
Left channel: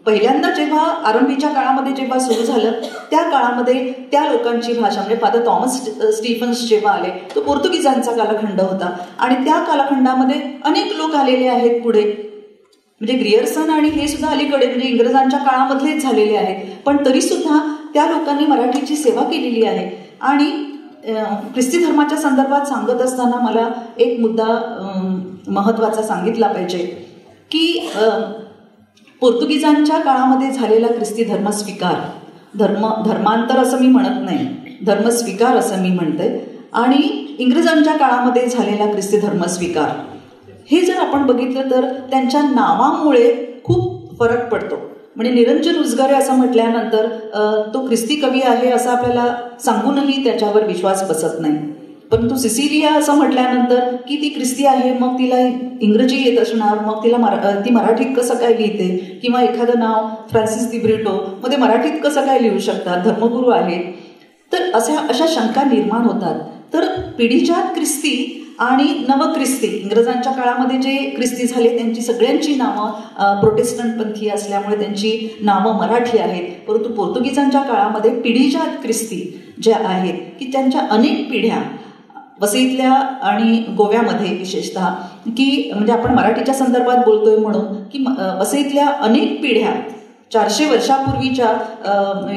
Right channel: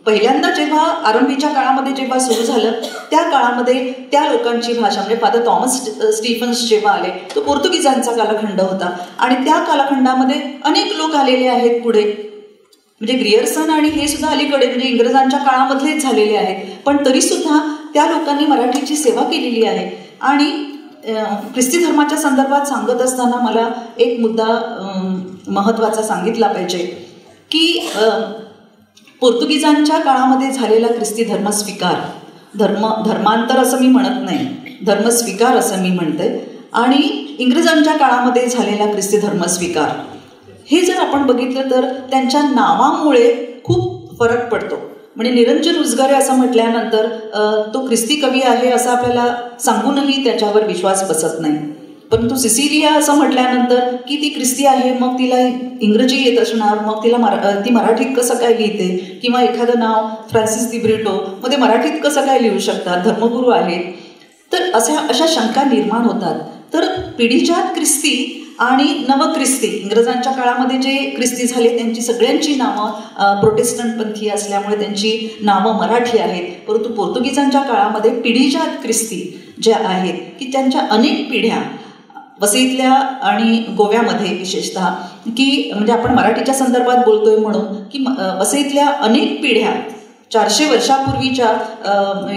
पहिल्यांदा जेव्हा आरंभीच्या काळामध्ये जेव्हा सुरू झालं त्या काळामध्ये त्या लोकांची भाषा म्हणजे फादर थॉमस स्टीफन्स जेव्हा आले तो पोर्तुगीजांचा कालखंड होता आणि त्या कालखंडामध्ये अनेक लोक आलेले आहेत पुढे म्हणजे ग्रियर्सन आणि हे सुद्धा अलीकडे म्हणजे इंग्रजांच्या काळामधलेच झालेले आहेत. पण तरीसुद्धा त्या लोकांनी मराठीची सेवा केलेली आहे. आणि ख्रिस्ती धर्माच्या संदर्भात सांगत असताना मला एक मुद्दा महत्त्वाचा सांगितला पाहिजे की पोर्तुगीजांच्या काळामध्ये झालेला ख्रिस्ती धर्मस्वीकार धर्मांतर असं मी म्हणत नाही धर्मस्वीकार असं मी म्हणते आणि इंग्रजांच्या काळामध्ये झालेला ख्रिस्ती धर्मस्वीकार हे जर आपण बघितलं तर त्यांच्या नावामुळे खूप फरक पडतो. म्हणजे निरंजन उजगारे असं म्हटल्यानंतर तो ख्रिस्ती कवी आहे असं आपल्याला सांगूनही त्याच्यावर विश्वास बसत नाही. परंतु सिसिलिया असं म्हटल्यानंतर की ती ख्रिस्ती आहे मग तिला इंग्रजी येत असणार मग ती मराठीत कसं काय लिहिते किंवा एखादं नाव फ्रान्सिस दी ब्रिटो मध्ये मराठीत कसं काय लिहू शकतात धर्मगुरू आहेत. तर अशा शंका निर्माण होतात. तर पिढीजात ख्रिस्ती आणि नवख्रिस्ती, इंग्रजांच्या काळामध्ये जे ख्रिस्ती झाले त्यांची सगळ्यांची नावं प्रोटेस्टंटपंथी असल्यामुळे त्यांची नावं मराठी आहेत. परंतु पोर्तुगीजांच्या काळामध्ये पिढीजात ख्रिस्ती ज्या आहेत की त्यांच्या अनेक पिढ्या वसईतल्या आणि गोव्यामध्ये विशेषतः की म्हणजे आपण मराठीच्या संदर्भात बोलतोय म्हणून की वसईतल्या अनेक पिढ्या 400 वर्षापूर्वीच्या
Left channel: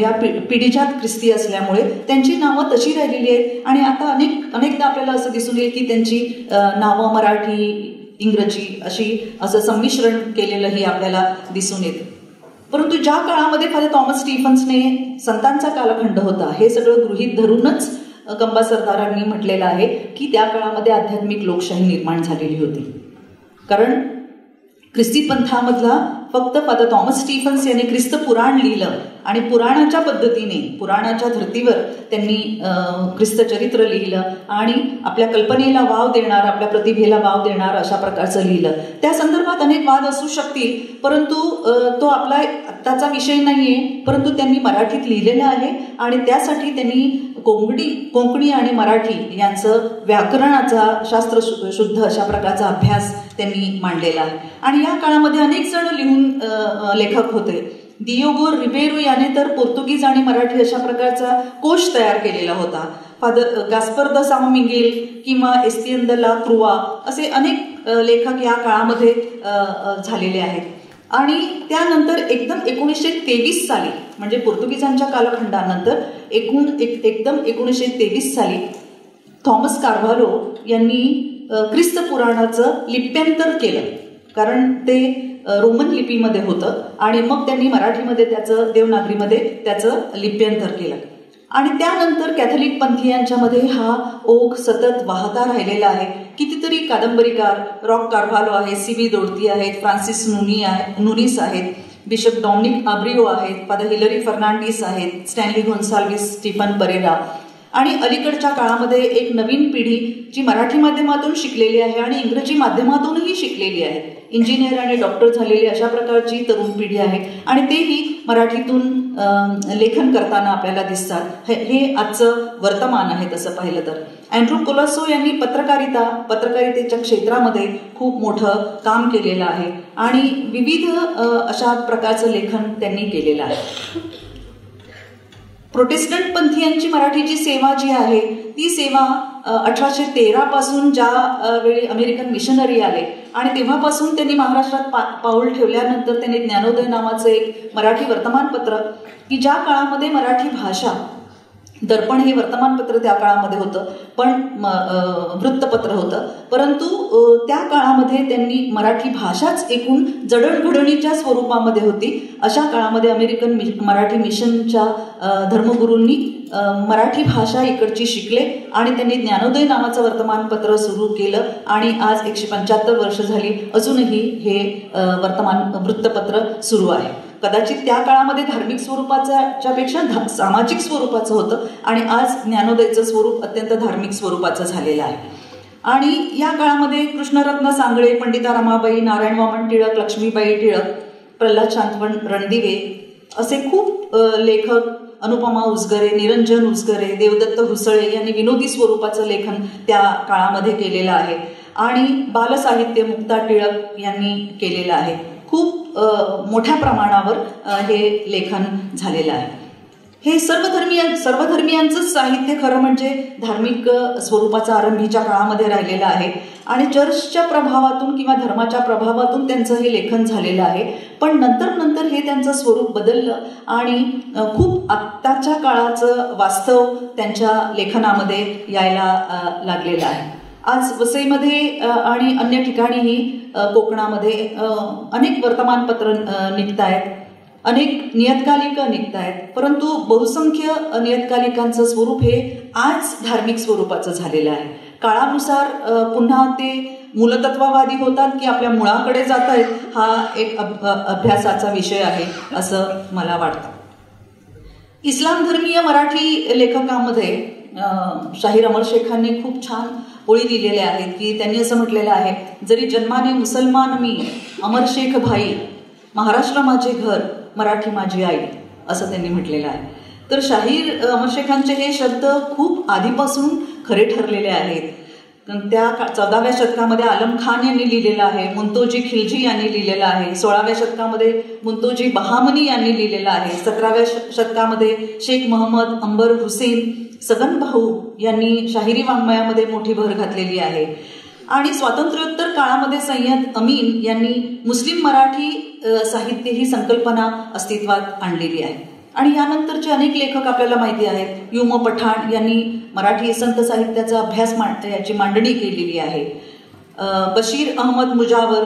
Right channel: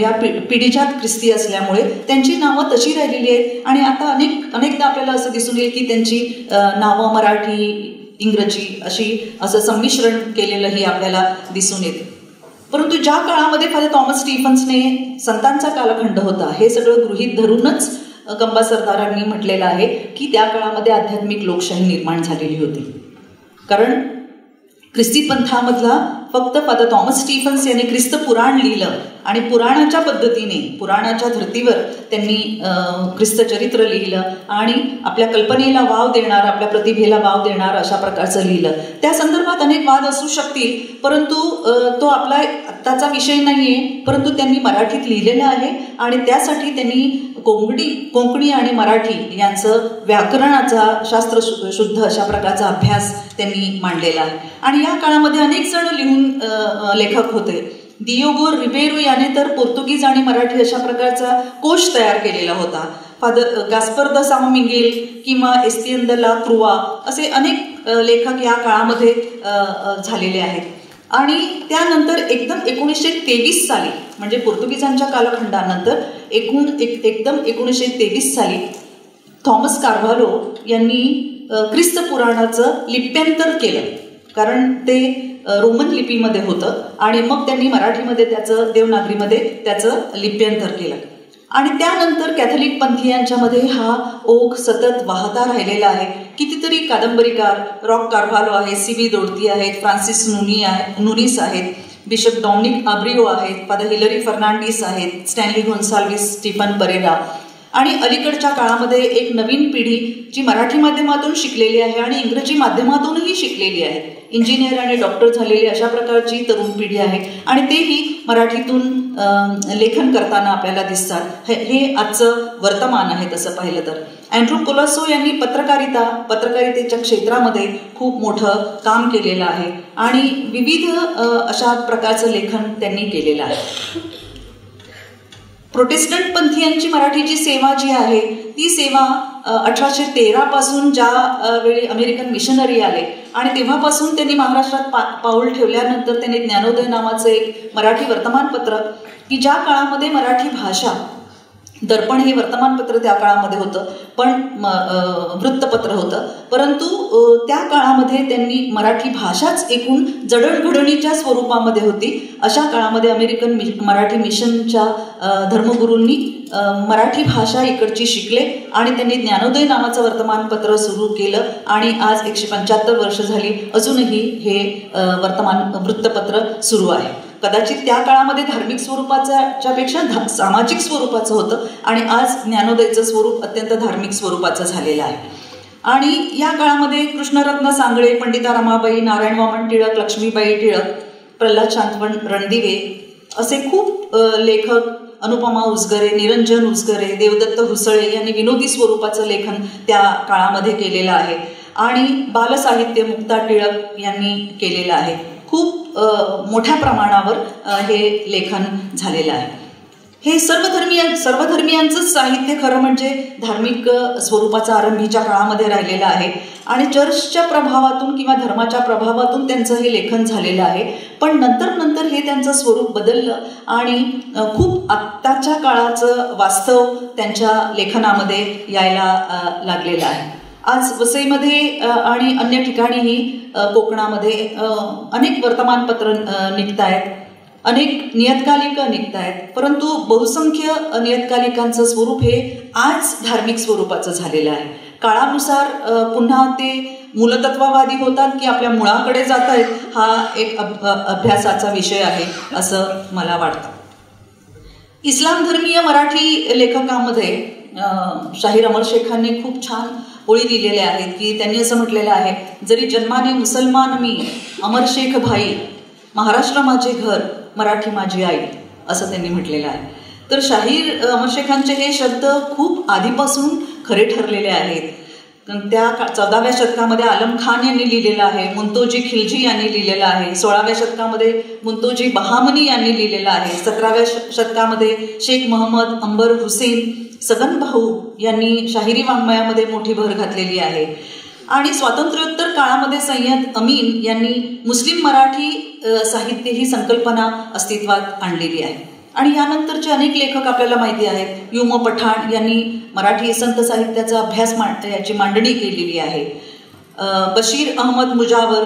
या पिढीजात ख्रिस्ती असल्यामुळे त्यांची नावं तशी राहिलेली आहेत. आणि आता अनेकदा आपल्याला असं दिसून येईल की त्यांची नावं मराठी इंग्रजी असं संमिश्रण केलेलंही आपल्याला दिसून येतं. परंतु ज्या काळामध्ये फादर थॉमस स्टीफन्सने संतांचा कालखंड होता हे सगळं गृहीत धरूनच गंबा सरदारांनी म्हटलेलं आहे की त्या काळामध्ये आध्यात्मिक लोकशाही निर्माण झालेली होती. कारण ख्रिस्ती पंथामधला फक्त फादर थॉमस स्टीफन्स यांनी ख्रिस्त पुराण लिहिलं आणि पुराणाच्या पद्धतीने पुराणाच्या धर्तीवर त्यांनी ख्रिस्त चरित्र लिहिलं आणि आपल्या कल्पनेला वाव देणार, आपल्या प्रतिभेला वाव देणार अशा प्रकारचं लिहिलं. त्या संदर्भात अनेक वाद असू शकतील, परंतु तो आपला आत्ताचा विषय नाही आहे. परंतु त्यांनी मराठीत लिहिलेलं आहे आणि त्यासाठी त्यांनी कोंकणी आणि मराठी यांचं व्याकरणाचा शास्त्र शुद्ध अशा प्रकारचा अभ्यास त्यांनी मांडलेला आहे. आणि या काळामध्ये अनेक जण लिहून लेखक होते. दियोगो रिबेरो याने तर पोर्तुगीज आणि मराठी अशा प्रकारचा कोश तयार केलेला होता. फादर गास्पर द सामोमिंगेल किंवा एस्तियन द ला क्रुआ असे अनेक लेखक या काळामध्ये झालेले आहेत. आणि त्यानंतर एकदम 1923 साली म्हणजे पोर्तुगीजांच्या कालखंडानंतर एकदम 1923 साली थॉमस कार्व्हालो यांनी ख्रिस्त पुराणाचं लिप्यांतर केलं. कारण ते रोमन लिपीमध्ये होतं आणि मग त्यांनी मराठीमध्ये त्याचं देवनागरीमध्ये त्याचं लिप्यांतर केलं. आणि त्यानंतर कॅथलिक पंथीयांच्यामध्ये हा ओघ सतत वाहता राहिलेला आहे. कितीतरी कादंबरीकार, रॉक कार्व्हालो आहेत, CB दोडती आहेत, फ्रान्सिस नुनिस आहेत, बिशप डॉमिनिक आब्रिओ आहेत, फादर हिलरी फर्नांडिस आहेत, स्टॅनली गोन्साल्विस, स्टीफन परेरा. आणि अलीकडच्या काळामध्ये एक नवीन पिढी जी मराठी माध्यमातून शिकलेली आहे आणि इंग्रजी माध्यमातूनही शिकलेली आहे, इंजिनियर आणि डॉक्टर झालेली अशा प्रकारची तरुण पिढी आहे आणि तेही मराठीतून लेखन करताना आपल्याला दिसतात. हे आजचं वर्तमान आहे तसं पाहिलं तर. अँड्रू कोलासो यांनी पत्रकारितेच्या क्षेत्रामध्ये खूप मोठं काम केलेलं आहे आणि विविध अशा प्रकारचं लेखन त्यांनी केलेलं आहे. प्रोटेस्टंट पंथीयांची मराठीची सेवा जी आहे ती सेवा 1813 पासून ज्या वेळी अमेरिकन मिशनरी आले आणि तेव्हापासून त्यांनी महाराष्ट्रात पाऊल ठेवल्यानंतर त्यांनी ज्ञानोदय नावाचं एक मराठी वर्तमानपत्र की ज्या काळामध्ये मराठी भाषा, दर्पण हे वर्तमानपत्र त्या काळामध्ये होतं पण वृत्तपत्र होतं, परंतु त्या काळामध्ये त्यांनी मराठी भाषाच एकूण जडणघडणीच्या स्वरूपामध्ये होती. अशा काळामध्ये अमेरिकन मराठी मिशनच्या धर्मगुरूंनी मराठी भाषा इकडची शिकले आणि त्यांनी ज्ञानोदय नावाचं वर्तमानपत्र सुरू केलं आणि आज 175 वर्ष झाली अजूनही हे वृत्तपत्र सुरू आहे. कदाचित त्या काळामध्ये धार्मिक स्वरूपाच्या पेक्षा सामाजिक स्वरूपाचं होतं आणि आज ज्ञानोदयचं स्वरूप अत्यंत धार्मिक स्वरूपाचं झालेलं आहे. आणि या काळामध्ये कृष्णरत्न सांगळे, पंडिता रमाबाई, नारायण वामन टिळक, लक्ष्मीबाई टिळक, प्रल्हाद शांतवन रणदिवे असे खूप लेखक, अनुपमा उजगरे, निरंजन उजगरे, देवदत्त हुसळे यांनी विनोदी स्वरूपाचं लेखन त्या काळामध्ये केलेलं आहे. आणि बालसाहित्य मुक्ता टिळक यांनी केलेलं आहे. खूप मोठ्या प्रमाणावर हे लेखन झालेलं आहे. हे सर्वधर्मियांचंच साहित्य खरं म्हणजे धार्मिक स्वरूपाचं आरंभीच्या काळामध्ये राहिलेलं आहे आणि चर्चच्या प्रभावातून किंवा धर्माच्या प्रभावातून त्यांचं हे लेखन झालेलं आहे. पण नंतर हे त्यांचं स्वरूप बदललं आणि खूप आत्ताच्या काळाचं वास्तव त्यांच्या लेखनामध्ये यायला लागलेलं आहे. आज वसईमध्ये आणि अन्य ठिकाणीही कोकणामध्ये अनेक वर्तमानपत्र निघत आहेत, अनेक नियतकालिकं निघत आहेत, परंतु बहुसंख्य नियतकालिकांचं स्वरूप हे आज धार्मिक स्वरूपाचं झालेलं आहे. काळानुसार पुन्हा ते मूलतत्ववादी होतात की आपल्या मुळाकडे जात आहेत हा एक अभ्यासाचा विषय आहे असं मला वाटतं. इस्लाम धर्मीय मराठी लेखकामध्ये शाहीर अमर शेखांनी खूप छान ओळी दिलेल्या आहेत की त्यांनी असं म्हटलेलं आहे, जरी जन्माने मुसलमान मी, अमर शेख भाई, महाराष्ट्र माझे घर, मराठी माझी आई, असं त्यांनी म्हटलेलं आहे. तर शाहीर अमर शेखांचे हे शब्द खूप आधीपासून खरे ठरलेले आहेत. त्या 14व्या शतकामध्ये आलम खान यांनी लिहिलेलं आहे, मुंतोजी खिलजी यांनी लिहिलेलं आहे. 16व्या शतकामध्ये मुंतोजी बहामनी यांनी लिहिलेलं आहे. 17व्या शतकामध्ये शेख मोहम्मद अंबर हुसेन सगन भाऊ यांनी शाहिरी वाङ्मयामध्ये मोठी भर घातलेली आहे. आणि स्वातंत्र्योत्तर काळामध्ये सय्यद अमीन यांनी मुस्लिम मराठी साहित्य ही संकल्पना अस्तित्वात आणलेली आहे. आणि यानंतरचे अनेक लेखक आपल्याला माहिती आहेत. युम पठाण यांनी मराठी संत साहित्याचा अभ्यास याची मांडणी केलेली आहे. बशीर अहमद मुजावर,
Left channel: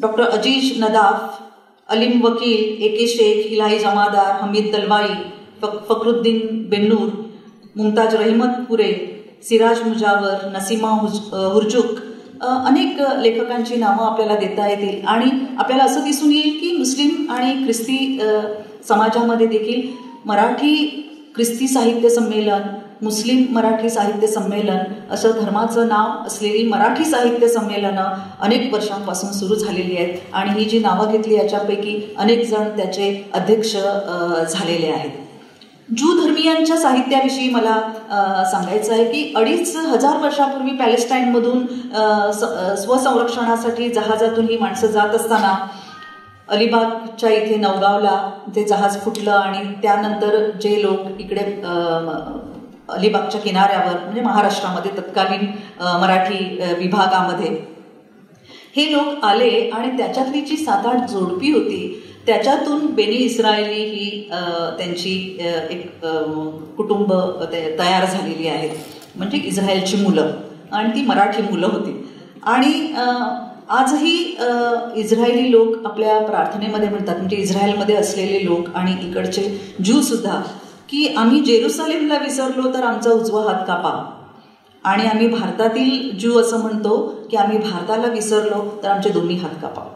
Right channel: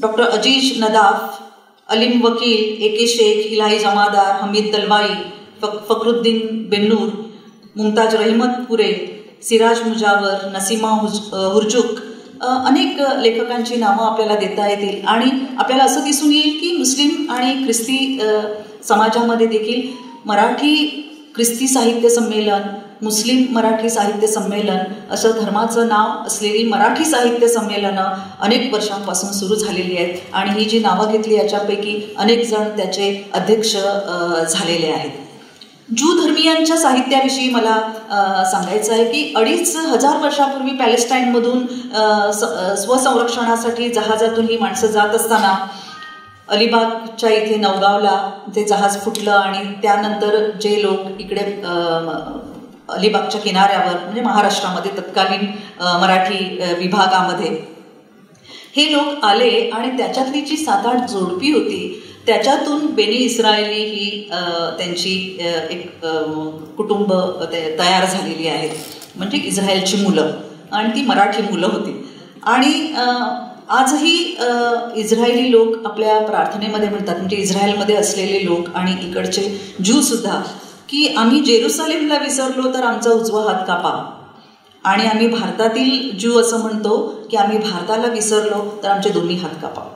डॉक्टर अजीज नदाफ, अलीम वकील, ए के शेख, इलाही जमादार, हमीद दलवाई, फखरुद्दीन बेन्नूर, मुमताज रहिमतपुरे, सिराज मुजावर, नसीमा हुरजुक, अनेक लेखकांची नावं आपल्याला देता येतील. आणि आपल्याला असं दिसून येईल की मुस्लिम आणि ख्रिस्ती समाजामध्ये देखील मराठी ख्रिस्ती साहित्य संमेलन, मुस्लिम मराठी साहित्य संमेलन असं धर्माचं नाव असलेली मराठी साहित्य संमेलनं अनेक वर्षांपासून सुरू झालेली आहेत. आणि ही जी नावं घेतली याच्यापैकी अनेक जण त्याचे अध्यक्ष झालेले आहेत. ज्यू धर्मीयांच्या साहित्याविषयी मला सांगायचं आहे की 2500 वर्षापूर्वी पॅलेस्टाईनमधून स्वसंरक्षणासाठी जहाजातून ही माणसं जात असताना अलिबागच्या इथे नवगावला ते जहाज फुटलं. आणि त्यानंतर जे लोक इकडे अलिबागच्या किनाऱ्यावर म्हणजे महाराष्ट्रामध्ये तत्कालीन मराठी विभागामध्ये हे लोक आले आणि त्याच्यातली जी 7-8 जोडपी होती त्याच्यातून बेनी इस्रायली ही त्यांची एक कुटुंब तयार झालेली आहेत. म्हणजे इस्रायलची मुलं आणि ती मराठी मुलं होती. आणि आजही इस्रायली लोक आपल्या प्रार्थनेमध्ये म्हणतात, म्हणजे इस्रायलमध्ये असलेले लोक आणि इकडचे ज्यूसुद्धा, की आम्ही जेरुसलेमला विसरलो तर आमचा उजवा हात कापा. आणि आम्ही भारतातील ज्यू असं म्हणतो की आम्ही भारताला विसरलो तर आमचे दोन्ही हात कापा.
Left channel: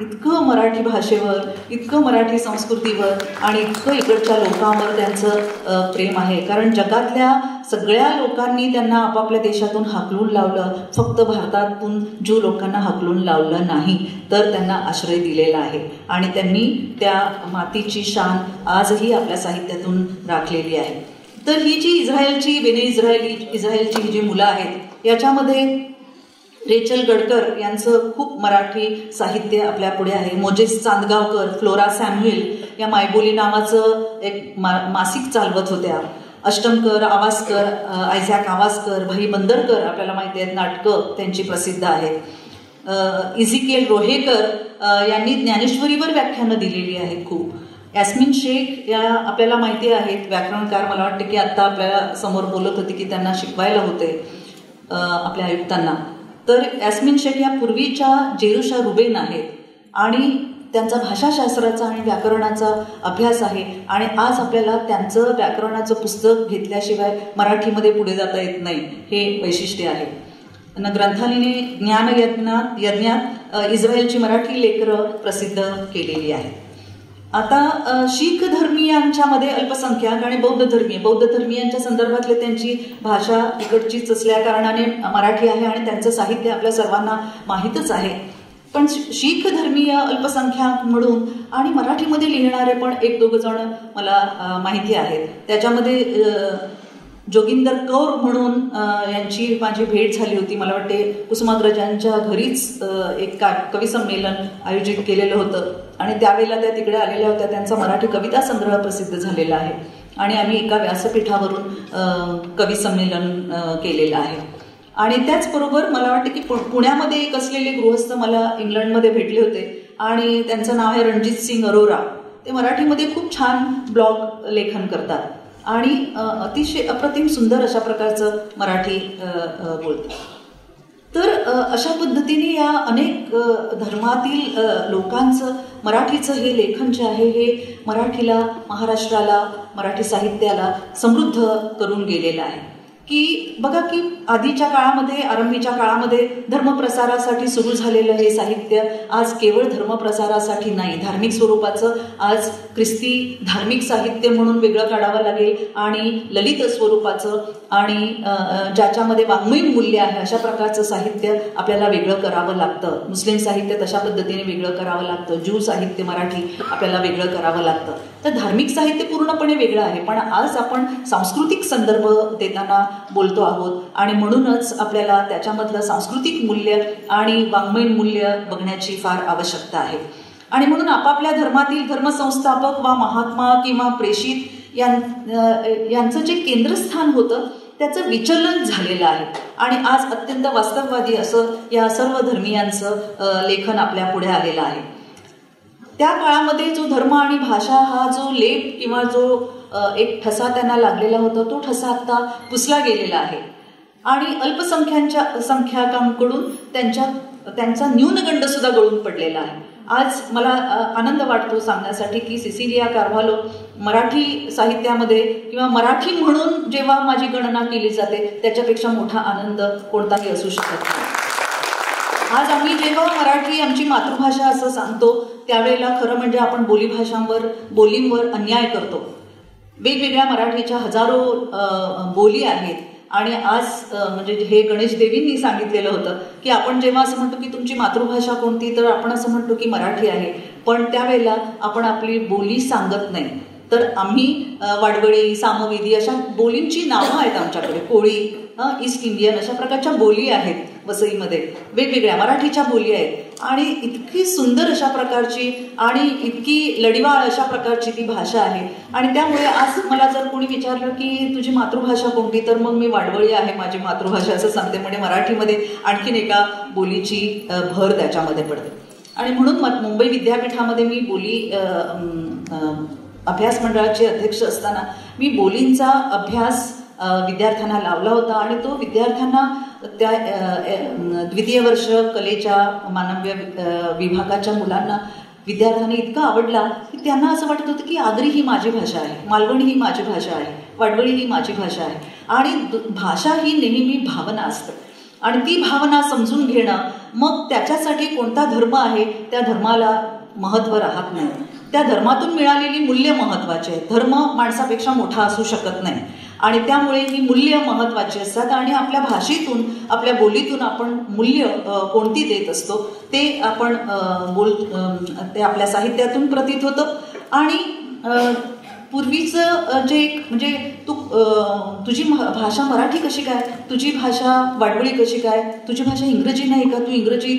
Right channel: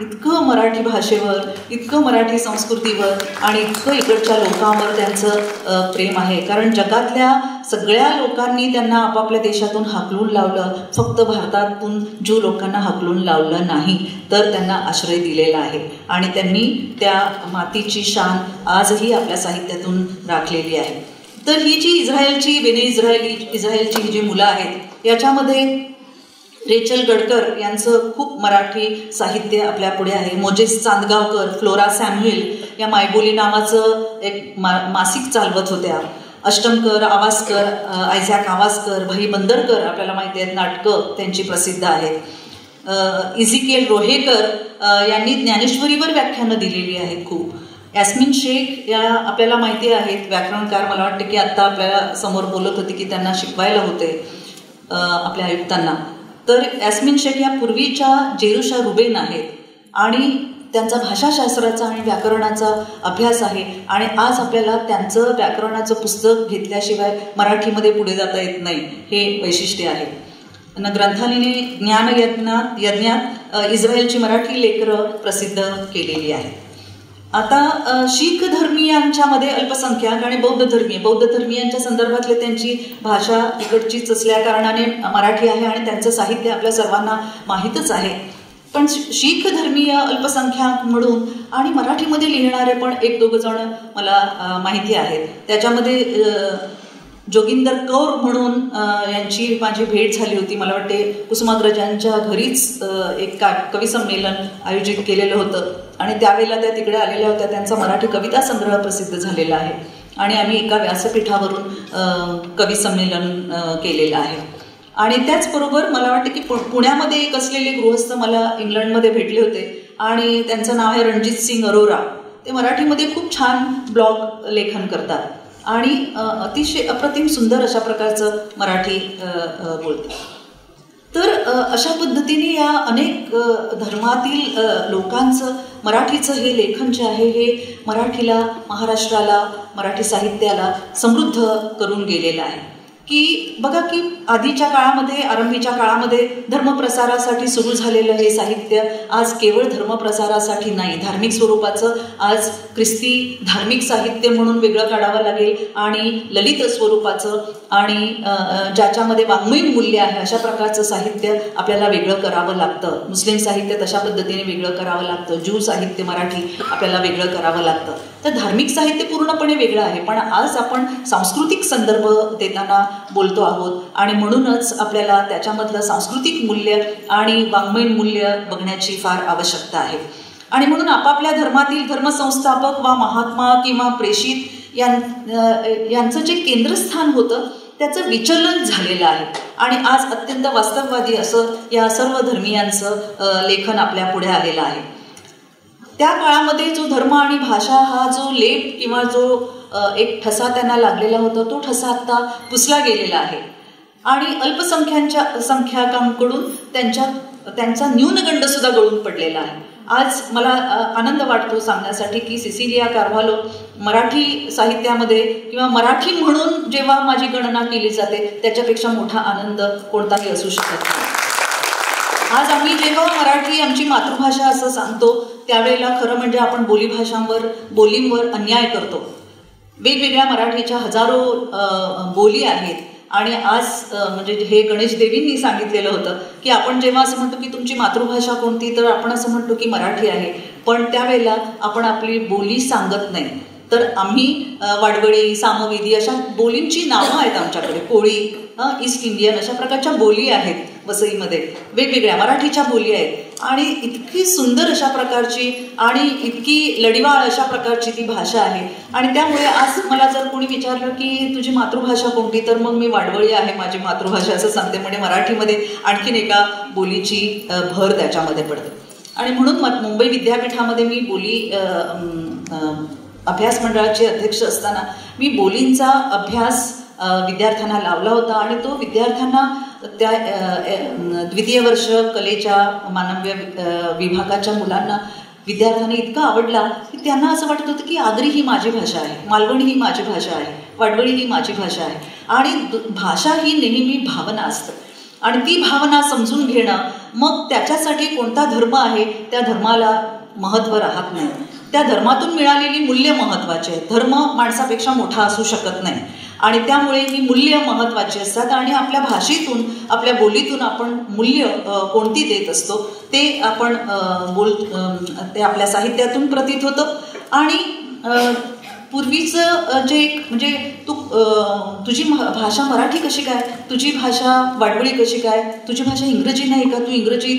इतकं मराठी भाषेवर, इतकं मराठी संस्कृतीवर आणि इतकं इकडच्या लोकांवर त्यांचं प्रेम आहे. कारण जगातल्या सगळ्या लोकांनी त्यांना आपापल्या देशातून हाकलून लावलं, फक्त भारतातून ज्यू लोकांना हाकलून लावलं नाही तर त्यांना आश्रय दिलेला आहे. आणि त्यांनी त्या मातीची शान आजही आपल्या साहित्यातून राखलेली आहे. तर ही जी बेने इस्रायलची ही जी मुलं आहेत याच्यामध्ये रेचल गडकर यांचं खूप मराठी साहित्य आपल्या पुढे आहे. मोजेस चांदगावकर, फ्लोरा सॅम्युएल या मायबोली नावाचं एक मासिक चालवत होत्या. अष्टमकर, आवासकर, आयझॅक आवासकर, भाई बंदरकर आपल्याला माहिती आहेत, नाटकं त्यांची प्रसिद्ध आहेत. इझिकेल रोहेकर यांनी ज्ञानेश्वरीवर व्याख्यानं दिलेली आहेत खूप. यास्मिन शेख या आपल्याला माहिती आहेत, व्याकरणकार. मला वाटतं की आत्ता आपल्याला समोर बोलत होती की त्यांना शिकवायला होते आपल्या आयुक्तांना. तर यास्मिन शेख या पूर्वीच्या जेरुशा रुबेन आहेत आणि त्यांचा भाषाशास्त्राचा आणि व्याकरणाचा अभ्यास आहे. आणि आज आपल्याला त्यांचं व्याकरणाचं पुस्तक घेतल्याशिवाय मराठीमध्ये पुढे जाता येत नाही, हे वैशिष्ट्य आहे. ग्रंथालयाने ज्ञानयज्ञात इस्रायलची मराठी लेकरं प्रसिद्ध केलेली आहेत. आता शीख धर्मीयांच्यामध्ये अल्पसंख्याक आणि बौद्ध धर्मीयांच्या संदर्भातले त्यांची भाषा इकडचीच असल्या कारणाने मराठी आहे आणि त्यांचं साहित्य आपल्या सर्वांना माहीतच आहे. पण शीख धर्मीय अल्पसंख्याक म्हणून आणि मराठीमध्ये लिहिणारे पण 1-2 जण मला माहिती आहेत. त्याच्यामध्ये जोगिंदर कौर म्हणून यांची माझी भेट झाली होती. मला वाटते कुसुमाग्रजांच्या घरीच एक कवी संमेलन आयोजित केलेलं होतं आणि त्यावेळेला त्या तिकडे आलेल्या होत्या. त्यांचा मराठी कविता संग्रह प्रसिद्ध झालेला आहे आणि आम्ही एका व्यासपीठावरून कवी संमेलन केलेलं आहे. आणि त्याचबरोबर मला वाटतं की पुण्यामध्ये एक असलेले गृहस्थ मला इंग्लंडमध्ये भेटले होते आणि त्यांचं नाव आहे रणजित सिंग अरोरा. ते मराठीमध्ये खूप छान ब्लॉग लेखन करतात आणि अतिशय अप्रतिम सुंदर अशा प्रकारचं मराठी बोलतात. तर अशा पद्धतीने या अनेक धर्मातील लोकांचं मराठीचं हे लेखन जे आहे हे मराठीला, महाराष्ट्राला, मराठी साहित्याला समृद्ध करून गेलेलं आहे. की बघा की आधीच्या काळामध्ये, आरंभीच्या काळामध्ये धर्मप्रसारासाठी सुरू झालेलं हे साहित्य आज केवळ धर्मप्रसारासाठी नाही, धार्मिक स्वरूपाचं आज ख्रिस्ती धार्मिक साहित्य म्हणून वेगळं काढावं लागेल आणि ललित स्वरूपाचं आणि ज्याच्यामध्ये वाङ्मयीन मूल्य आहे अशा प्रकारचं साहित्य आपल्याला वेगळं करावं लागतं. मुस्लिम साहित्य तशा पद्धतीने वेगळं करावं लागतं. ज्यू साहित्य मराठी आपल्याला वेगळं करावं लागतं. तर धार्मिक साहित्य पूर्णपणे वेगळं आहे, पण आज आपण सांस्कृतिक संदर्भ देताना बोलतो आहोत आणि म्हणूनच आपल्याला त्याच्यामधलं सांस्कृतिक मूल्य आणि वाङ्मयीन मूल्य बघण्याची फार आवश्यकता आहे. आणि म्हणून आपापल्या धर्मातील धर्मसंस्थापक वा महात्मा किंवा प्रेषित यांचं जे केंद्रस्थान होतं त्याचं विचलन झालेलं आहे आणि आज अत्यंत वास्तववादी असं या सर्व धर्मीयांचं लेखन आपल्या पुढे आलेलं आहे. त्या काळामध्ये जो धर्म आणि भाषा हा जो लेप किंवा जो एक ठसा त्यांना लागलेला होता तो ठसा आत्ता पुसला गेलेला आहे आणि अल्पसंख्याकांकडून त्यांचा न्यूनगंड सुद्धा गळून पडलेला आहे. आज मला आनंद वाटतो सांगण्यासाठी की सिसिलिया कार्व्हालो मराठी साहित्यामध्ये किंवा मराठी म्हणून जेव्हा माझी गणना केली जाते त्याच्यापेक्षा मोठा आनंद कोणताही असू शकत नाही. आज आम्ही जेव्हा मराठी आमची मातृभाषा असं सांगतो त्यावेळेला खरं म्हणजे आपण बोलींवर अन्याय करतो. वेगवेगळ्या मराठीच्या हजारो बोली आहेत आणि आज म्हणजे हे गणेश देवींनी सांगितलेलं होतं की आपण जेव्हा असं म्हणतो की तुमची मातृभाषा कोणती तर आपण असं म्हणतो की मराठी आहे, पण त्यावेळेला आपण आपली बोली सांगत नाही. तर आम्ही वाडवळी सामवेदी अशा बोलींची नावं आहेत आमच्याकडे, कोळी ईस्ट इंडियन अशा प्रकारच्या बोली आहेत वसईमध्ये, वेगवेगळ्या मराठीच्या बोली आहेत आणि इतकी सुंदर अशा प्रकारची आणि इतकी लढिवाळ अशा प्रकारची ती भाषा आहे. आणि त्यामुळे आज मला जर कोणी विचारलं की तुझी मातृभाषा कोणती तर मग मी वाडवळी आहे माझी मातृभाषा असं सांगते. म्हणजे मराठीमध्ये आणखीन एका बोलीची भर त्याच्यामध्ये पडते. आणि म्हणून मुंबई विद्यापीठामध्ये मी बोली अभ्यास मंडळाचे अध्यक्ष असताना मी बोलींचा अभ्यास विद्यार्थ्यांना लावला होता आणि तो विद्यार्थ्यांना त्या द्वितीय वर्ष कलेच्या मानव्य विभागाच्या मुलांना विद्यार्थ्यांना इतका आवडला की त्यांना असं वाटत होतं की आगरी ही माझी भाषा आहे, मालवणी ही माझी भाषा आहे, वाडवळी ही माझी भाषा आहे. आणि भाषा ही नेहमी भावना असतं आणि ती भावना समजून घेणं, मग त्याच्यासाठी कोणता धर्म आहे त्या धर्माला महत्त्व राहत नाही, त्या धर्मातून मिळालेली मूल्य महत्त्वाची आहे. धर्म माणसापेक्षा मोठा असू शकत नाही आणि त्यामुळे ही मूल्य महत्त्वाची असतात आणि आपल्या भाषेतून आपल्या बोलीतून आपण मूल्य कोणती देत असतो ते आपण ते आपल्या साहित्यातून प्रतीत होतं. आणि पूर्वीचं जे म्हणजे तुझी भाषा मराठी कशी काय, तुझी भाषा वाडवळी कशी काय, तुझी भाषा इंग्रजी नाही का, तू इंग्रजी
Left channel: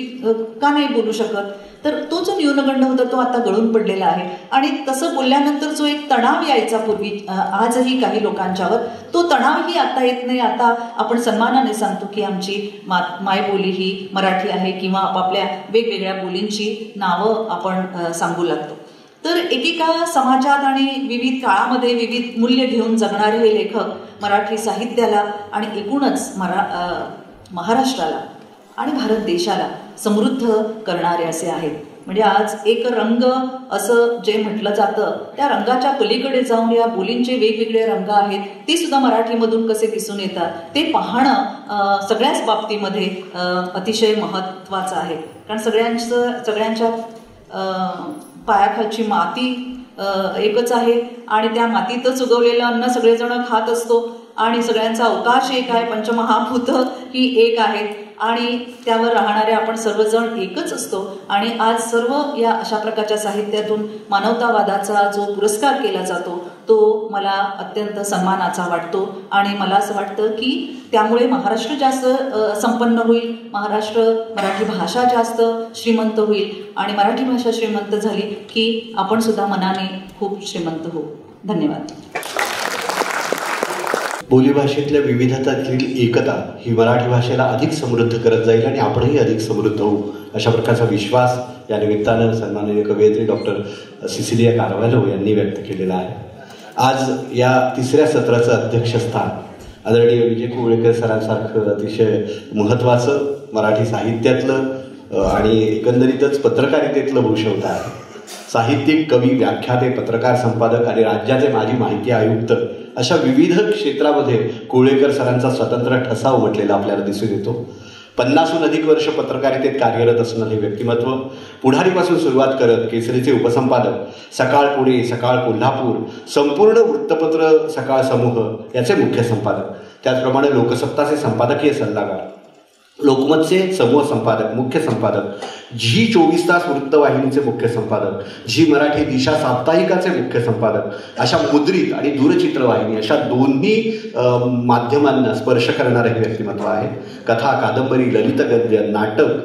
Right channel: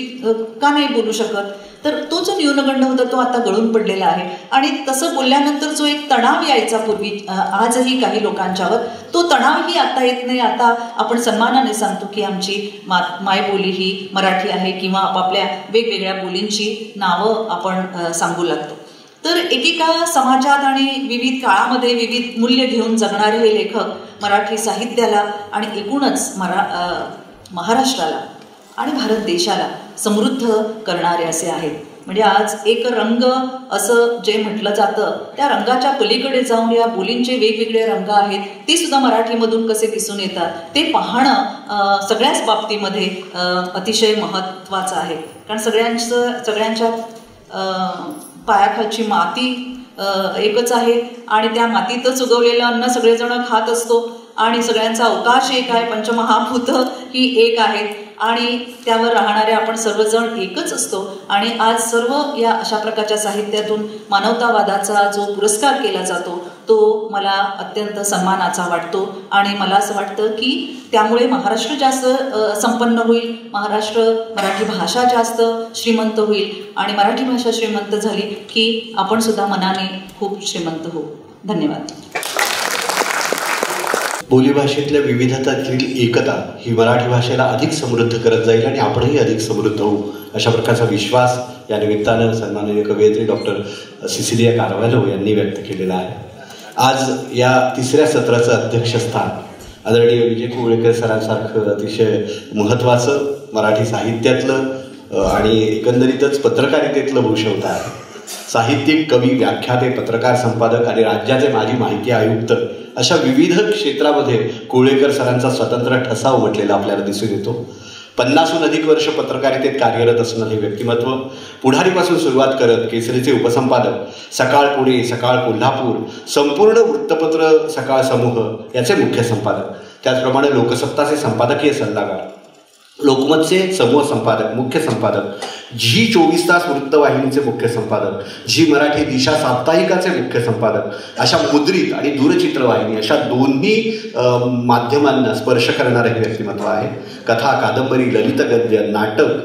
का नाही बोलू शकत, तर तो जो न्यूनगंड होता तो आता गळून पडलेला आहे. आणि तसं बोलल्यानंतर जो एक तणाव यायचा पूर्वी आजही काही लोकांच्यावर, तो तणावही आता येत नाही. आता आपण सन्मानाने सांगतो की आमची मायबोली ही मराठी आहे किंवा आपापल्या वेगवेगळ्या बोलींची नावं आपण सांगू लागतो. तर एकेका समाजात आणि विविध काळामध्ये विविध मूल्य घेऊन जगणारे हे लेखक मराठी साहित्याला आणि एकूणच महाराष्ट्राला आणि भारत देशाला समृद्ध करणारे असे आहेत. म्हणजे आज एक रंग असं जे म्हटलं जातं त्या रंगाच्या पलीकडे जाऊन या बोलींचे वेगवेगळे रंग आहेत ते सुद्धा मराठीमधून कसे दिसून येतात ते पाहणं सगळ्याच बाबतीमध्ये अतिशय महत्त्वाचं आहे. कारण सगळ्यांच्या पायाखालची माती एकच आहे आणि त्या मातीतच उगवलेलं अन्न सगळेजण खात असतो आणि सगळ्यांचा अवकाश एक आहे, पंचमहाभूत ही एक आहेत आणि त्यावर राहणारे आपण सर्वजण एकच असतो. आणि आज सर्व या अशा प्रकारच्या साहित्यातून मानवतावादाचा जो पुरस्कार केला जातो तो मला अत्यंत सन्मानाचा वाटतो आणि मला असं वाटतं की त्यामुळे महाराष्ट्र जास्त संपन्न होईल, मराठी भाषा जास्त श्रीमंत होईल आणि मराठी भाषा श्रीमंत झाली की आपण सुद्धा मनाने खूप श्रीमंत होऊ. धन्यवाद. बोलीभाषेतल्या विविधतातील एकता ही मराठी भाषेला अधिक समृद्ध करत जाईल आणि आपणही अधिक समृद्ध होऊ अशा प्रकारचा विश्वास या निमित्तानं सन्माननीय कवयित्री डॉक्टर सिसिलिया कार्व्हालो यांनी व्यक्त केलेला आहे. आज या तिसऱ्या सत्राचं अध्यक्षस्थान आदरणीय विजय कुवळेकर सरांसारखं अतिशय महत्त्वाचं मराठी साहित्यातलं आणि एकंदरीतच पत्रकारितेतलं भूषवता आहे. साहित्यिक, कवी, व्याख्याते, पत्रकार, संपादक आणि राज्याचे माजी माहिती आयुक्त अशा विविध क्षेत्रामध्ये कुवळेकर सरांचा स्वतंत्र ठसा उमटलेला आपल्याला दिसून येतो. 50हून अधिक वर्ष पत्रकारितेत कार्यरत असणारे हे व्यक्तिमत्व पुढारीपासून सुरुवात करत केसरीचे उपसंपादक, सकाळ पुणे, सकाळ कोल्हापूर, संपूर्ण वृत्तपत्र सकाळ समूह याचे मुख्य संपादक, त्याचप्रमाणे लोकसत्ताचे संपादकीय सल्लागार, लोकमतचे समूह संपादक, मुख्य संपादक, झी 24 तास वृत्तवाहिनीचे मुख्य संपादक, झी मराठी दिशा साप्ताहिकाचे मुख्य संपादक, अशा मुद्रित आणि दूरचित्रवाहिनी अशा दोन्ही माध्यमांना स्पर्श करणारे हे व्यक्तिमत्व आहे. कथा, कादंबरी, ललित गद्य, नाटक,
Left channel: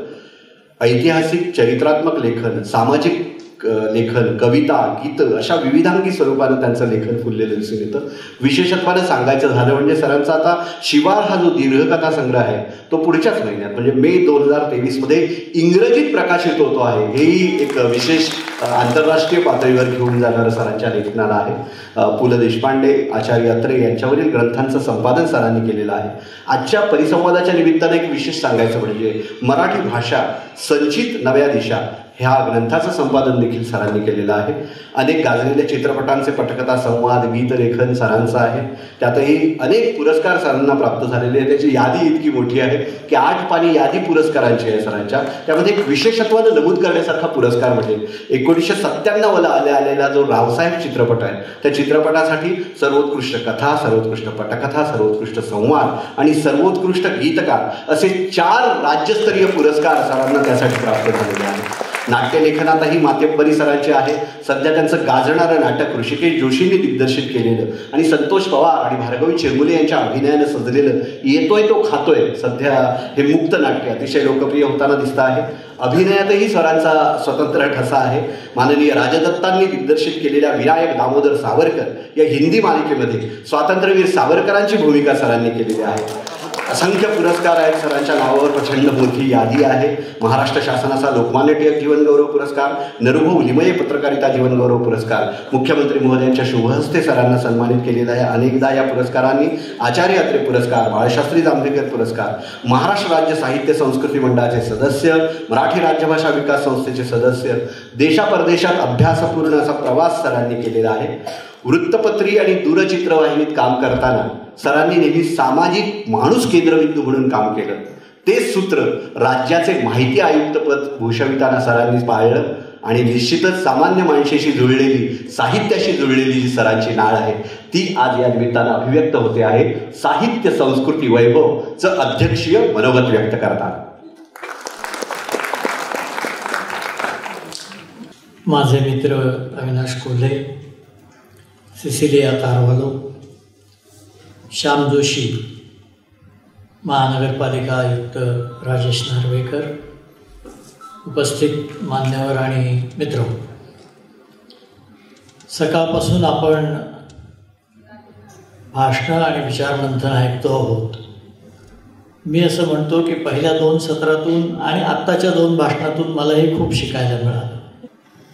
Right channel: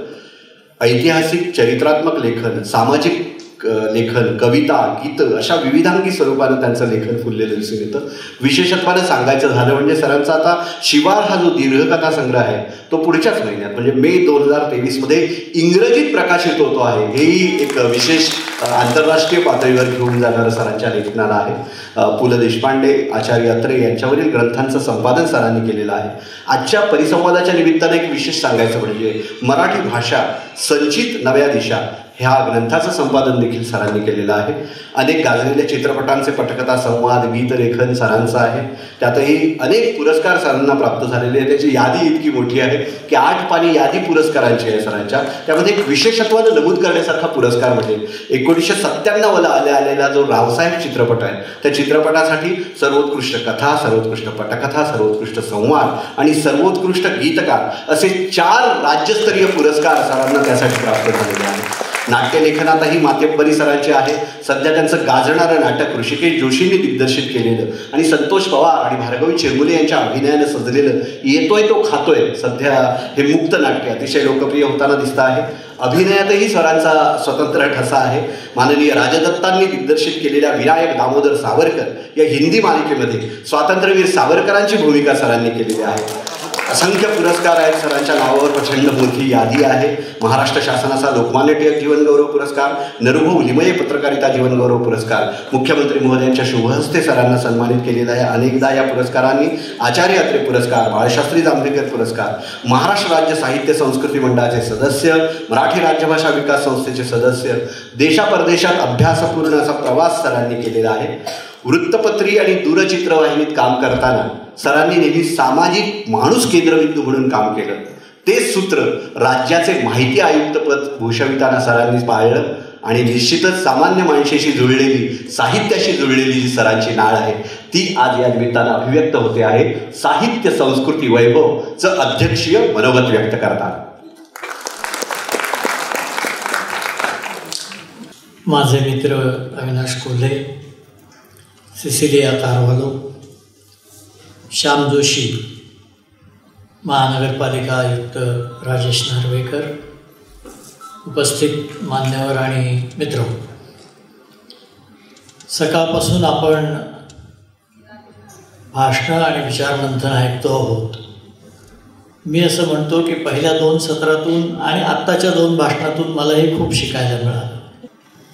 ऐतिहासिक चरित्रात्मक लेखन, सामाजिक लेखन, कविता, गीत अशा विविधांगी स्वरूपानं त्यांचं लेखन फुललेलं दिसून येतं. विशेषत्वानं सांगायचं झालं म्हणजे सरांचा आता शिवार हा जो दीर्घकथा संग्रह आहे तो पुढच्याच महिन्यात म्हणजे मे 2023 इंग्रजीत प्रकाशित होतो आहे. हेही एक विशेष आंतरराष्ट्रीय पातळीवर घेऊन जाणारं सरांच्या लेखनाला आहे. पु ल देशपांडे, आचार्य अत्रे यांच्यावरील ग्रंथांचं संपादन सरांनी केलेलं आहे. आजच्या परिसंवादाच्या निमित्तानं एक विशेष सांगायचं म्हणजे मराठी भाषा संचित नव्या दिशा ह्या ग्रंथाचं संपादन देखील सरांनी केलेलं आहे. अनेक गाजलेल्या चित्रपटांचे पटकथा, संवाद, गीतलेखन सरांचं आहे. त्यातही अनेक पुरस्कार सरांना प्राप्त झालेले आहेत. त्याची यादी इतकी मोठी आहे की 8 पानी यादी पुरस्कारांची आहे सरांच्या. त्यामध्ये एक विशेषत्वानं नमूद करण्यासारखा पुरस्कार म्हणजे 1997ला आलेला जो रावसाहेब चित्रपट आहे त्या चित्रपटासाठी सर्वोत्कृष्ट कथा, सर्वोत्कृष्ट पटकथा, सर्वोत्कृष्ट संवाद आणि सर्वोत्कृष्ट गीतकार असे 4 राज्यस्तरीय पुरस्कार सरांना त्यासाठी प्राप्त झालेले आहेत. नाट्यलेखनातही मातेंबरी सरांचे आहे. सध्या त्यांचं गाजणारं नाटक ऋषिकेश जोशींनी दिग्दर्शित केलेलं आणि संतोष पवार आणि भार्गवी चिरमुले यांच्या अभिनयानं सजलेलं येतोय तो खातोय सध्या हे मुक्त नाट्य अतिशय लोकप्रिय होताना दिसतं आहे. अभिनयातही सरांचा स्वतंत्र ठसा आहे. माननीय राजदत्तांनी दिग्दर्शित केलेल्या विनायक दामोदर सावरकर या हिंदी मालिकेमध्ये स्वातंत्र्यवीर सावरकरांची भूमिका सरांनी केलेली आहे. असंख्य पुरस्कार आहेत सरांच्या नावावर, प्रचंड मोठी यादी आहे. महाराष्ट्र शासनाचा लोकमान्य टिळक जीवनगौरव पुरस्कार, नरभू लिमये पत्रकारिता जीवनगौरव पुरस्कार, मुख्यमंत्री महोदयांच्या शुभहस्ते सरांना सन्मानित केलेला आहे अनेकदा. या पुरस्कारांनी आचार्य अत्रे पुरस्कार, बाळशास्त्री जांभेकर पुरस्कार, महाराष्ट्र राज्य साहित्य संस्कृती मंडळाचे सदस्य, मराठी राज्यभाषा विकास संस्थेचे सदस्य, देशापरदेशात अभ्यासपूर्ण असा प्रवास सरांनी केलेला आहे. वृत्तपत्री आणि दूरचित्रवाहिनीत काम करताना सरांनी नेहमी सामाजिक माणूस केंद्रबिंदू म्हणून काम केलं. तेच सूत्र राज्याचे माहिती आयुक्तपद भूषविताना सरांनी पाळलं आणि निश्चितच सामान्य माणसाशी जुळलेली, साहित्याशी जुळलेली जी सरांची नाळ आहे ती आज या निमित्तानं अभिव्यक्त होते आहे. साहित्य संस्कृती वैभवचं अध्यक्षीय मनोगत व्यक्त करतात. माझे मित्र अविनाश कोल्हे, सिसिलिया कारवालो, श्याम जोशी, महानगरपालिका आयुक्त राजेश नार्वेकर, उपस्थित मान्यवर आणि मित्र, सकाळपासून आपण भाषणं आणि विचारमंथन ऐकतो आहोत. मी असं म्हणतो की पहिल्या 2 सत्रातून आणि आत्ताच्या 2 भाषणातून मलाही खूप शिकायला मिळालं.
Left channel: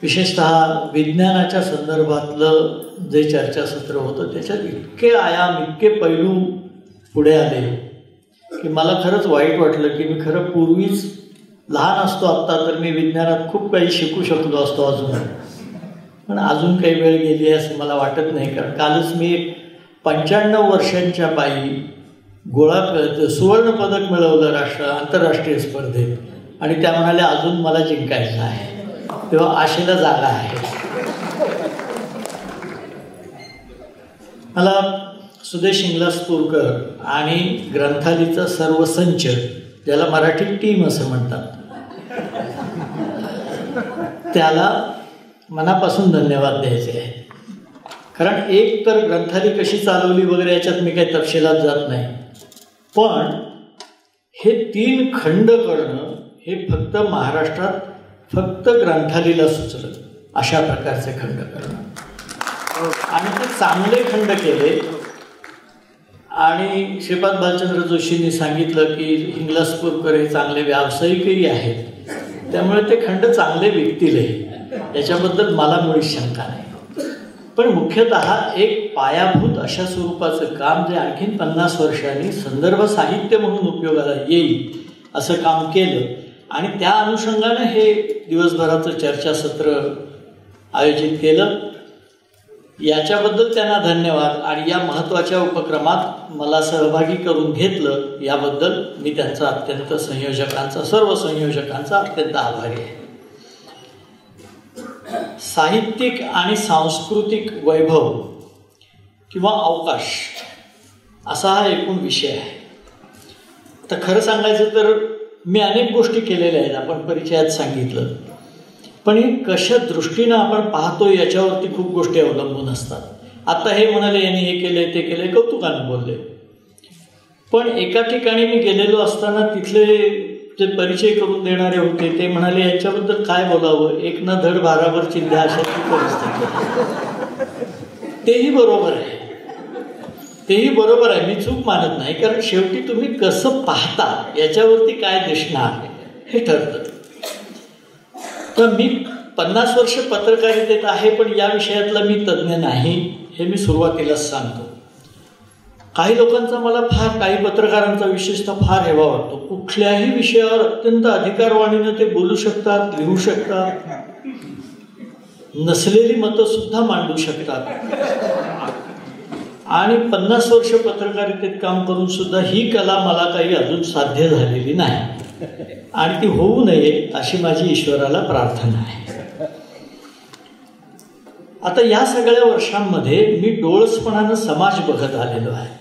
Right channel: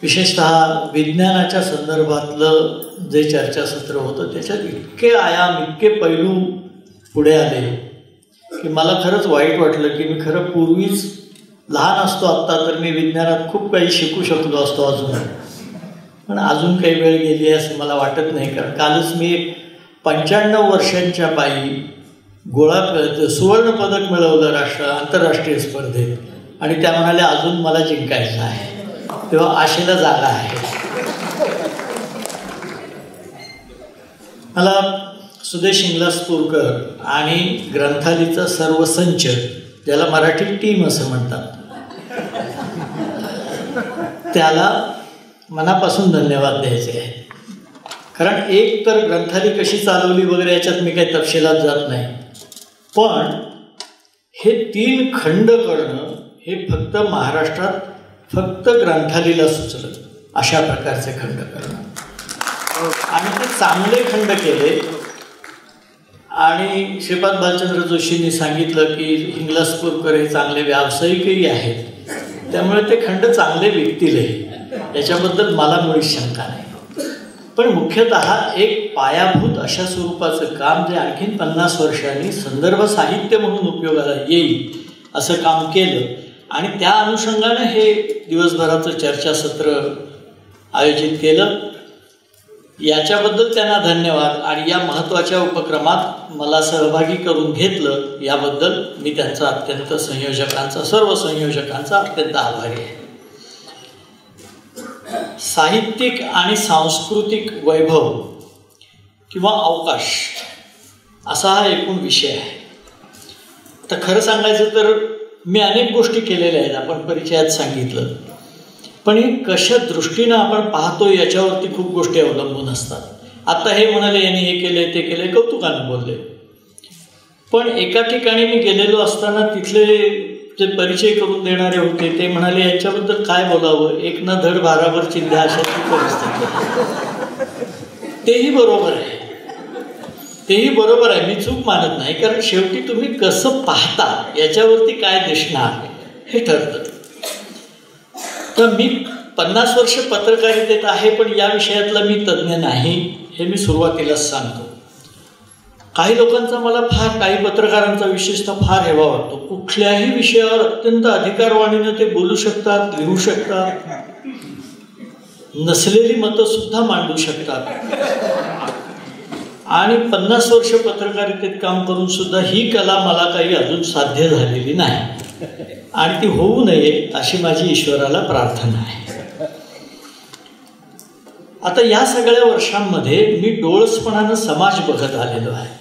विशेषतः विज्ञानाच्या संदर्भातलं जे चर्चासत्र होतं त्याच्यात इतके आयाम, इतके पैलू पुढे आले की मला खरंच वाईट वाटलं की मी खरं पूर्वीच लहान असतो आत्ता तर मी विज्ञानात खूप काही शिकू शकलो असतो अजून, पण अजून काही वेळ गेली आहे असं मला वाटत नाही. कारण कालच मी 95 वर्षांच्या बाई सुवर्णपदक मिळवलं आंतरराष्ट्रीय स्पर्धेत आणि त्या म्हणाल्या अजून मला जिंकायचं आहे. तेव्हा आशेला जागा आहे. मला सुदेश इंगलासपूरकर आणि ग्रंथालीचा सर्व संच, ज्याला मराठी टीम असं म्हणतात, त्याला मनापासून धन्यवाद द्यायचे आहे. कारण एक तर ग्रंथाली कशी चालवली वगैरे याच्यात मी काही तपशिलात जात नाही, पण हे 3 खंड करणं हे फक्त महाराष्ट्रात फक्त ग्रंथालीला सुचलं. अशा प्रकारचे खंड करणं आणि ते चांगले खंड केले. आणि श्रीपाद बालचंद्र जोशींनी सांगितलं की इंगलासपूरकर हे चांगले व्यावसायिकही आहेत, त्यामुळे ते खंड चांगले विकतीलही, याच्याबद्दल मला मुळीच शंका नाही. पण मुख्यतः एक पायाभूत अशा स्वरूपाचं काम जे आणखीन 50 वर्षांनी संदर्भ साहित्य म्हणून उपयोगाला येईल असं काम केलं आणि त्या अनुषंगानं हे दिवसभराचं चर्चासत्र आयोजित केलं. याच्याबद्दल त्यांना धन्यवाद आणि या महत्त्वाच्या उपक्रमात मला सहभागी करून घेतलं याबद्दल मी त्यांचा सर्व संयोजकांचा अत्यंत आभारी आहे. साहित्यिक आणि सांस्कृतिक वैभव किंवा अवकाश असा हा एकूण विषय आहे. तर खरं सांगायचं तर मी अनेक गोष्टी केलेल्या आहेत, आपण परिचयात सांगितलं, पण हे कशा दृष्टीनं आपण पाहतो याच्यावरती खूप गोष्टी अवलंबून असतात. आता हे म्हणाले यांनी हे केले ते केले, कौतुकानं बोलले, पण एका ठिकाणी मी गेलेलो असताना तिथले जे परिचय करून देणारे होते ते म्हणाले याच्याबद्दल काय बोलावं, एक ना धड भाराभर चिंध्या अशाची परिस्थिती. तेही बरोबर आहे, तेही बरोबर आहे, मी चूक मानत नाही, कारण शेवटी तुम्ही कसं पाहता याच्यावरती काय दिसणार हे ठरतं. तर मी 50 वर्ष पत्रकारितेत आहे, पण या विषयातला मी तज्ज्ञ नाही हे मी सुरुवातीलाच सांगतो. काही लोकांचा मला फार, काही पत्रकारांचा विशेषतः फार हेवा वाटतो. कुठल्याही विषयावर अत्यंत अधिकारवाणीनं ते बोलू शकतात, लिहू शकतात, नसलेली मतं सुद्धा मांडू शकतात. आणि 50 वर्ष पत्रकारितेत काम करून सुद्धा ही कला मला काही अजून साध्य झालेली नाही, आणि ती होऊ नये अशी माझी ईश्वराला प्रार्थना आहे. आता या सगळ्या वर्षांमध्ये मी डोळसपणानं समाज बघत आलेलो आहे.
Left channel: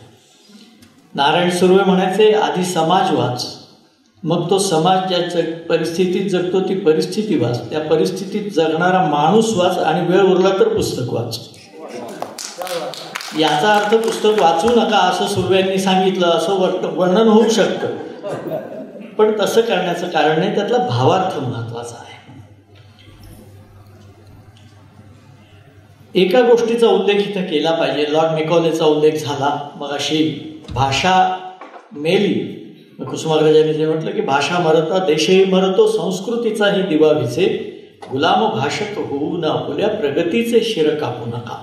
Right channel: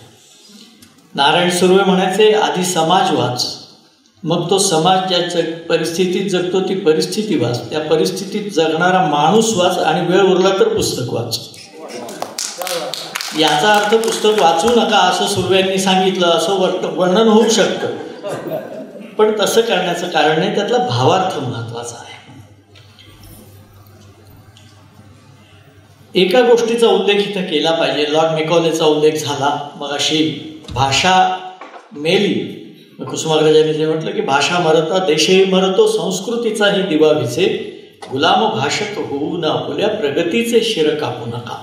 नारायण सुर्वे म्हणायचे, आधी समाज वाच, मग तो समाज ज्या परिस्थितीत जगतो ती परिस्थिती वाच, त्या परिस्थितीत जगणारा माणूस वाच, आणि वेळ उरला तर पुस्तक वाच. याचा अर्थ पुस्तक वाचू नका असं सुर्व्यांनी सांगितलं असं वर्णन होऊ शकतं, पण तसं करण्याचं कारण नाही, त्यातला भावार्थ महत्वाचा आहे. एका गोष्टीचा उल्लेख इथं केला पाहिजे. लॉर्ड मेकॉलेचा उल्लेख झाला मग. अशी भाषा मेली, कुसुमाग्रजांनी जे म्हटलं की भाषा मरता देशही मरतो, संस्कृतीचाही दिवा विझे, गुलाम भाषक होऊ न आपुल्या, प्रगतीचे शिर कापू नका.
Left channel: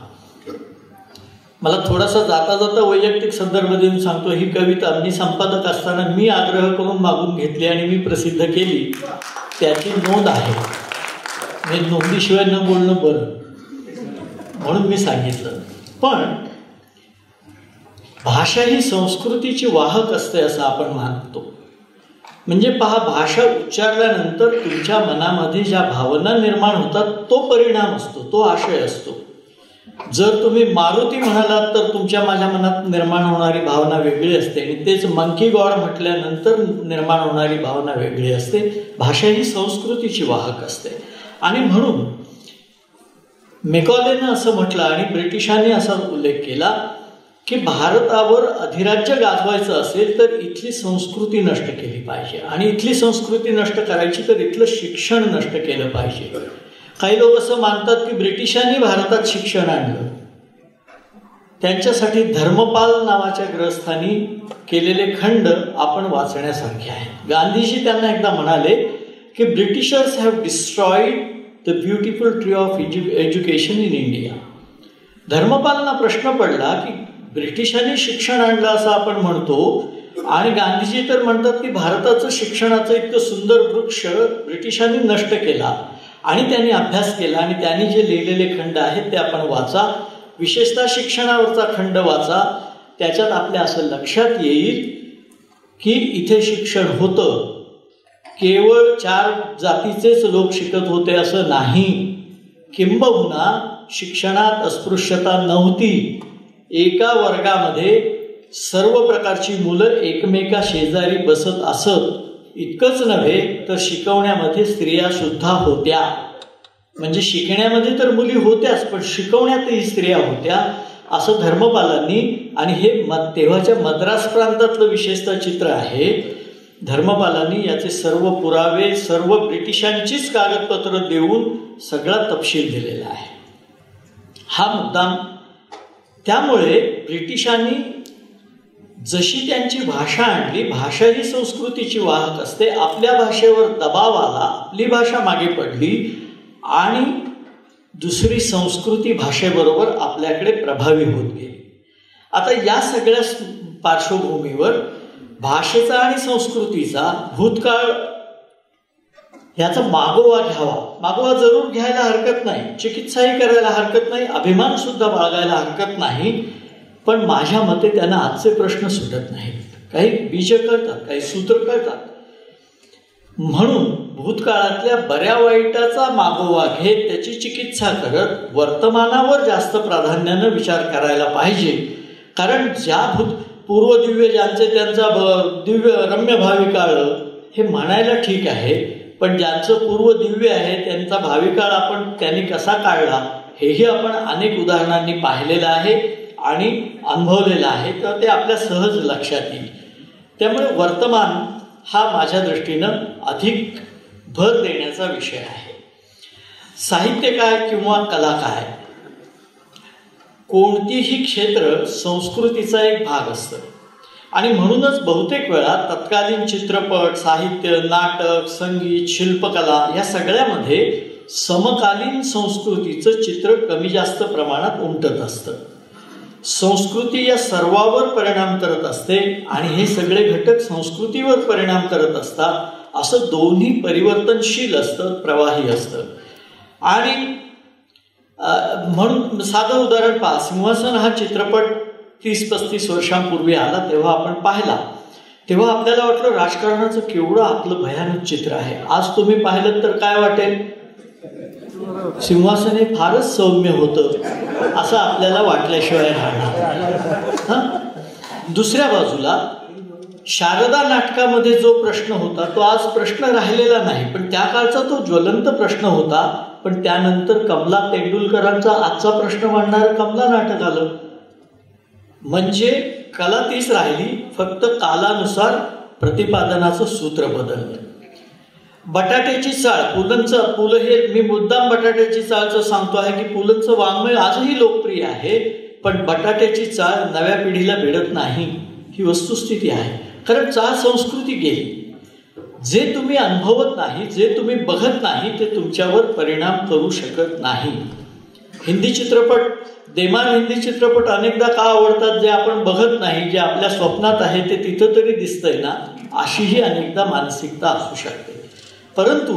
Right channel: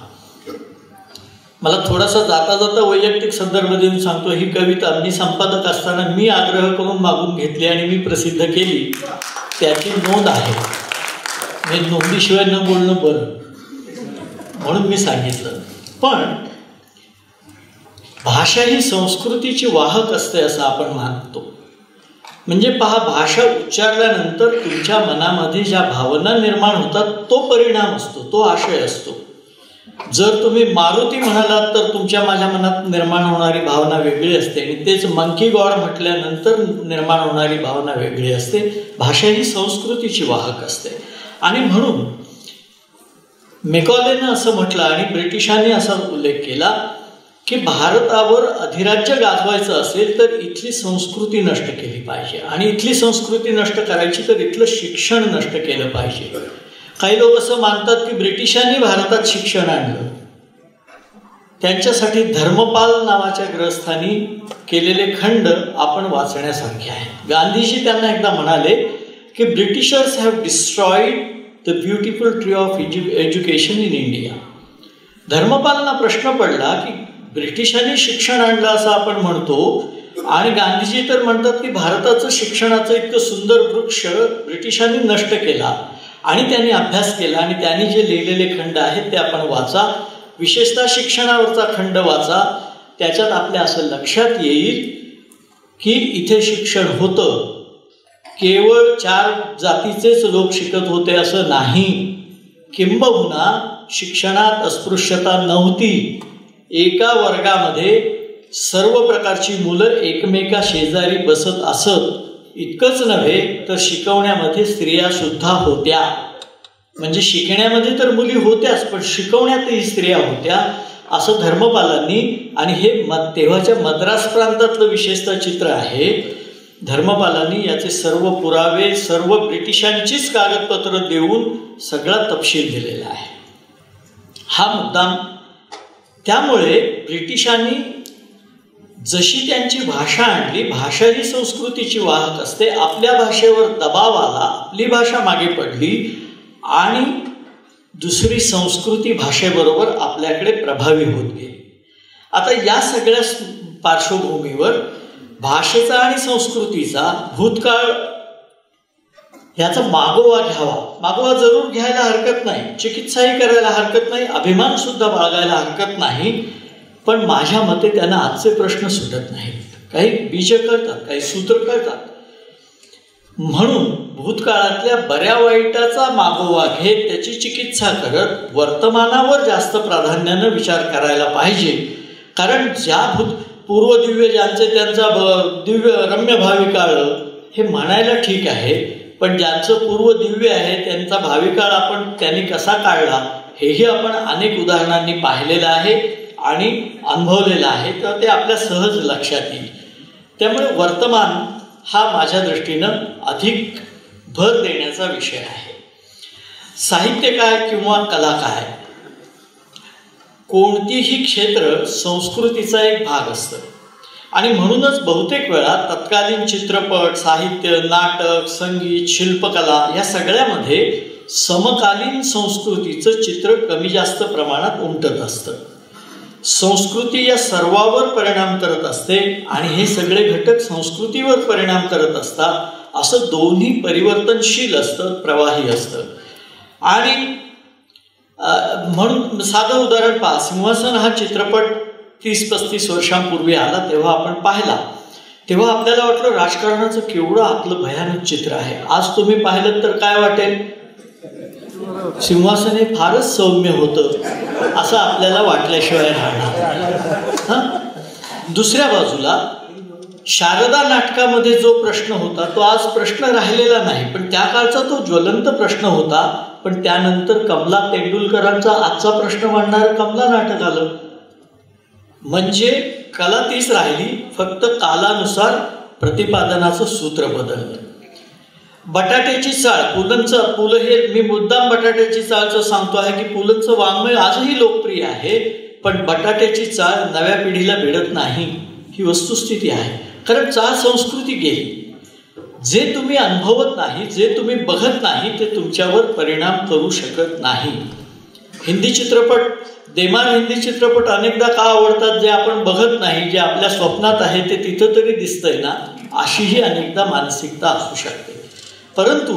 मला थोडासा जाता जाता वैयक्तिक संदर्भ देऊन सांगतो. ही कविता मी संपादक असताना मी आग्रह करून मागून घेतली आणि मी प्रसिद्ध केली, त्याची नोंद आहे. मी नोंदीशिवाय न बोलणं बरं म्हणून मी सांगितलं. पण भाषा ही संस्कृतीची वाहक असते असं आपण मानतो. म्हणजे पहा, भाषा उच्चारल्यानंतर तुमच्या मनामध्ये ज्या भावना निर्माण होतात तो परिणाम असतो, तो आशय असतो. जर तुम्ही मारुती म्हणालात तर तुमच्या माझ्या मनात निर्माण होणारी भावना वेगळी असते, आणि तेच मंकी गॉड म्हटल्यानंतर निर्माण होणारी भावना वेगळी असते. भाषा ही संस्कृतीची वाहक असते. आणि म्हणून मेकॉलेनं असं म्हटलं आणि ब्रिटिशांनी असा उल्लेख केला की भारतावर अधिराज्य गाजवायचं असेल तर इथली संस्कृती नष्ट केली पाहिजे, आणि इथली संस्कृती नष्ट करायची तर इथलं शिक्षण नष्ट केलं पाहिजे. काही लोक असं मानतात की ब्रिटिशांनी भारतात शिक्षण आणलं. त्यांच्यासाठी धर्मपाल नावाच्या ग्रहस्थानी केलेले खंड आपण वाचण्यासारखे आहेत. गांधीजी त्यांना एकदा म्हणाले की Britishers have destroyed the beautiful tree of education in India. धर्मपालांना प्रश्न पडला की ब्रिटिशांनी शिक्षण आणलं असं आपण म्हणतो, आणि गांधीजी तर म्हणतात की भारताचं शिक्षणाचं इतकं सुंदर वृक्ष ब्रिटिशांनी नष्ट केला, आणि त्यांनी अभ्यास केला, आणि त्यांनी जे लिहिलेले खंड आहेत ते आपण वाचा. विशेषतः शिक्षणावरचा खंड वाचा. त्याच्यात आपल्या असं लक्षात येईल की इथे शिक्षण होतं, केवळ 4 जातीचेच लोक शिकत होते असं नाही, किंबहुना शिक्षणात अस्पृश्यता नव्हती. एका वर्गामध्ये सर्व प्रकारची मुलं एकमेका शेजारी बसत असत. इतकंच नव्हे तर शिकवण्यामध्ये स्त्रिया सुद्धा होत्या. म्हणजे शिकण्यामध्ये तर मुली होत्याच, पण शिकवण्यातही स्त्रिया होत्या असं धर्मपालांनी. आणि हे तेव्हाच्या मद्रास प्रांतातलं विशेषतः चित्र आहे. धर्मपालांनी याचे सर्व पुरावे, सर्व ब्रिटिशांचीच कागदपत्र देऊन सगळा तपशील दिलेला आहे. हा मुद्दाम. त्यामुळे ब्रिटिशांनी जशी त्यांची भाषा आणली, भाषा ही संस्कृतीची वाहक असते, आपल्या भाषेवर दबाव आला, आपली भाषा मागे पडली, आणि दुसरी संस्कृती भाषेबरोबर आपल्याकडे प्रभावी होत गेली. आता या सगळ्या पार्श्वभूमीवर भाषेचा आणि संस्कृतीचा भूतकाळ ह्याचा मागोवा घ्यावा. मागोवा जरूर घ्यायला हरकत नाही, चिकित्साही करायला हरकत नाही, अभिमान सुद्धा बाळगायला हरकत नाही, पण माझ्या मते त्यांना आजचे प्रश्न सुटत नाहीत. काही बीज कळतात, काही सूत्र कळतात. म्हणून भूतकाळातल्या बऱ्या वाईटाचा मागोवा घेत त्याची चिकित्सा करत वर्तमानावर जास्त प्राधान्यानं विचार करायला पाहिजे. कारण पूर्वदिव्य ज्यांचे त्यांचा दिव्य रम्य भावी काळ हे म्हणायला ठीक आहे, पण ज्यांचं पूर्व दिव्य आहे त्यांचा भावी काळ आपण त्यांनी कसा काढला हेही आपण अनेक उदाहरणांनी पाहिलेलं आहे आणि अनुभवलेलं आहे, तर ते आपल्या सहज लक्षात येईल. त्यामुळे वर्तमान हा माझ्या दृष्टीनं अधिक भर देण्याचा विषय आहे. साहित्य काय किंवा कला काय, कोणतीही क्षेत्र संस्कृतीचा एक भाग असतं आणि म्हणूनच बहुतेक वेळा तत्कालीन चित्रपट, साहित्य, नाटक, संगीत, शिल्पकला या सगळ्यामध्ये समकालीन संस्कृतीचं चित्र कमी जास्त प्रमाणात उमटत असतं. संस्कृती या सर्वावर परिणाम करत असते आणि हे सगळे घटक संस्कृतीवर परिणाम करत असतात. असं दोन्ही परिवर्तनशील असतं, प्रवाही असतं. आणि म्हणून साधं उदाहरण पहा, सिंहासन हा चित्रपट 30-35 वर्षांपूर्वी आला, तेव्हा आपण पाहिला, तेव्हा आपल्याला वाटलं राजकारणाचं केवढं आपलं भयानक चित्र आहे. आज तुम्ही पाहिलं तर काय वाटेल, सिंहासन हे फारच सौम्य होतं असं आपल्याला वाटल्याशिवाय राहणार. दुसऱ्या बाजूला शारदा नाटकामध्ये जो प्रश्न होता तो आज प्रश्न राहिलेला नाही, पण त्या काळचा तो ज्वलंत प्रश्न होता. पण त्यानंतर कमला तेंडुलकरांचा आजचा प्रश्न मांडणारं कमला नाटक आलं. म्हणजे कला तीच राहिली, फक्त कालानुसार प्रतिपादनाचं सूत्र बदललं. बटाट्याची चाळ, पुलं हे मी मुद्दाम बटाट्याची चाळचं सांगतो आहे की पुलंचं वाङ्मय आजही लोकप्रिय आहे, पण बटाट्याची चाळ नव्या पिढीला भिडत नाही ही वस्तुस्थिती आहे. कारण चाळ संस्कृती गेली. जे तुम्ही अनुभवत नाही, जे तुम्ही बघत नाही, ते तुमच्यावर परिणाम करू शकत नाही. हिंदी चित्रपट, देमान हिंदी चित्रपट अनेकदा का आवडतात, जे आपण बघत नाही, जे आपल्या स्वप्नात आहे ते तिथं तरी दिसतंय ना, अशीही अनेकदा मानसिकता असू शकते. परंतु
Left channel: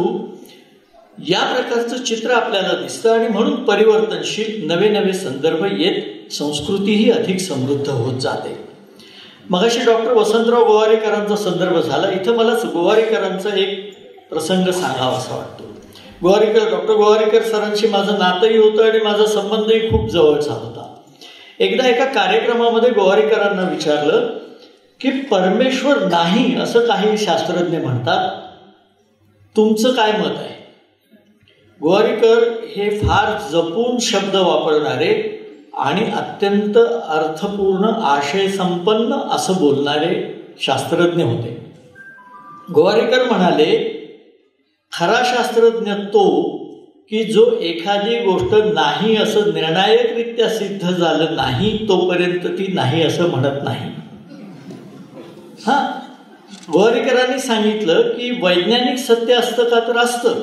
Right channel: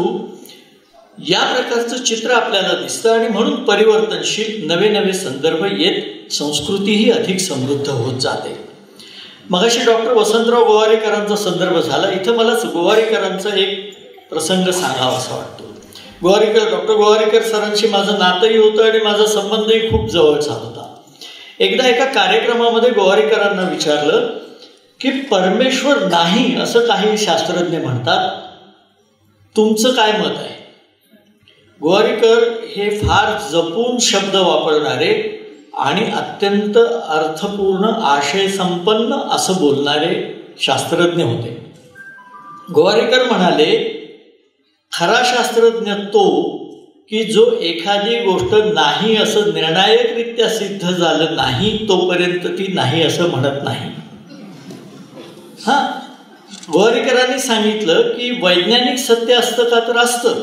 या प्रकारचं चित्र आपल्याला दिसतं आणि म्हणून परिवर्तनशील नवे नवे संदर्भ येत संस्कृतीही अधिक समृद्ध होत जाते. मगाशी डॉक्टर वसंतराव गोवारीकरांचा संदर्भ झाला. इथं मला गोवारीकरांचा एक प्रसंग सांगावा असा वाटतो. डॉक्टर गोवारीकर सरांशी माझं नातंही होतं आणि माझा संबंधही खूप जवळचा होता. एकदा एका कार्यक्रमामध्ये गोवारीकरांना विचारलं की परमेश्वर नाही असं काही शास्त्रज्ञ म्हणतात, तुमचं काय मत आहे? गोवारीकर हे फार जपून शब्द वापरणारे आणि अत्यंत अर्थपूर्ण, आशयसंपन्न असं बोलणारे शास्त्रज्ञ होते. गोवारीकर म्हणाले, खरा शास्त्रज्ञ तो की जो एखादी गोष्ट नाही असं निर्णायकरित्या सिद्ध झालं नाही तोपर्यंत ती नाही असं म्हणत नाही. गोवारीकरांनी सांगितलं की वैज्ञानिक सत्य असतं का, तर असतं,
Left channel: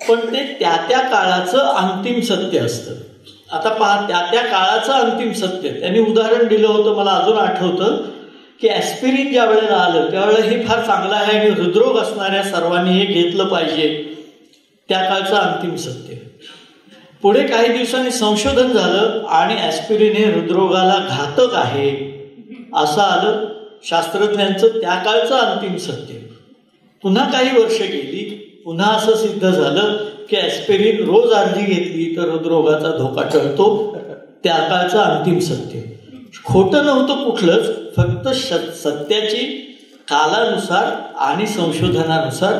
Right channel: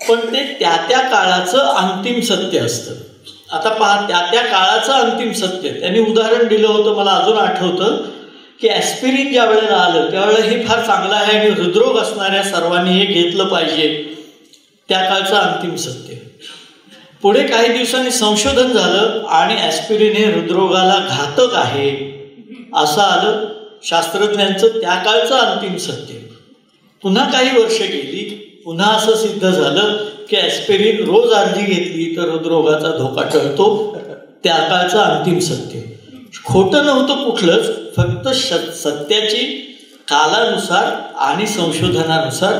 पण ते त्या त्या काळाचं अंतिम सत्य असतं. आता पहा, त्या त्या काळाचं अंतिम सत्य, त्यांनी उदाहरण दिलं होतं, मला अजून आठवतं की ॲस्पिरिन ज्या वेळेला आलं त्यावेळेला हे फार चांगलं आहे आणि हृदरोग असणाऱ्या सर्वांनी हे घेतलं पाहिजे, त्या काळचं अंतिम सत्य. पुढे काही दिवसांनी संशोधन झालं आणि ॲस्पिरिन हे हृदरोगाला घातक आहे असं आलं, शास्त्रज्ञांचं त्या काळचं अंतिम सत्य. पुन्हा काही वर्ष गेली, पुन्हा असं सिद्ध झालं की ॲस्पिरिन रोज अर्धी घेतली तर हृदरोगाचा धोका टळतो, त्या काळचं अंतिम सत्य. खोटं नव्हतं कुठलंच, फक्त सत्याची कालानुसार आणि संशोधनानुसार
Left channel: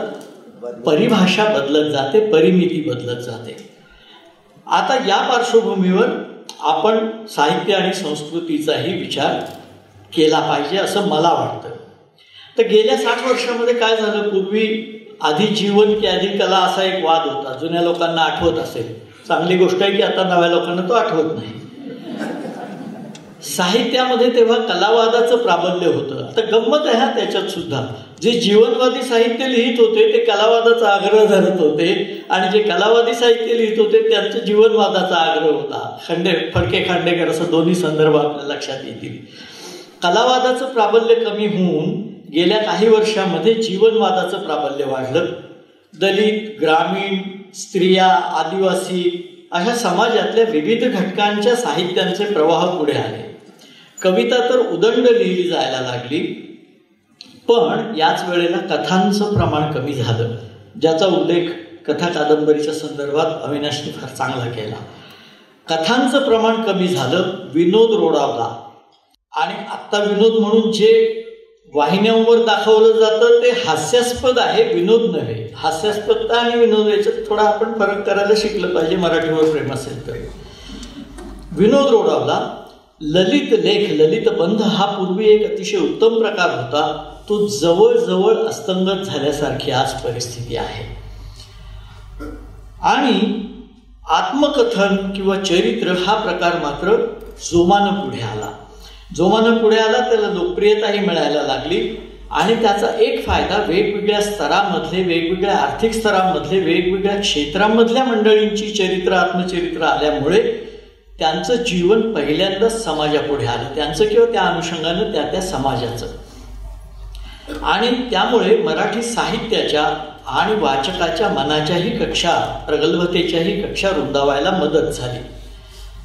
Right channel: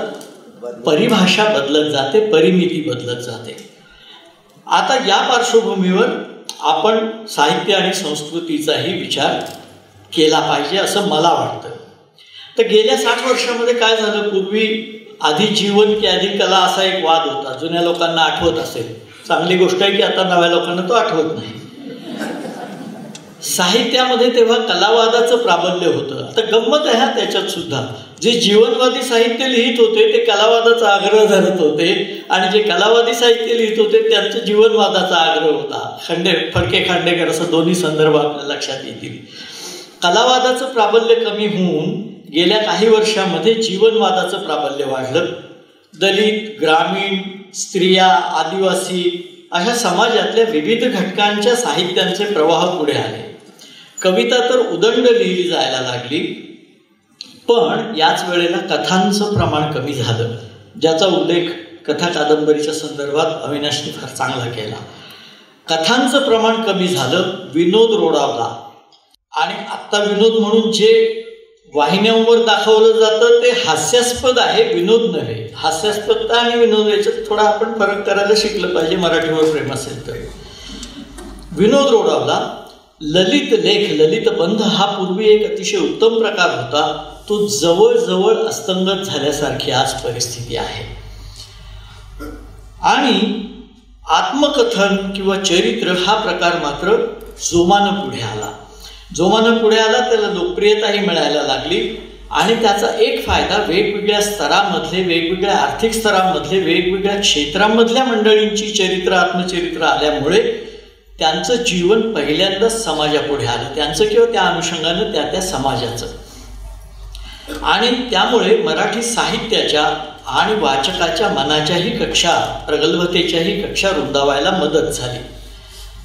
परिभाषा बदलत जाते, परिमिती बदलत जाते. आता या पार्श्वभूमीवर आपण साहित्य आणि संस्कृतीचाही विचार केला पाहिजे असं मला वाटतं. तर गेल्या 60 वर्षामध्ये काय झालं, पूर्वी आधी जीवन की आधी कला असा एक वाद होता, जुन्या लोकांना आठवत असेल. चांगली गोष्ट आहे की आता नव्या लोकांना तो आठवत नाही. साहित्यामध्ये तेव्हा कलावादाचं प्राबल्य होतं. आता गंमत आहे त्याच्यात सुद्धा, जे जीवनवादी साहित्य लिहित होते ते कलावादाचा आग्रह धरत होते आणि जे कलावादी साहित्य लिहित होते त्यांचं जीवनवादाचा आग्रह होता. फडके खांडेकर असं दोन्ही संदर्भ आपल्या लक्षात येतील. कलावादाचं प्राबल्य कमी होऊन गेल्या काही वर्षामध्ये जीवनवादाचं प्राबल्य वाढलं. दलित, ग्रामीण, स्त्रिया, आदिवासी अशा समाजातल्या विविध घटकांच्या साहित्यांचे प्रवाह पुढे आले. कविता तर उदंड लिहिली जायला लागली, पण याच वेळेला कथांचं प्रमाण कमी झालं, ज्याचा उल्लेख कथा कादंबरीच्या संदर्भात अविनाशने फार चांगला केला. कथांचं प्रमाण कमी झालं, विनोद रोडावला आणि आत्ता विनोद म्हणून जे वाहिन्यांवर दाखवलं जातं ते हास्यास्पद आहे, विनोद नव्हे. हास्यास्पदता आणि विनोद याच्यात थोडा आपण फरक करायला शिकलं पाहिजे मराठीवर प्रेम असेल तर. विनोद रोडावला ललित लेख, ललित बंध हा पूर्वी एक अतिशय उत्तम प्रकार होता. तो जवळजवळ अस्तंगत झाल्यासारखी आज परिस्थिती आहे. आणि आत्मकथन किंवा चरित्र हा प्रकार मात्र जोमानं पुढे आला. जोमानं पुढे आला, त्याला लोकप्रियताही मिळायला लागली. आणि त्याचा एक फायदा वेगवेगळ्या स्तरामधले, वेगवेगळ्या आर्थिक स्तरांमधले, वेगवेगळ्या क्षेत्रांमधल्या मंडळींची चरित्र, आत्मचरित्र आल्यामुळे त्यांचं जीवन पहिल्यांदाच समाजापुढे आलं, त्यांचं किंवा त्या अनुषंगानं त्या समाजाचं. आणि त्यामुळे मराठी साहित्याच्या आणि वाचकाच्या मनाच्याही कक्षा, प्रगल्भतेच्याही कक्षा रुंदावायला मदत झाली.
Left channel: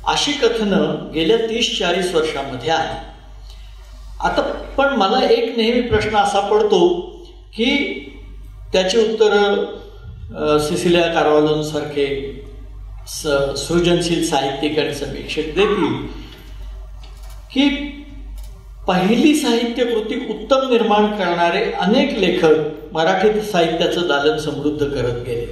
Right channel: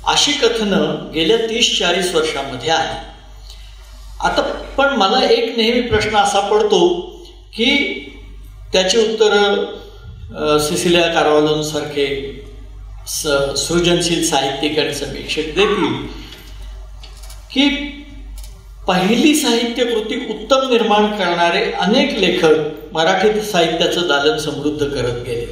अशी कथनं गेल्या 30-40 वर्षांमध्ये आली. आता पण मला एक नेहमी प्रश्न असा पडतो की त्याची उत्तरं सिसिलिया कार्वालोनसारखे सृजनशील साहित्यिक आणि समीक्षक देतील की पहिली साहित्यकृती उत्तम निर्माण करणारे अनेक लेखक मराठी साहित्याचं दालन समृद्ध करत गेले.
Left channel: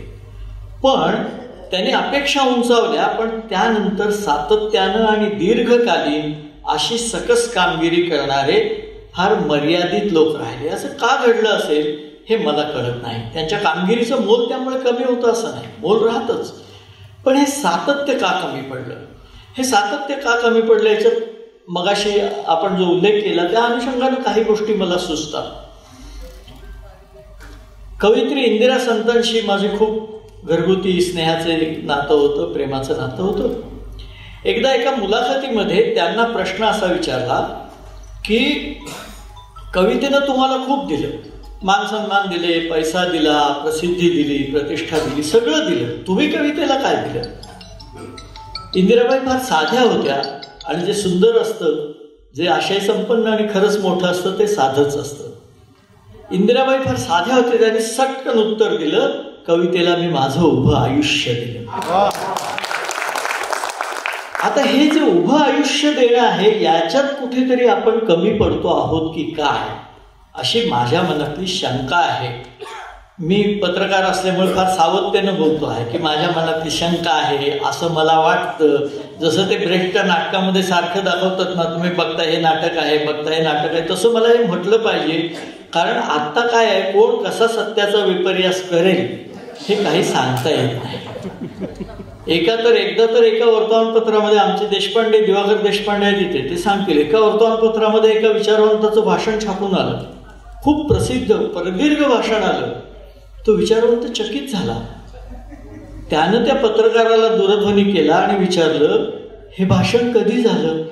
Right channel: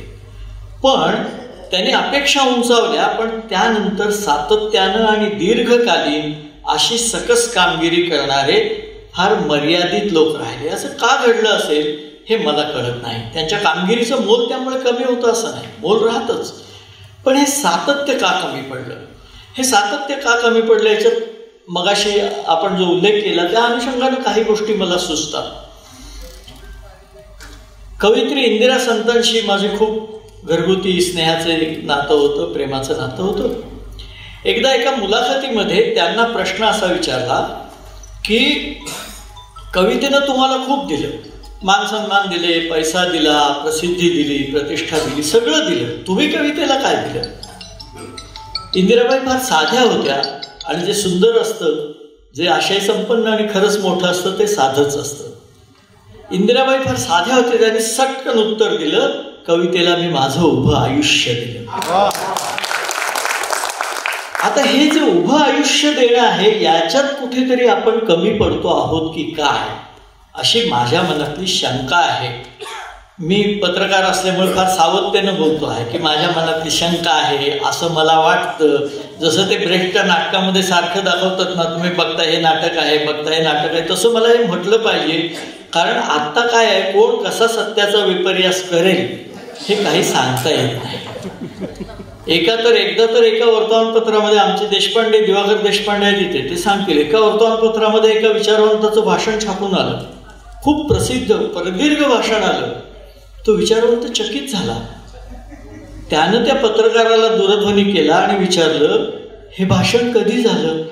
पण त्यांनी अपेक्षा उंचावल्या, पण त्यानंतर सातत्यानं आणि दीर्घकालीन अशी सकस कामगिरी करणारे फार मर्यादित लोक राहिले. असं का घडलं असेल हे मला कळत नाही. त्यांच्या कामगिरीचं मोल त्यामुळे कमी होतं असं नाही, मोल राहतच. पण हे सातत्य का कमी पडलं? हे सातत्य का कमी पडलं याच्यात मगाशी आपण जो उल्लेख केला त्या अनुषंगाने काही गोष्टी मला सुचतात. कवयित्री इंदिरा संतांशी माझे खूप घरगुती स्नेहाचं एक नातं होतं, प्रेमाचं नातं होतं. एकदा एका मुलाखतीमध्ये त्यांना प्रश्न असा विचारला की कवितेनं तुम्हाला खूप दिलं, मान सन्मान दिले, पैसा दिला, प्रसिद्धी दिली, प्रतिष्ठा दिली, सगळं दिलं, तुम्ही कवितेला काय दिलं? इंदिराबाई फार साध्या होत्या आणि जे सुंदर असतं, जे आशय संपन्न आणि खरंच मोठं असतं ते साधंच असतं. इंदिराबाई फार साध्या होत्या, त्यांनी सटकन उत्तर दिलं, कवितेला मी माझं उभं आयुष्य दिलं. आता हे जे उभं आयुष्य देणं आहे याच्यात कुठेतरी आपण कमी पडतो आहोत की काय, अशी माझ्या मनातली शंका आहे. मी पत्रकार असल्यामुळे फार सावधतेनं बोलतो आहे की माझ्या मनातली शंका आहे, असं मला वाटतं. जसं ते ब्रेकच्या नाटकामध्ये सारखं दाखवतात ना, तुम्ही बघता हे नाटक आहे, बघता हे नाटक आहे, तसं मला हे म्हटलं पाहिजे. कारण आत्ता काय आहे, कोण कसा सत्याचा विपर्यास करेल हे काही सांगता येत नाही. एकदा तर एका वर्तमानपत्रामध्ये आमचे देशपांडे, दिवाकर देशपांडे आहेत तिथे, ते सांगतील, एका वर्तमानपत्रामध्ये एका विचारवंताचं भाषण छापून आलं, खूप प्रसिद्ध प्रदीर्घ भाषण आलं. तो विचारवंत चकित झाला. त्यानं त्या पत्रकाराला दूरध्वनी केला आणि विचारलं, हे भाषण कधी झालं?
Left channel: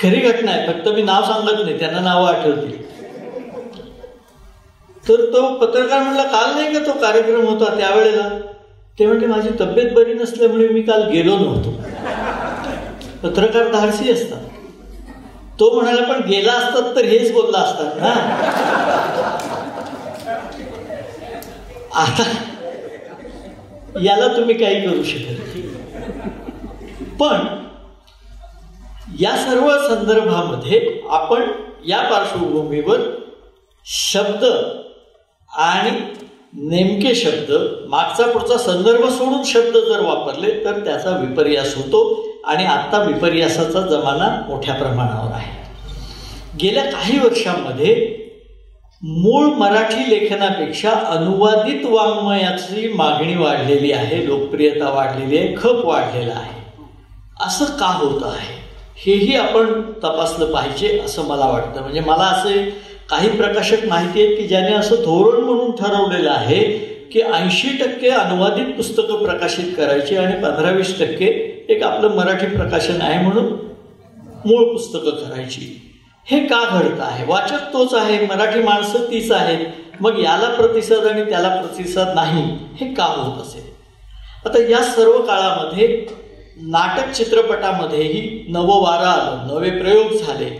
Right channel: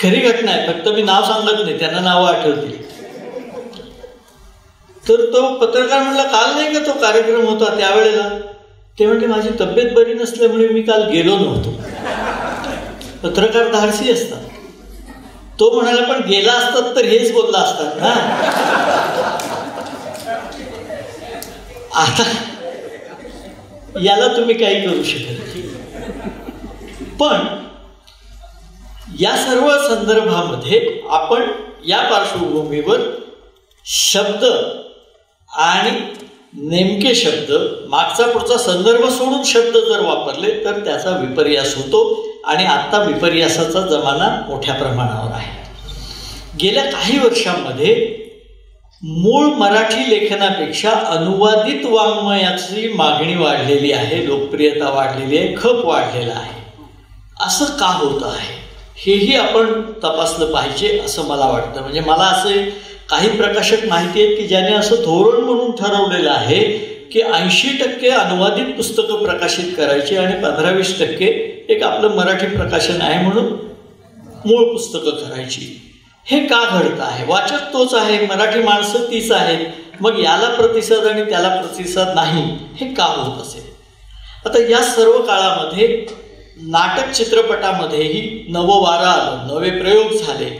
खरी घटना आहे, फक्त मी नाव सांगत नाही, त्यांना नावं आठवतील. तर तो पत्रकार म्हणला, काल नाही का तो कार्यक्रम होता त्यावेळेला? ते म्हणजे माझी तब्येत बरी नसल्यामुळे मी काल गेलो नव्हतो. पत्रकार धाडसी असतात. तो म्हणाला, पण गेला असतात तर हेच बोलला असतात ना. आता याला तुम्ही काही करू शकत. पण या सर्व संदर्भामध्ये आपण या पार्श्वभूमीवर शब्द आणि नेमके शब्द, मागचा पुढचा संदर्भ सोडून शब्द जर वापरले तर त्याचा विपर्यास होतो. आणि आत्ता विपर्यासाचा जमाना मोठ्या प्रमाणावर आहे. गेल्या काही वर्षांमध्ये मूळ मराठी लेखनापेक्षा अनुवादित वाङ्मयाची मागणी वाढलेली आहे, लोकप्रियता वाढलेली आहे, खप वाढलेला आहे. असं का होत आहे हेही आपण तपासलं पाहिजे असं मला वाटतं. म्हणजे मला असे काही प्रकाशक माहिती आहेत की ज्याने असं धोरण म्हणून ठरवलेलं आहे की 80% अनुवादित पुस्तकं प्रकाशित करायची आणि 15-20% एक आपलं मराठी प्रकाशन आहे म्हणून मूळ पुस्तकं करायची. हे का घडतं आहे? वाचक तोच आहे, मराठी माणसं तीच आहेत, मग याला प्रतिसाद आणि त्याला प्रतिसाद नाही, हे का होत असेल? आता या सर्व काळामध्ये नाटक चित्रपटामध्येही नवं वारं आलं, नवे प्रयोग झाले.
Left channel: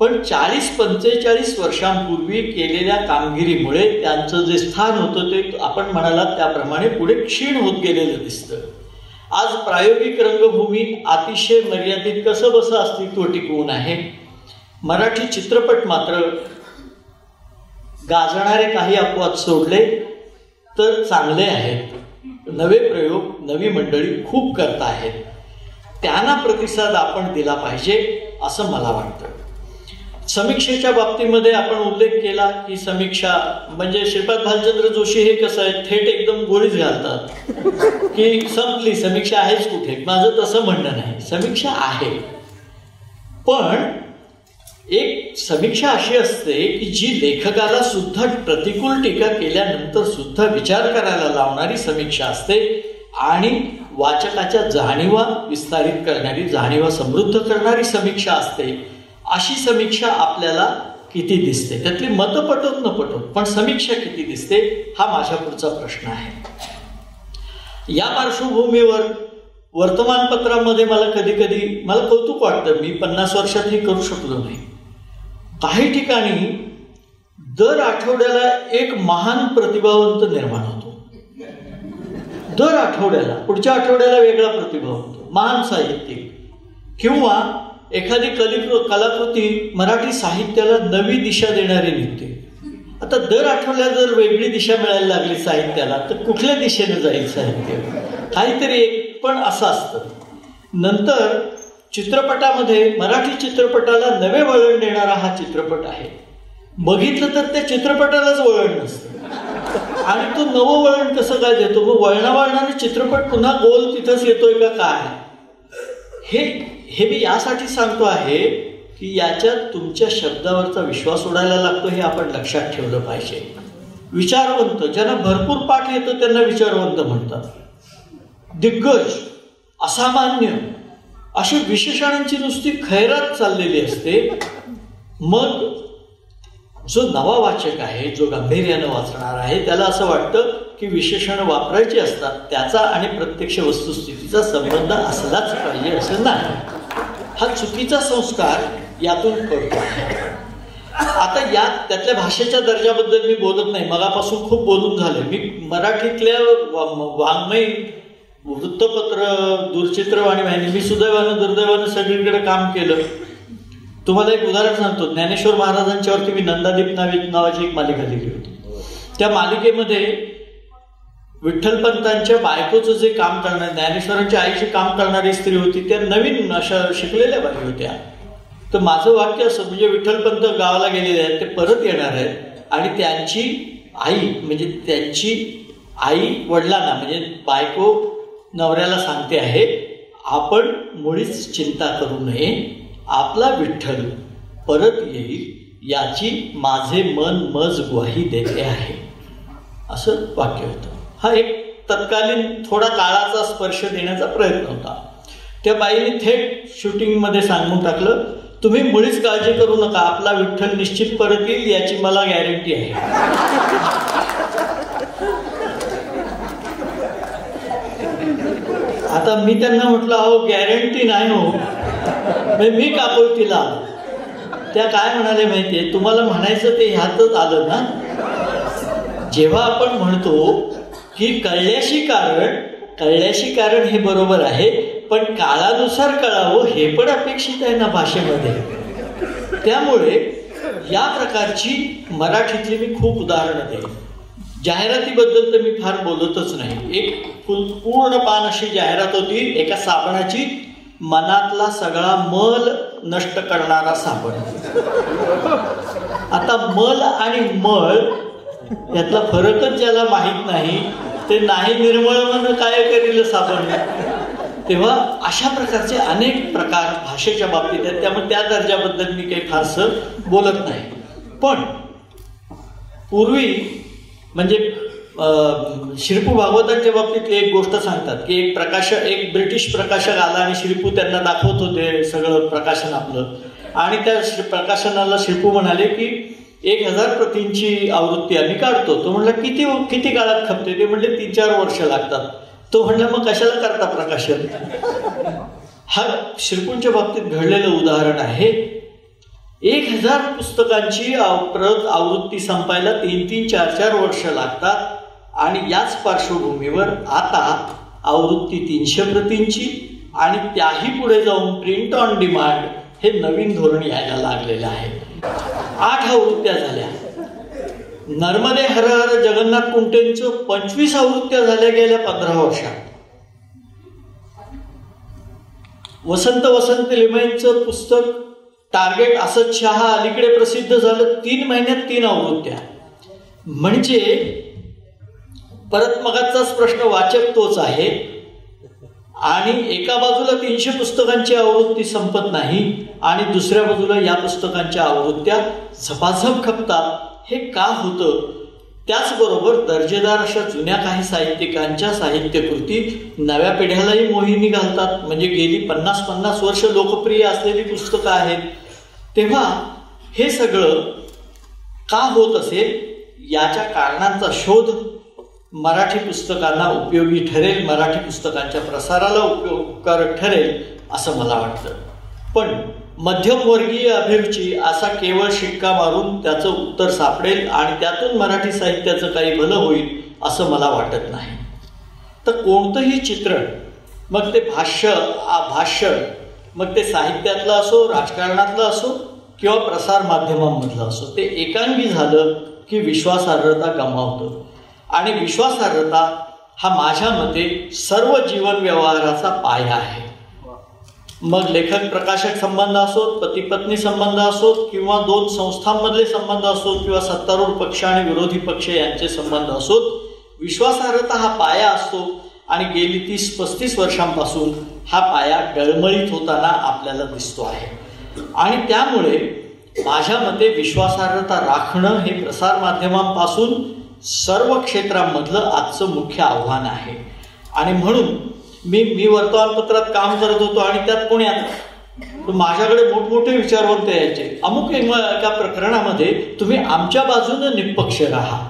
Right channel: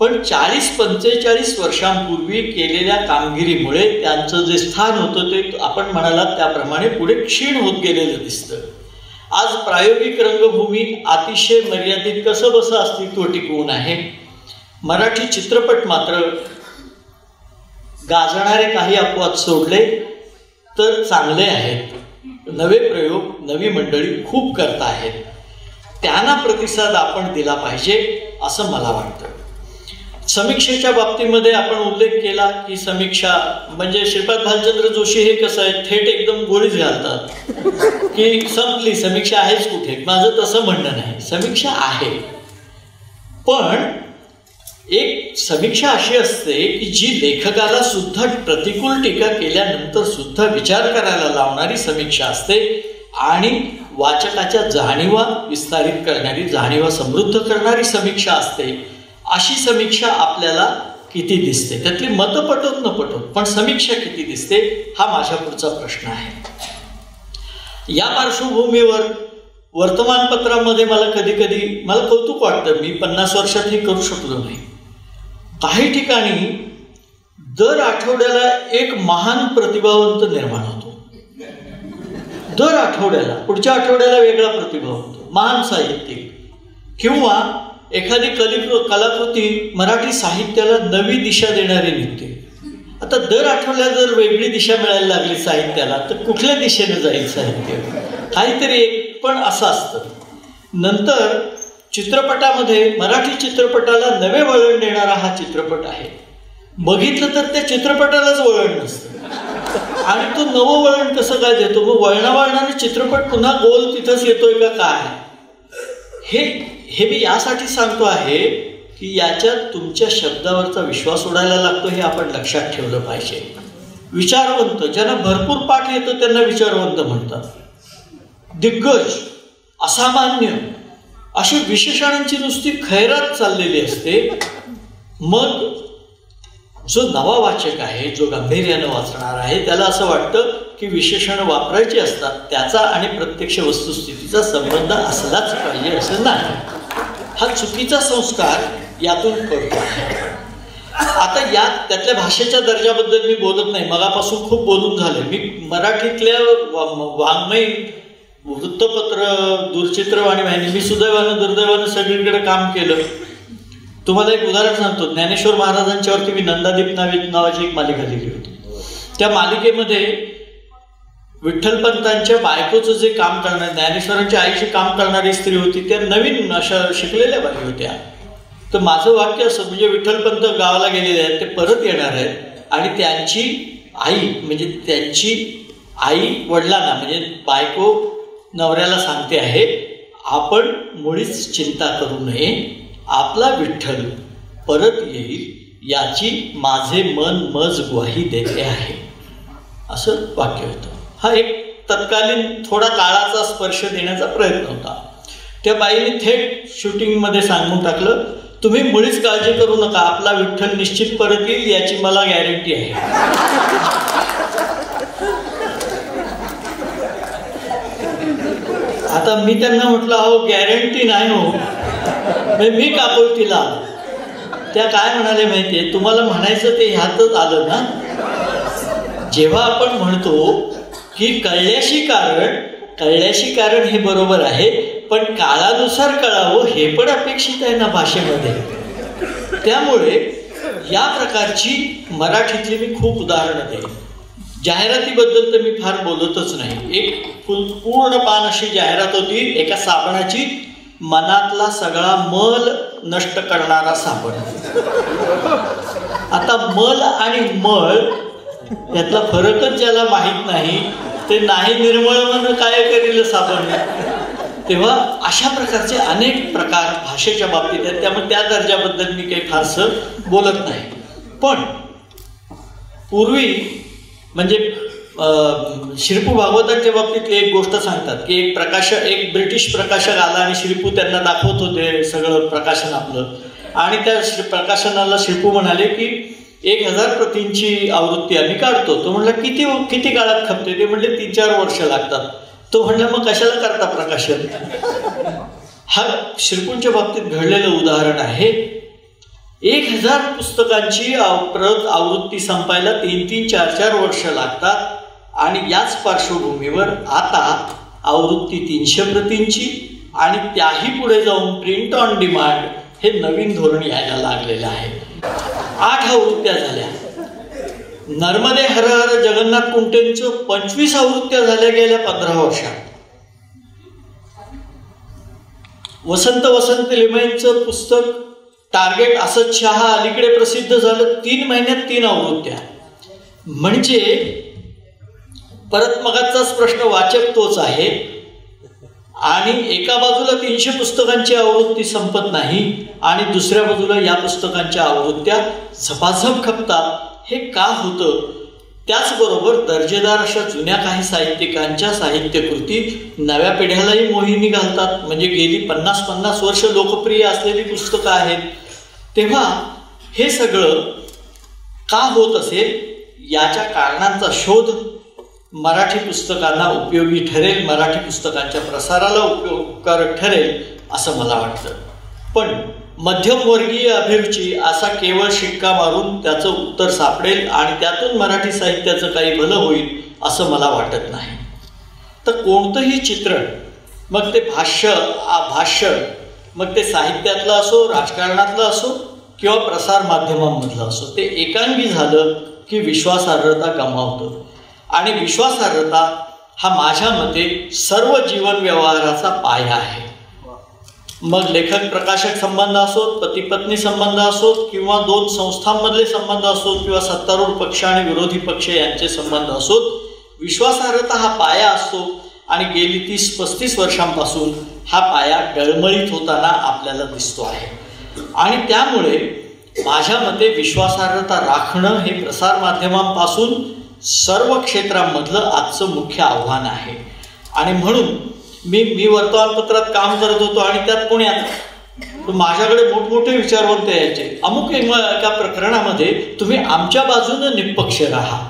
पण 40-45 वर्षांपूर्वी केलेल्या कामगिरीमुळे त्यांचं जे स्थान होतं ते आपण म्हणालात त्याप्रमाणे पुढे क्षीण होत गेलेलं दिसतं. आज प्रायोगिक रंगभूमी अतिशय मर्यादित कसं बसं अस्तित्व टिकवून आहे. मराठी चित्रपट मात्र गाजणारे काही अपवाद सोडले तर चांगले आहेत. नवे प्रयोग, नवी मंडळी खूप करत आहेत. त्यांना प्रतिसाद आपण दिला पाहिजे असं मला वाटतं. समीक्षेच्या बाबतीमध्ये आपण उल्लेख केला की समीक्षा म्हणजे श्रीपाद भालचंद्र जोशी हे कसं आहे, थेट एकदम गोळीच घालतात की संपली समीक्षा आहेच कुठे. माझं तसं म्हणणं नाही, समीक्षा आहे, पण एक समीक्षा अशी असते की जी लेखकाला सुद्धा प्रतिकूल टीका केल्यानंतर सुद्धा विचार करायला लावणारी समीक्षा असते आणि वाचकाच्या जाणीवा विस्तारित करणारी, जाणीवा समृद्ध करणारी समीक्षा असते. अशी समीक्षा आपल्याला किती दिसते, त्यातली मतं पटोत न पटोत, पण समीक्षा किती दिसते हा माझ्या पुढचा प्रश्न आहे. या पार्श्वभूमीवर वर्तमानपत्रामध्ये मला कधी कधी मला कौतुक वाटतं, मी 50 वर्षात हे करू शकलो नाही. काही ठिकाणी दर आठवड्याला एक महान प्रतिभावंत निर्माण होतो. दर आठवड्याला, पुढच्या आठवड्याला वेगळा प्रतिभावंत, महान साहित्यिक किंवा एखादी कलाकृती मराठी साहित्याला नवी दिशा देणारी निघते. आता दर आठवड्याला जर वेगळी दिशा मिळायला लागली साहित्याला तर कुठल्या दिशेने जाईल साहित्य, काहीतरी एक पण असं असतं. नंतर चित्रपटामध्ये मराठी चित्रपटाला नवे वळण देणारा हा चित्रपट आहे. बघितलं तर त्या चित्रपटालाच वळण नसतं आणि तो नवं वळण कसं काय देतो, मग वळणावळणाने चित्रपट पुन्हा गोल तिथंच येतोय का काय. हे मी यासाठी सांगतो आहे की याच्यात तुमच्या शब्दावरचा विश्वास उडायला लागतो, हे आपण लक्षात ठेवलं पाहिजे. विचारवंत, ज्यांना भरपूर पाठ येतो त्यांना विचारवंत म्हणतात. दिग्गज, असामान्य अशी विशेषणांची नुसती खैरात चाललेली असते. मग जो नवा वाचक आहे, जो गांभीर्यानं वाचणार आहे, त्याला असं वाटतं की विशेषणं वापरायची असतात, त्याचा आणि प्रत्यक्ष वस्तुस्थितीचा संबंध असलाच पाहिजे असं नाही. हा चुकीचा संस्कार यातून कळतो. आता त्यातल्या भाषेच्या दर्जाबद्दल मी बोलत नाही, मगापासून खूप बोलून झाले. मी मराठीतल्या वाङ्मय, वृत्तपत्र, दूरचित्रवाणी वाहिनी, मी सुदैवानं दुर्दैवानं सगळीकडे काम केलं. तुम्हाला एक उदाहरण सांगतो. ज्ञानेश्वर महाराजांच्यावरती मी नंदादीप नावाची एक मालिका लिहिली होती. त्या मालिकेमध्ये विठ्ठलपंतांच्या बायकोचं जे काम करणारे, ज्ञानेश्वरांच्या आईचे काम करणारी स्त्री होती, त्या नवीन अशा शिकलेल्या बाई होत्या. तर माझं वाक्य असं, म्हणजे विठ्ठलपंत गावाला गेलेले आहेत, ते परत येणार आहेत आणि त्यांची आई वडिलांना, म्हणजे बायको नवऱ्याला सांगते आहे, आपण मुळीच चिंता करू नये, आपला विठ्ठल परत येईल याची माझे मन मज ग्वाही देते आहे, असं वाक्य होतं. हा एक तत्कालीन थोडा काळाचा स्पर्श देण्याचा प्रयत्न होता. त्या बाईने थेट शूटिंगमध्ये सांगून टाकलं, तुम्ही मुळीच काळजी करू नका, आपला विठ्ठल निश्चित परत येईल याची मला गॅरंटी आहे. आता मी त्यांना म्हटलं, अहो गॅरंटी नाही हो, मी काकुळतीला. त्या काय म्हणाले माहितीये, तुम्हाला म्हणायचं ते ह्यातच आलं ना. जेव्हा आपण म्हणतो की कळल्याशी कारण हे बरोबर आहे, पण काळानुसार कळावं हे पण अपेक्षित आहे ना भाषेमध्ये. त्यामुळे या प्रकारची मराठीतली मी खूप उदाहरणं देईन. जाहिरातीबद्दल तर मी फार बोलतच नाही. एक पूर्ण पान अशी जाहिरात होती, एका साबणाची, मनातला सगळा मल नष्ट करणारा साबण. आता मल आणि मळ यातला फरकच ज्याला माहीत नाही ते नाही निर्मळ म्हणून काय करील साबण. तेव्हा अशा प्रकारचे अनेक प्रकार भाषेच्या बाबतीत आहेत. त्यामुळे त्या दर्जाबद्दल मी काही फारसं बोलत नाही. पण पूर्वी म्हणजे श्रीपू भागवतांच्या बाबतीतली एक गोष्ट सांगतात की एक ब्रिटिश प्रकाशक आला आणि श्रीपू त्यांना दाखवत होते सगळं प्रकाशन आपलं, आणि त्या प्रकाशनाला श्रीपू म्हणाले की 1000 प्रतींची आवृत्ती आम्ही काढतो. तो म्हणला किती काळात खपते? ते म्हणले 3-4 वर्ष लागतात. तो म्हणला मग कशाला करता प्रकाशन? हा श्रीपूंच्या बाबतीत घडलेलं उदाहरण आहे. 1000 पुस्तकांची आवृत्ती संपायला 3-4 वर्ष लागतात. आणि याच पार्श्वभूमीवर आता आवृत्ती 300 प्रतींची आणि त्याही पुढे जाऊन प्रिंट ऑन डिमांड हे नवीन धोरण यायला लागलेलं आहे. 8 आवृत्त्या झाल्या. नर्मदे हर हर जगन्नाथ कुंटेंचं 25 आवृत्त्या झाल्या गेल्या 15 वर्षात. वसंत लिमयेंचं पुस्तक टार्गेट असद शहा अलीकडे प्रसिद्ध झालं. 3 महिन्यात 3 आवृत्त्या. म्हणजे परत मगाचाच प्रश्न, वाचक तोच आहे आणि एका बाजूला 300 पुस्तकांची आवृत्ती संपत नाही आणि दुसऱ्या बाजूला या पुस्तकांच्या आवृत्त्या झपाझप खपतात. हे का होतं? त्याचबरोबर दर्जेदार अशा जुन्या काही साहित्यिकांच्या साहित्यकृती नव्या पिढ्यालाही मोहिनी घालतात. म्हणजे गेली 50 वर्ष लोकप्रिय असलेली पुस्तकं आहेत. तेव्हा हे सगळं का होत असेल याच्या कारणांचा शोध मराठी पुस्तकांना उपयोगी ठरेल, मराठी पुस्तकांच्या प्रसाराला उपयोगकारक ठरेल असं मला वाटतं. पण मध्यमवर्गीय अभिरुची असा केवळ शिक्का मारून त्याचं उत्तर सापडेल आणि त्यातून मराठी साहित्याचं काही भलं होईल असं मला वाटत नाही. तर कोणतंही चित्रण, मग ते भाष्य मग ते साहित्यातलं असो, राजकारणातलं असो किंवा प्रसार माध्यमांमधलं असो, ते एकांगी झालं की विश्वासार्हता गमावतं. आणि विश्वासार्हता हा माझ्या मते सर्व जीवन व्यवहाराचा पाया आहे. मग लेखक प्रकाशक संबंध असोत, पती पत्नी संबंध असोत किंवा 2 संस्थांमधले संबंध असोत किंवा सत्तारूढ पक्ष आणि विरोधी पक्ष यांचे संबंध असोत, विश्वासार्हता हा पाया असतो. आणि गेली 30-35 वर्षांपासून हा पाया डळमळीत होताना आपल्याला दिसतो आहे. आणि त्यामुळे माझ्या मते विश्वासार्हता राखणं हे प्रसारमाध्यमांपासून सर्व क्षेत्रांमधलं आजचं मुख्य आव्हान आहे. आणि म्हणून मी वर्तमानपत्रात काम करत होतो आणि त्यात पुण्यात माझ्याकडे मोठमोठे विचारवंत यायचे. अमुक एका प्रकरणामध्ये तुम्ही आमच्या बाजूनं निष्पक्ष राहा.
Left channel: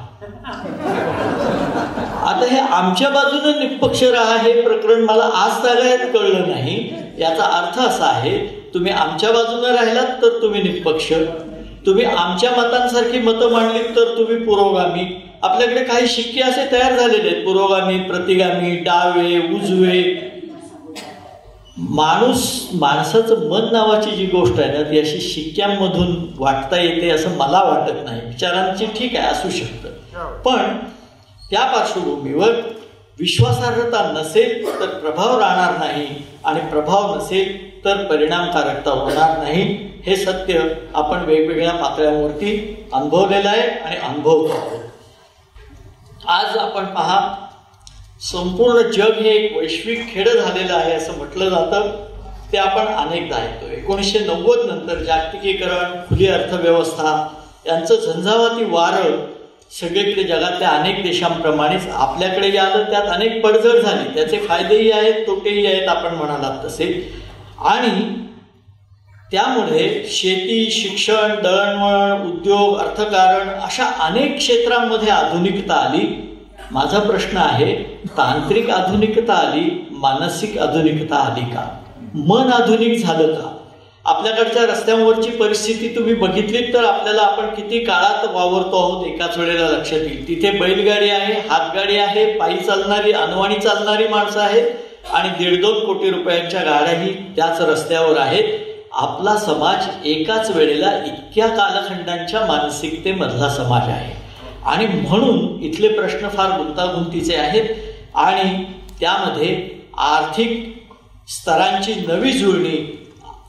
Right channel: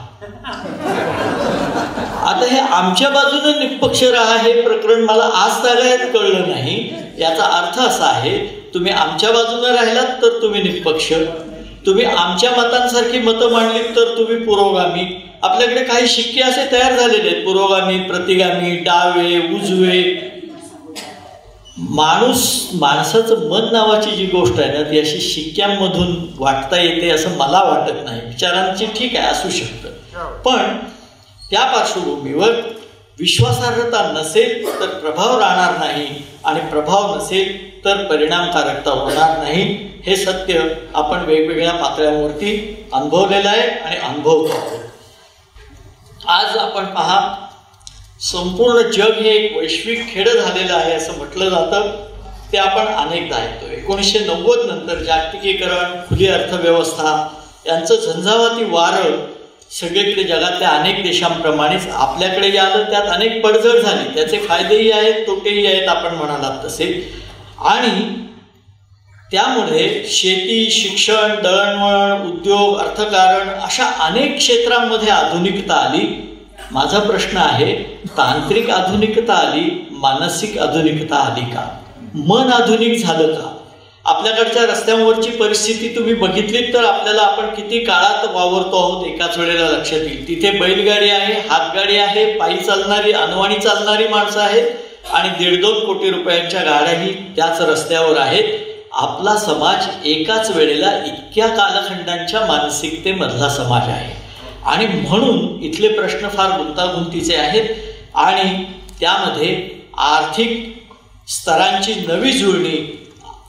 आता हे आमच्या बाजूनं निष्पक्ष राहा हे प्रकरण मला आज तागायत कळलं नाही. याचा अर्थ असा आहे, तुम्ही आमच्या बाजूनं राहिलात तर तुम्ही निष्पक्ष, तुम्ही आमच्या मतांसारखी मतं मांडलीत तर तुम्ही पुरोगामी. आपल्याकडे काही शिक्के असे तयार झालेले आहेत, पुरोगामी, प्रतिगामी, डावे, उजवे. माणसाचं मन नावाची जी गोष्ट आहे ना, ती अशी शिक्क्यांमधून वाटता येते असं मला वाटत नाही. विचारांची ठीक आहे, असू शकतं, पण त्या पार्श्वभूमीवर विश्वासार्हता नसेल तर प्रभाव राहणार नाही आणि प्रभाव नसेल तर परिणामकारकता होणार नाही. हे सत्य आपण वेगवेगळ्या पातळ्यांवरती अनुभवलेलं आहे आणि अनुभवतो आहोत. आज आपण पहा, संपूर्ण जग हे एक वैश्विक खेडं झालेलं आहे असं म्हटलं जातं. ते आपण अनेकदा ऐकतो. 1990 नंतर जागतिकीकरण, खुली अर्थव्यवस्था यांचं झंझावाती वारं सगळीकडे जगातल्या अनेक देशांप्रमाणेच आपल्याकडे आलं. त्यात अनेक पडझड झाली. त्याचे फायदेही आहेत, तोटेही आहेत आपण म्हणालात तसे. आणि त्यामुळे शेती, शिक्षण, दळणवळण, उद्योग, अर्थकारण अशा अनेक क्षेत्रांमध्ये आधुनिकता आली. माझा प्रश्न आहे, तांत्रिक आधुनिकता आली, मानसिक आधुनिकता आली का? मन आधुनिक झालं का? आपल्याकडच्या रस्त्यांवरची परिस्थिती तुम्ही बघितलीत तर आपल्याला आपण किती काळात वावरतो आहोत एकाच वेळेला लक्षात येईल. तिथे बैलगाडी आहे, हातगाडी आहे, पायी चालणारी, अनवाणी चालणारी माणसं आहेत आणि 1.5 कोटी रुपयांच्या गाड्याही त्याच रस्त्यावर आहेत. आपला समाज एकाच वेळेला इतक्या कालखंडांच्या मानसिकतेमधला समाज आहे आणि म्हणून इथले प्रश्न फार गुंतागुंतीचे आहेत आणि त्यामध्ये आर्थिक स्तरांची नवी जुळणी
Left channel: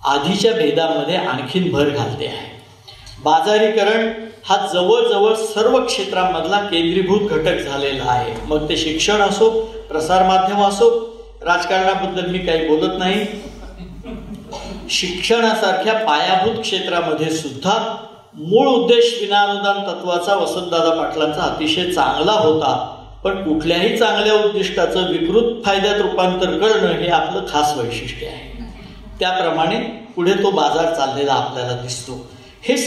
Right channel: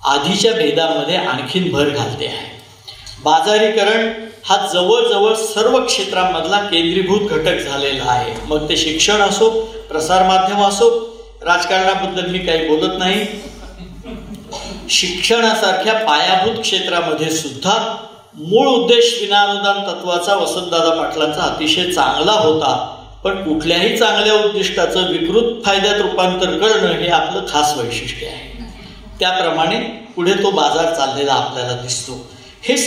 आधीच्या भेदामध्ये आणखीन भर घालते आहे. बाजारीकरण हा जवळजवळ सर्व क्षेत्रांमधला केंद्रीभूत घटक झालेला आहे. मग ते शिक्षण असो, प्रसारमाध्यम असो, राजकारणाबद्दल मी काही बोलत नाही. शिक्षणासारख्या पायाभूत क्षेत्रामध्ये सुद्धा मूळ उद्देश विनाअनुदान तत्वाचा वसंतदादा पाटलांचा अतिशय चांगला होता, पण कुठल्याही चांगल्या उद्दिष्टाचं विकृत फायद्यात रूपांतर करणं हे आपलं खास वैशिष्ट्य आहे. त्याप्रमाणे पुढे तो बाजार चाललेला आपल्याला दिसतो. हे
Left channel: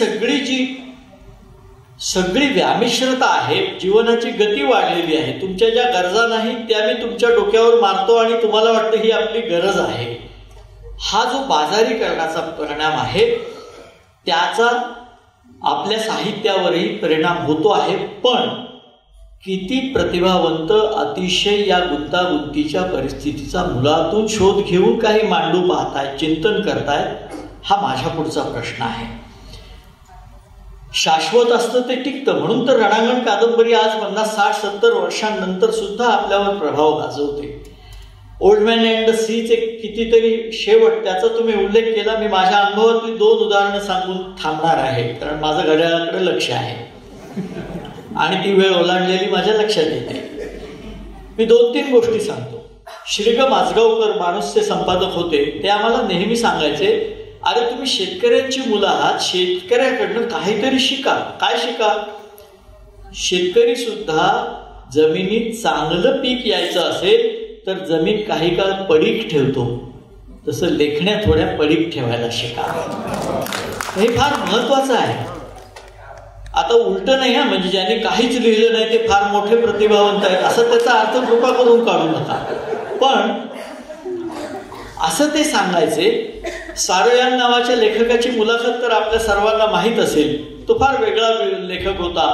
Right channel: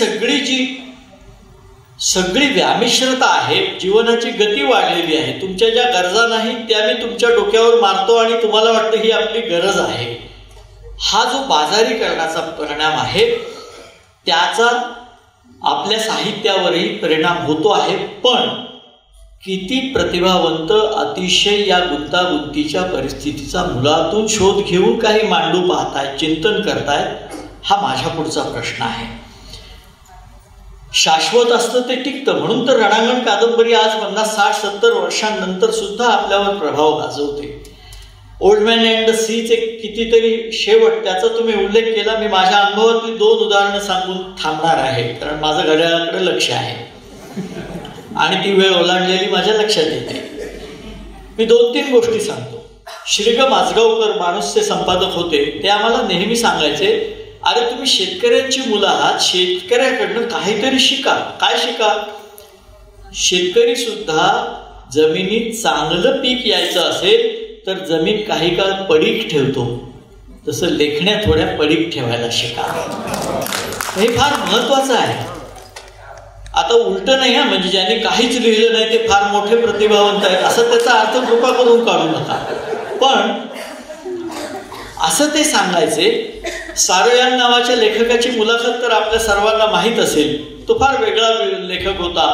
सगळी व्यामिश्रता आहे. जीवनाची गती वाढलेली आहे. तुमच्या ज्या गरजा नाहीत त्या मी तुमच्या डोक्यावर मारतो आणि तुम्हाला वाटतं ही आपली गरज आहे. हा जो बाजारीकरणाचा परिणाम आहे त्याचा आपल्या साहित्यावरही परिणाम होतो आहे. पण किती प्रतिभावंत अतिशय या गुंतागुंतीच्या परिस्थितीचा मुलातून शोध घेऊन काही मांडू पाहतायत, चिंतन करतायत, हा माझ्या पुढचा प्रश्न आहे. शाश्वत असतं ते टिकतं, म्हणून तर रणांगण कादंबरी आज 50, 60, 70 वर्षांनंतर सुद्धा आपल्यावर प्रभाव गाजवते. ओल्ड मॅन अँड द सीचे कितीतरी शेवट, त्याचा तुम्ही उल्लेख केला. मी माझ्या अनुभवातली 2 उदाहरणं सांगून थांबणार आहे, कारण माझं घड्याळाकडे लक्ष आहे आणि ती वेळ ओलांडलेली माझ्या लक्षात येते. मी 2-3 गोष्टी सांगतो. श्रीग माजगावकर माणूसचे संपादक होते, ते आम्हाला नेहमी सांगायचे, अरे तुम्ही शेतकऱ्यांची मुलं आहात, शेतकऱ्याकडनं काहीतरी शिका. काय शिका? शेतकरी सुद्धा जमिनीत चांगलं पीक यायचं असेल तर जमीन काही काळ पडीक ठेवतो, तसं लेखण्या थोड्या पडीक ठेवायला शिका. हे फार महत्वाचं आहे. आता उलट नाही हा, म्हणजे ज्यांनी काहीच लिहिलं नाही ते फार मोठे प्रतिभावंत आहेत असं त्याचा अर्थ कृपा करून काढू नका. पण असं ते सांगायचे. सारोयान नावाच्या लेखकाची मुलाखत तर आपल्या सर्वांना माहीत असेल. तो फार वेगळा लेखक होता.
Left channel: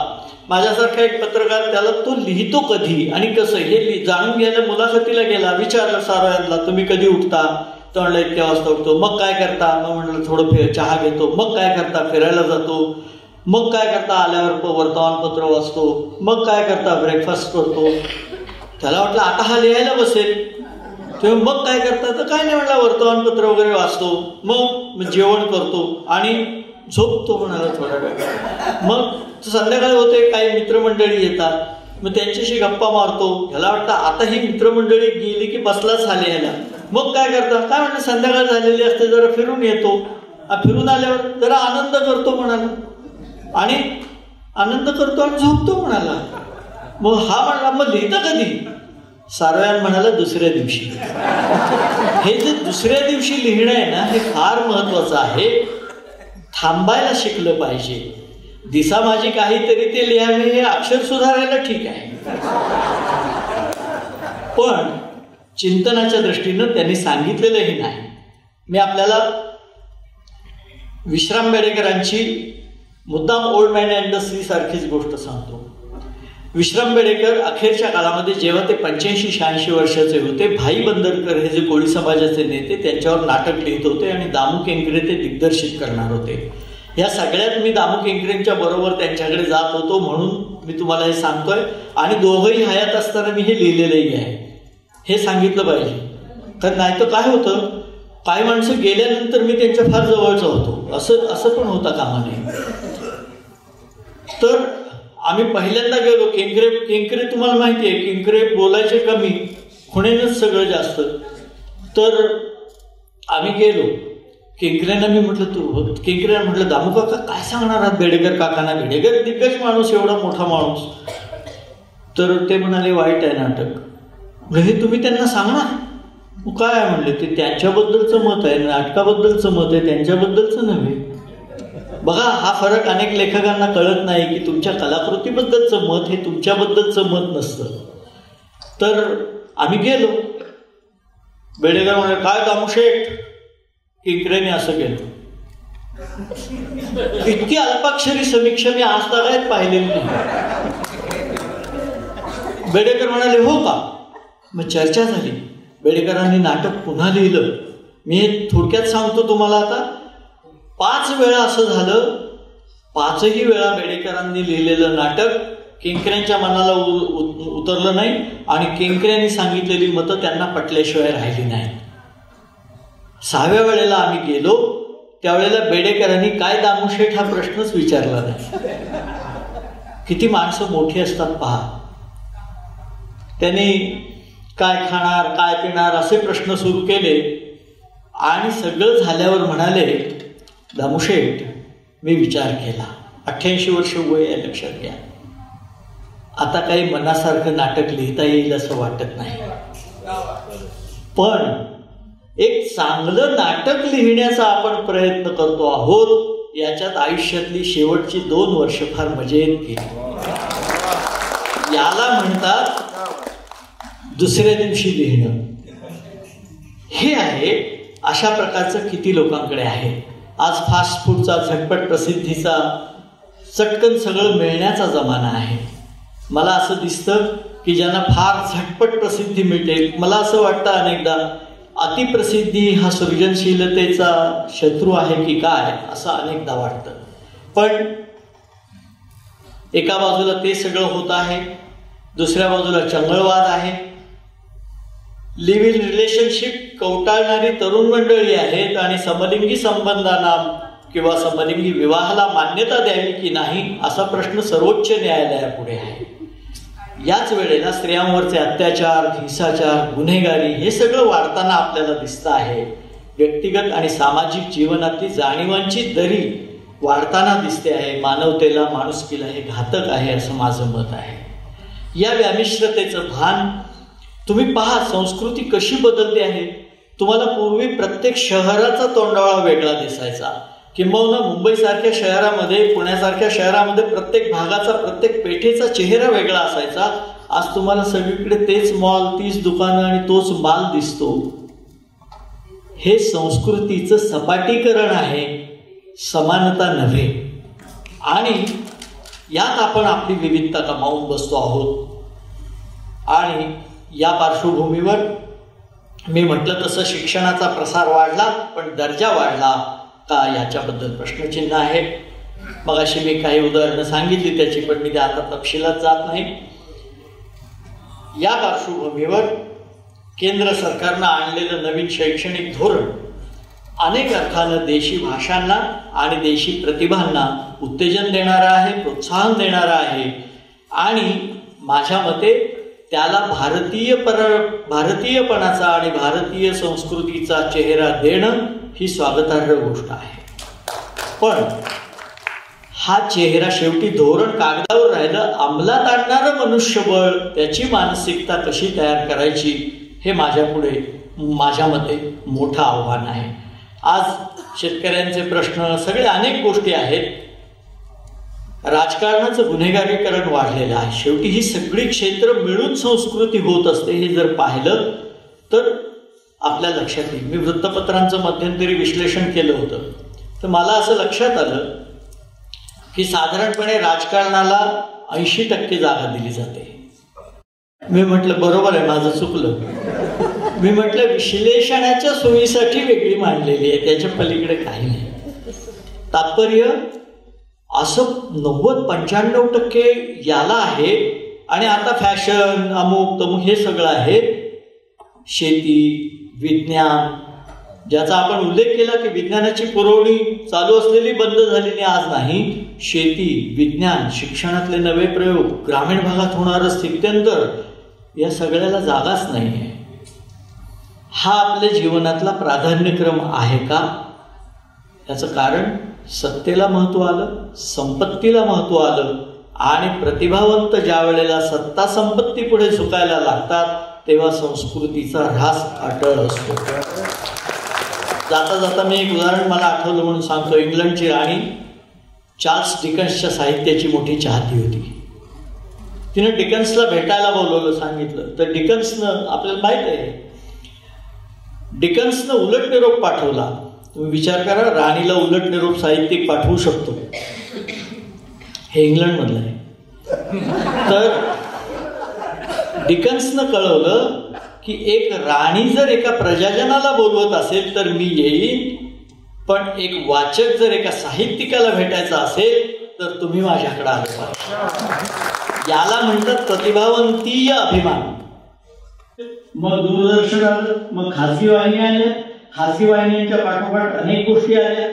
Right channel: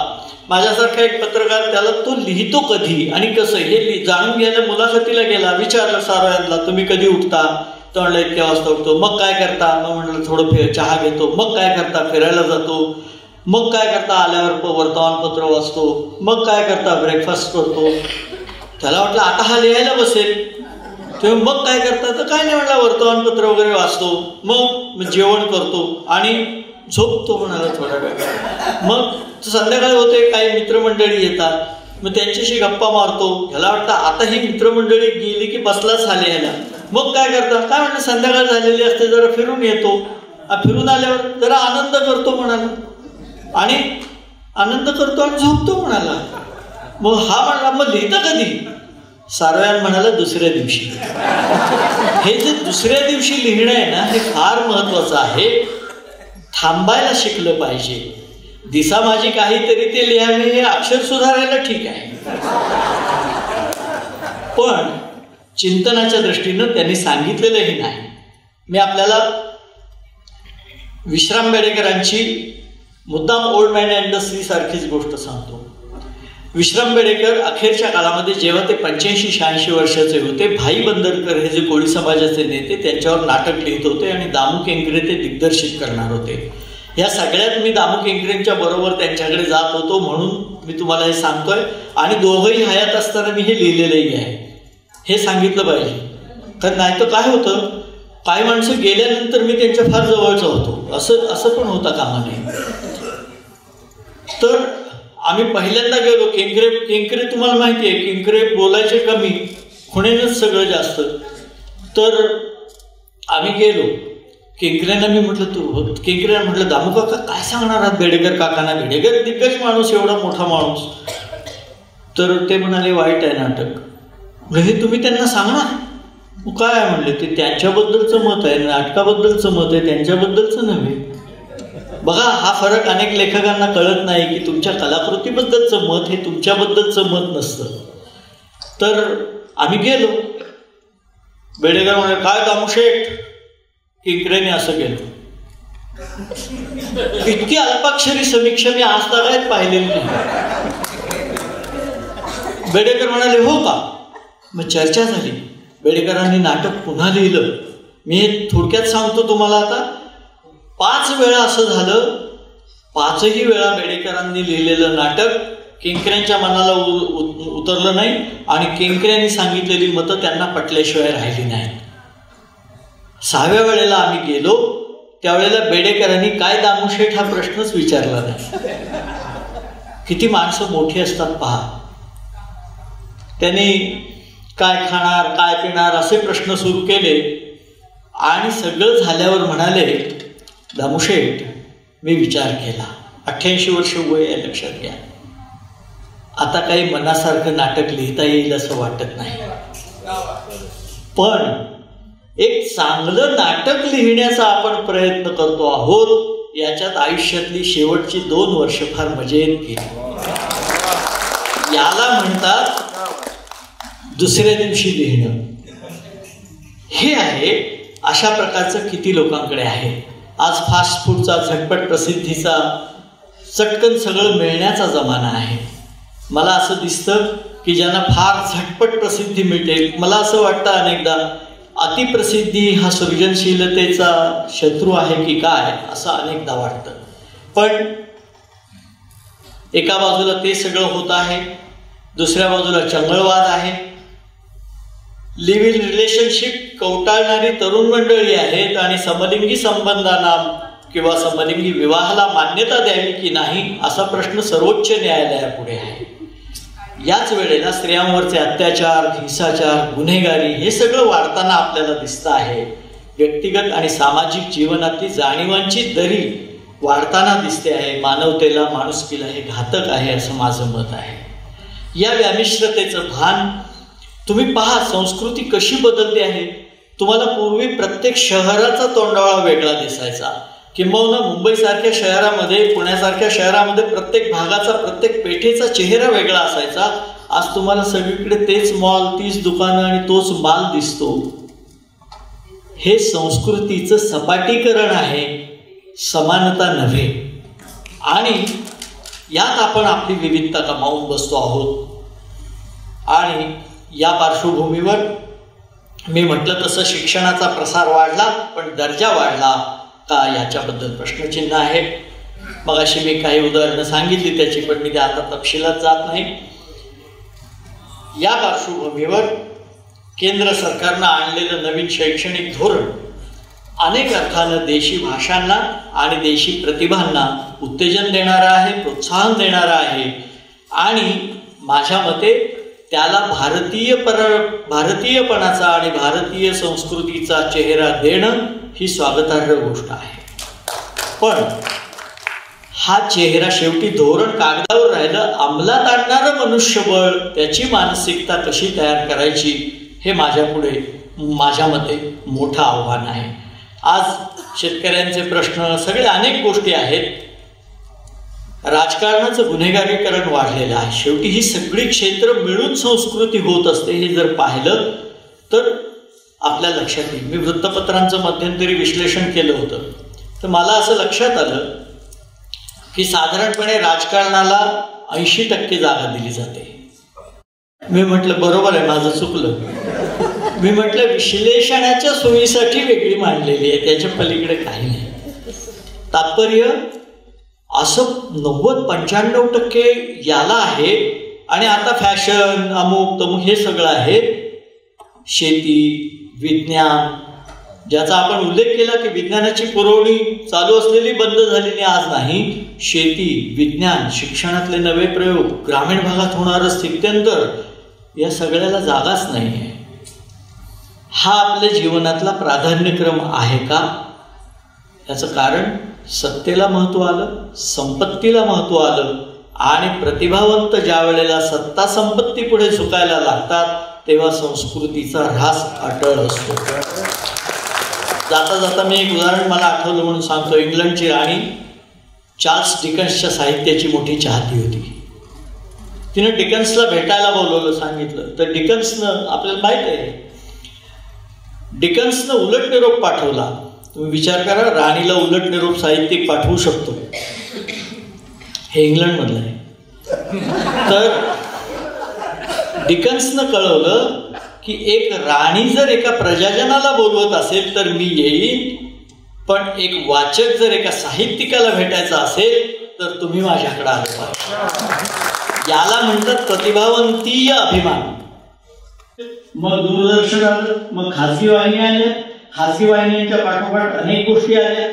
माझ्यासारखा एक पत्रकार त्याला तो लिहितो कधी आणि कसं हे जाणून घ्यायला मुलाखतीला गेला. विचारलं सारोयानला, तुम्ही कधी उठता? तो म्हणलं इतक्या वाजता उठतो. मग काय करता? मग म्हटलं थोडं चहा घेतो. मग काय करता? फिरायला जातो. मग काय करता? आल्यावर वर्तमानपत्र वाचतो. मग काय करता? ब्रेकफास्ट करतो. त्याला वाटलं आता हा लिहायला बसेल. तेव्हा मग काय करता? तर काय नाही म्हटलं, वर्तमानपत्र वगैरे वाचतो. मग जेवण करतो आणि झोपतो म्हणाला थोडा वेळ. मग संध्याकाळी होते, काही मित्रमंडळी येतात, मग त्यांच्याशी गप्पा मारतो. ह्याला वाटतं आता ही मित्रमंडळी गेली की बसलाच लिहायला. मग काय करता? काय म्हणलं, संध्याकाळ झालेली असते, जरा फिरून येतो. फिरून आल्यावर जरा आनंद करतो म्हणाला आणि आनंद करतो आणि झोपतो म्हणाला. मग हा म्हणला, मग लिहितं कधी? सारोयान म्हणाला, दुसऱ्या दिवशी. हे जे दुसऱ्या दिवशी लिहिणं आहे ना, हे फार महत्वाचं आहे. थांबायला शिकलं पाहिजे. दिसा माझी काहीतरी ते लिहावे, हे अक्षर सुधारायला ठीक आहे, पण चिंतनाच्या दृष्टीनं त्यांनी सांगितलेलंही नाही. मी आपल्याला विश्राम बेडेकरांची मुद्दाम old man and the sea सारखीच गोष्ट सांगतो. विश्राम बेडेकर अखेरच्या काळामध्ये जेव्हा ते 85-86 वर्षाचे होते, भाई बंदरकर हे जे कोळी समाजाचे नेते, त्यांच्यावर नाटक लिहित होते आणि दामू केंकरे ते दिग्दर्शित करणार होते. या सगळ्यात मी दामू केंकरेंच्या बरोबर त्यांच्याकडे जात होतो, म्हणून मी तुम्हाला हे सांगतोय. आणि दोघंही हयात असताना मी हे लिहिलेलंही आहे, हे सांगितलं पाहिजे. तर नाही तर काय होतं, काही माणसं गेल्यानंतर मी त्यांच्या फार जवळचा होतो, असं पण होता कामा नये. तर आम्ही पहिल्यांदा गेलो. केंकरे तुम्हाला माहिती आहे, केंकरे बोलायचे कमी, खुणेनंच सगळं जास्त. तर आम्ही गेलो. केंकरेंना मी म्हटलं, तू केंकरेंना म्हटलं, दामू काका काय सांगणार आहात बेडेकर काकांना? बेडेकर दिग्गज माणूस, एवढा मोठा माणूस. तर ते म्हणाले, वाईट आहे नाटक. हे तुम्ही त्यांना सांगणार? काय म्हणले, ते त्यांच्याबद्दलचं मत आहे, नाटकाबद्दलचं मत आहे, त्यांच्याबद्दलचं नव्हे. बघा, हा फरक अनेक लेखकांना कळत नाही की तुमच्या कलाकृतीबद्दलचं मत हे तुमच्याबद्दलचं मत नसतं. तर आम्ही गेलो. बेडेकर म्हणाले, काय दामूशेठ? केंकरेने असं केलं. इतकी अल्पाक्षरी समीक्षा मी आज तक पाहिलेली नाही. बेडेकर म्हणाले, हो का? मग चर्चा झाली. बेडेकरांनी नाटक पुन्हा लिहिलं. मी हे थोडक्यात सांगतो तुम्हाला. आता 5 वेळा असं झालं. 5ही वेळा बेडेकरांनी लिहिलेलं नाटक केंकऱ्यांच्या मनाला उतरलं नाही आणि केंकऱ्यांनी सांगितलेली मतं त्यांना पटल्याशिवाय राहिली नाही. 6व्या वेळेला आम्ही गेलो, त्यावेळेला बेडेकरांनी काय दामूशेठ हा प्रश्नच विचारला नाही. किती माणसं मोठी असतात पहा. त्यांनी काय खाणार, काय पिणार असे प्रश्न सुरू केले आणि सगळं झाल्यावर म्हणाले, दामूशेठ मी विचार केला, 88 वर्ष वय आहे, लक्षात घ्या. आता काही मनासारखं नाटक लिहिता येईल असं वाटत नाही, पण एक चांगलं नाटक लिहिण्याचा आपण प्रयत्न करतो आहोत. याच्यात आयुष्यातली शेवटची 2 वर्ष फार मजेत गेली. याला म्हणतात दुसऱ्या दिवशी लिहिणं. हे आहे. अशा प्रकारचं किती लोकांकडे आहे. आज फास्ट फूडचा, झटपट प्रसिद्धीचा, चटकन सगळं मिळण्याचा जमाना आहे. मला असं दिसतं की ज्यांना फार झटपट प्रसिद्धी मिळते, मला असं वाटतं अनेकदा अतिप्रसिद्धी हा सृजनशीलतेचा शत्रू आहे की काय, असं अनेकदा वाटतं. पण एका बाजूला ते सगळं होत आहे, दुसऱ्या बाजूला चंगळवाद आहे, लिव्ह इन रिलेशनशिप कवटाळणारी तरुण मंडळी आहेत आणि समलिंगी संबंधांना किंवा समलिंगी विवाहाला मान्यता द्यावी की नाही असा प्रश्न सर्वोच्च न्यायालयापुढे आहे. याच वेळेला स्त्रियांवरचे अत्याचार, हिंसाचार, गुन्हेगारी हे सगळं वाढताना आपल्याला दिसतं आहे. व्यक्तिगत आणि सामाजिक जीवनातली जाणीवांची दरी वाढताना दिसते आहे. मानवतेला, माणुसकीला हे घातक आहे असं माझं मत आहे. या व्यामिश्रतेचं भान तुम्ही पहा, संस्कृती कशी बदलते आहे. तुम्हाला पूर्वी प्रत्येक शहराचा तोंडाळा वेगळा दिसायचा, किंबहुना मुंबईसारख्या शहरामध्ये, पुण्यासारख्या शहरामध्ये प्रत्येक भागाचा, प्रत्येक पेठेचा चेहरा वेगळा असायचा. आज तुम्हाला सगळीकडे तेच मॉल, तीच दुकानं आणि तोच माल दिसतो. हे संस्कृतीचं सपाटीकरण आहे, समानता नव्हे. आणि यात आपण आपली विविधता गमावून बसतो आहोत. आणि या पार्श्वभूमीवर मी म्हटलं तसं शिक्षणाचा प्रसार वाढला, पण दर्जा वाढला का याच्याबद्दल प्रश्नचिन्ह आहे. मगाशी मी काही उदाहरणं सांगितली त्याची, पण मी त्या आता तपशिलात जात नाही. या पार्श्वभूमीवर केंद्र सरकारनं आणलेलं नवीन शैक्षणिक धोरण अनेक अर्थानं देशी भाषांना आणि देशी प्रतिभांना उत्तेजन देणारं आहे, प्रोत्साहन देणारं आहे. आणि माझ्या मते त्याला भारतीयपणाचा आणि भारतीय संस्कृतीचा चेहरा देणं ही स्वागतार्ह गोष्ट आहे. पण हा चेहरा शेवटी धोरण कागदावर राहिलं, अंमलात आणणारं मनुष्यबळ, त्याची मानसिकता कशी तयार करायची हे माझ्या मते मोठं आव्हान आहे. आज शेतकऱ्यांचे प्रश्न, सगळे अनेक गोष्टी आहेत. राजकारणाचं गुन्हेगारीकरण वाढलेलं आहे. शेवटी ही सगळी क्षेत्र मिळून संस्कृती होत असते. हे जर पाहिलं तर आपल्या लक्षात येईल. मी वृत्तपत्रांचं मध्यंतरी विश्लेषण केलं होतं, तर मला असं लक्षात आलं की साधारणपणे राजकारणाला 80% जागा दिली जाते. मी म्हटलं बरोबर आहे, माझं चुकलं. मी म्हटलं विश्लेषणाच्या सोयीसाठी वेगळी मांडलेली आहे, त्याच्या पलीकडे काही नाही. तात्पर्य असं 90-95% याला आहे. आणि आता फॅशन, अमुक तमुक हे सगळं आहे. शेती, विज्ञान, ज्याचा आपण उल्लेख केला की विज्ञानाची पुरवणी चालू असलेली बंद झालेली आज नाही. शेती, विज्ञान, शिक्षणातले नवे प्रयोग, ग्रामीण भागात होणारं स्थित्यंतर, या सगळ्याला जागाच नाही आहे. हा आपल्या जीवनातला प्राधान्यक्रम आहे का? याचं कारण सत्तेला महत्त्व आलं, संपत्तीला महत्त्व आलं. आणि प्रतिभावंत ज्या वेळेला सत्ता संपत्ती पुढे झुकायला लागतात तेव्हा संस्कृतीचा ऱ्हास अटळ असतो. जाता जाता मी एक उदाहरण मला आठवलं म्हणून सांगतो. इंग्लंडची राणी चार्ल्स डिकन्सच्या साहित्याची मोठी चाहती होती. तिनं डिकन्सला भेटायला बोलवलं, सांगितलं. तर डिकन्सनं, आपल्याला माहीत आहे, डिकन्सनं उलट निरोप पाठवला. तुम्ही विचार करा, राणीला उलट निरोप साहित्यिक पाठवू शकतो. हे इंग्लंडमधलं आहे. तर डिकन्सनं कळवलं की एक राणी जर एका प्रजाजनाला बोलवत असेल तर मी येईन, पण एक वाचक जर एका साहित्यिकाला भेटायचा असेल तर तुम्ही माझ्याकडे आले पाहिजे. याला म्हणतात प्रतिभावंतीय अभिमान. मग दूरदर्शन आलं, मग खाजगी वाहिनी आल्या. खाजगी वाहिन्यांच्या पाठोपाठ अनेक गोष्टी आल्या.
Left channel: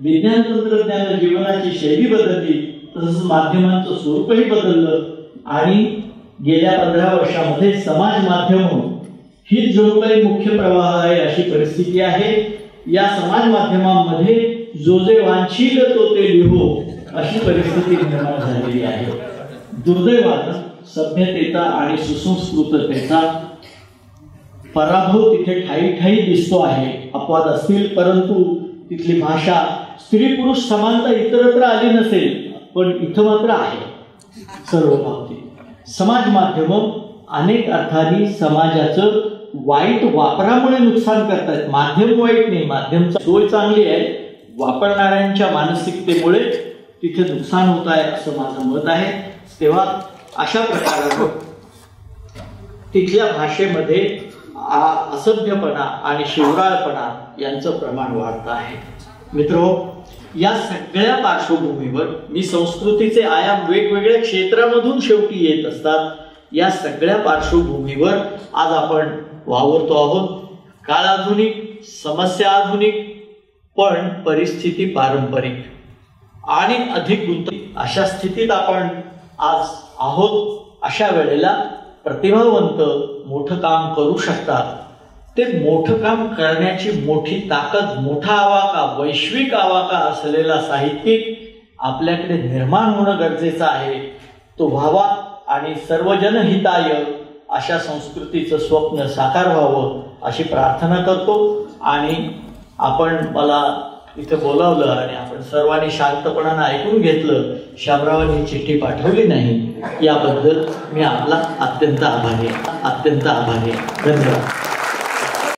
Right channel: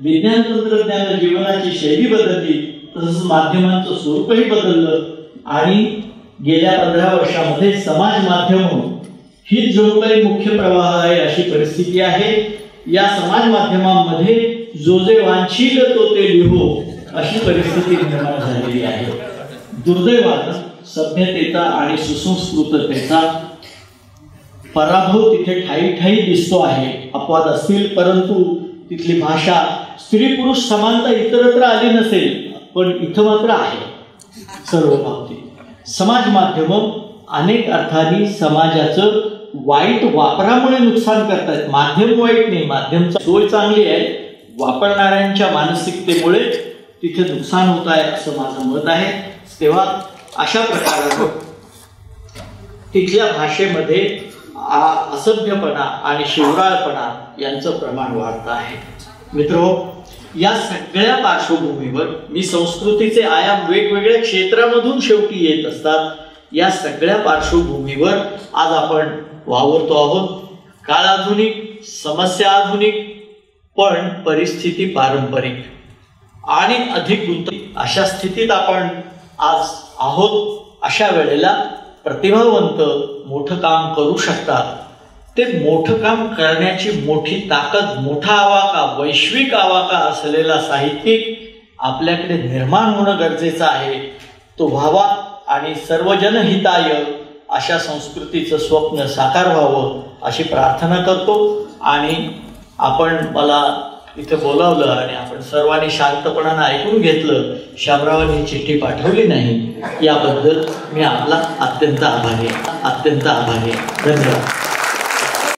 विज्ञान तंत्रज्ञान जीवनाची शैली बदलली, तसंच माध्यमांचं स्वरूपही बदललं. आणि गेल्या 15 वर्षामध्ये समाज माध्यम हीच जणू काही मुख्य प्रवाह आहे अशी परिस्थिती आहे. या समाज माध्यमांमध्ये जो जे वांछील तो ते लिहो अशी परिस्थिती निर्माण झालेली आहे. दुर्दैवानं सभ्यतेचा आणि सुसंस्कृततेचा पराभव तिथे ठाई ठाई दिसतो आहे. अपवाद असतील, परंतु तिथली भाषा, स्त्री पुरुष समानता इतरत्र आली नसेल, पण इथं मात्र आहे सर्व बाबतीत. समाज माध्यम अनेक अर्थाने समाजाचं वाईट वापरामुळे नुकसान करतात. माध्यम वाईट नाही, माध्यमची सोय चांगली आहे, वापरणाऱ्यांच्या मानसिकतेमुळे तिथे नुकसान होत आहे असं माझं मत आहे. तेव्हा अशा प्रकारानं तिथल्या भाषेमध्ये असभ्यपणा आणि शिवराळपणा यांचं प्रमाण वाढत आहे. मित्रो, या सगळ्या पार्श्वभूमीवर मी संस्कृतीचे आयाम वेगवेगळ्या क्षेत्रामधून शेवटी येत असतात. या सगळ्या पार्श्वभूमीवर आज आपण वावरतो आहोत. काळ आधुनिक, समस्या आधुनिक, पण परिस्थिती पारंपरिक आणि अधिक गुंतवणूक अशा स्थितीत आपण आज आहोत. अशा वेळेला प्रतिभावंत मोठं काम करू शकतात. ते मोठं काम करण्याची मोठी ताकद, मोठा आवाका, वैश्विक आवाका असलेला साहित्यिक आपल्याकडे निर्माण होणं गरजेचं आहे. तो व्हावा आणि सर्वजनहिताय अशा संस्कृतीचं स्वप्न साकार व्हावं अशी प्रार्थना करतो. आणि आपण मला इथे बोलावलं आणि आपण सर्वांनी शांतपणानं ऐकून घेतलं, शामरावांनी चिठ्ठी पाठवली नाही, याबद्दल मी आपला अत्यंत आभारी आहे. धन्यवाद.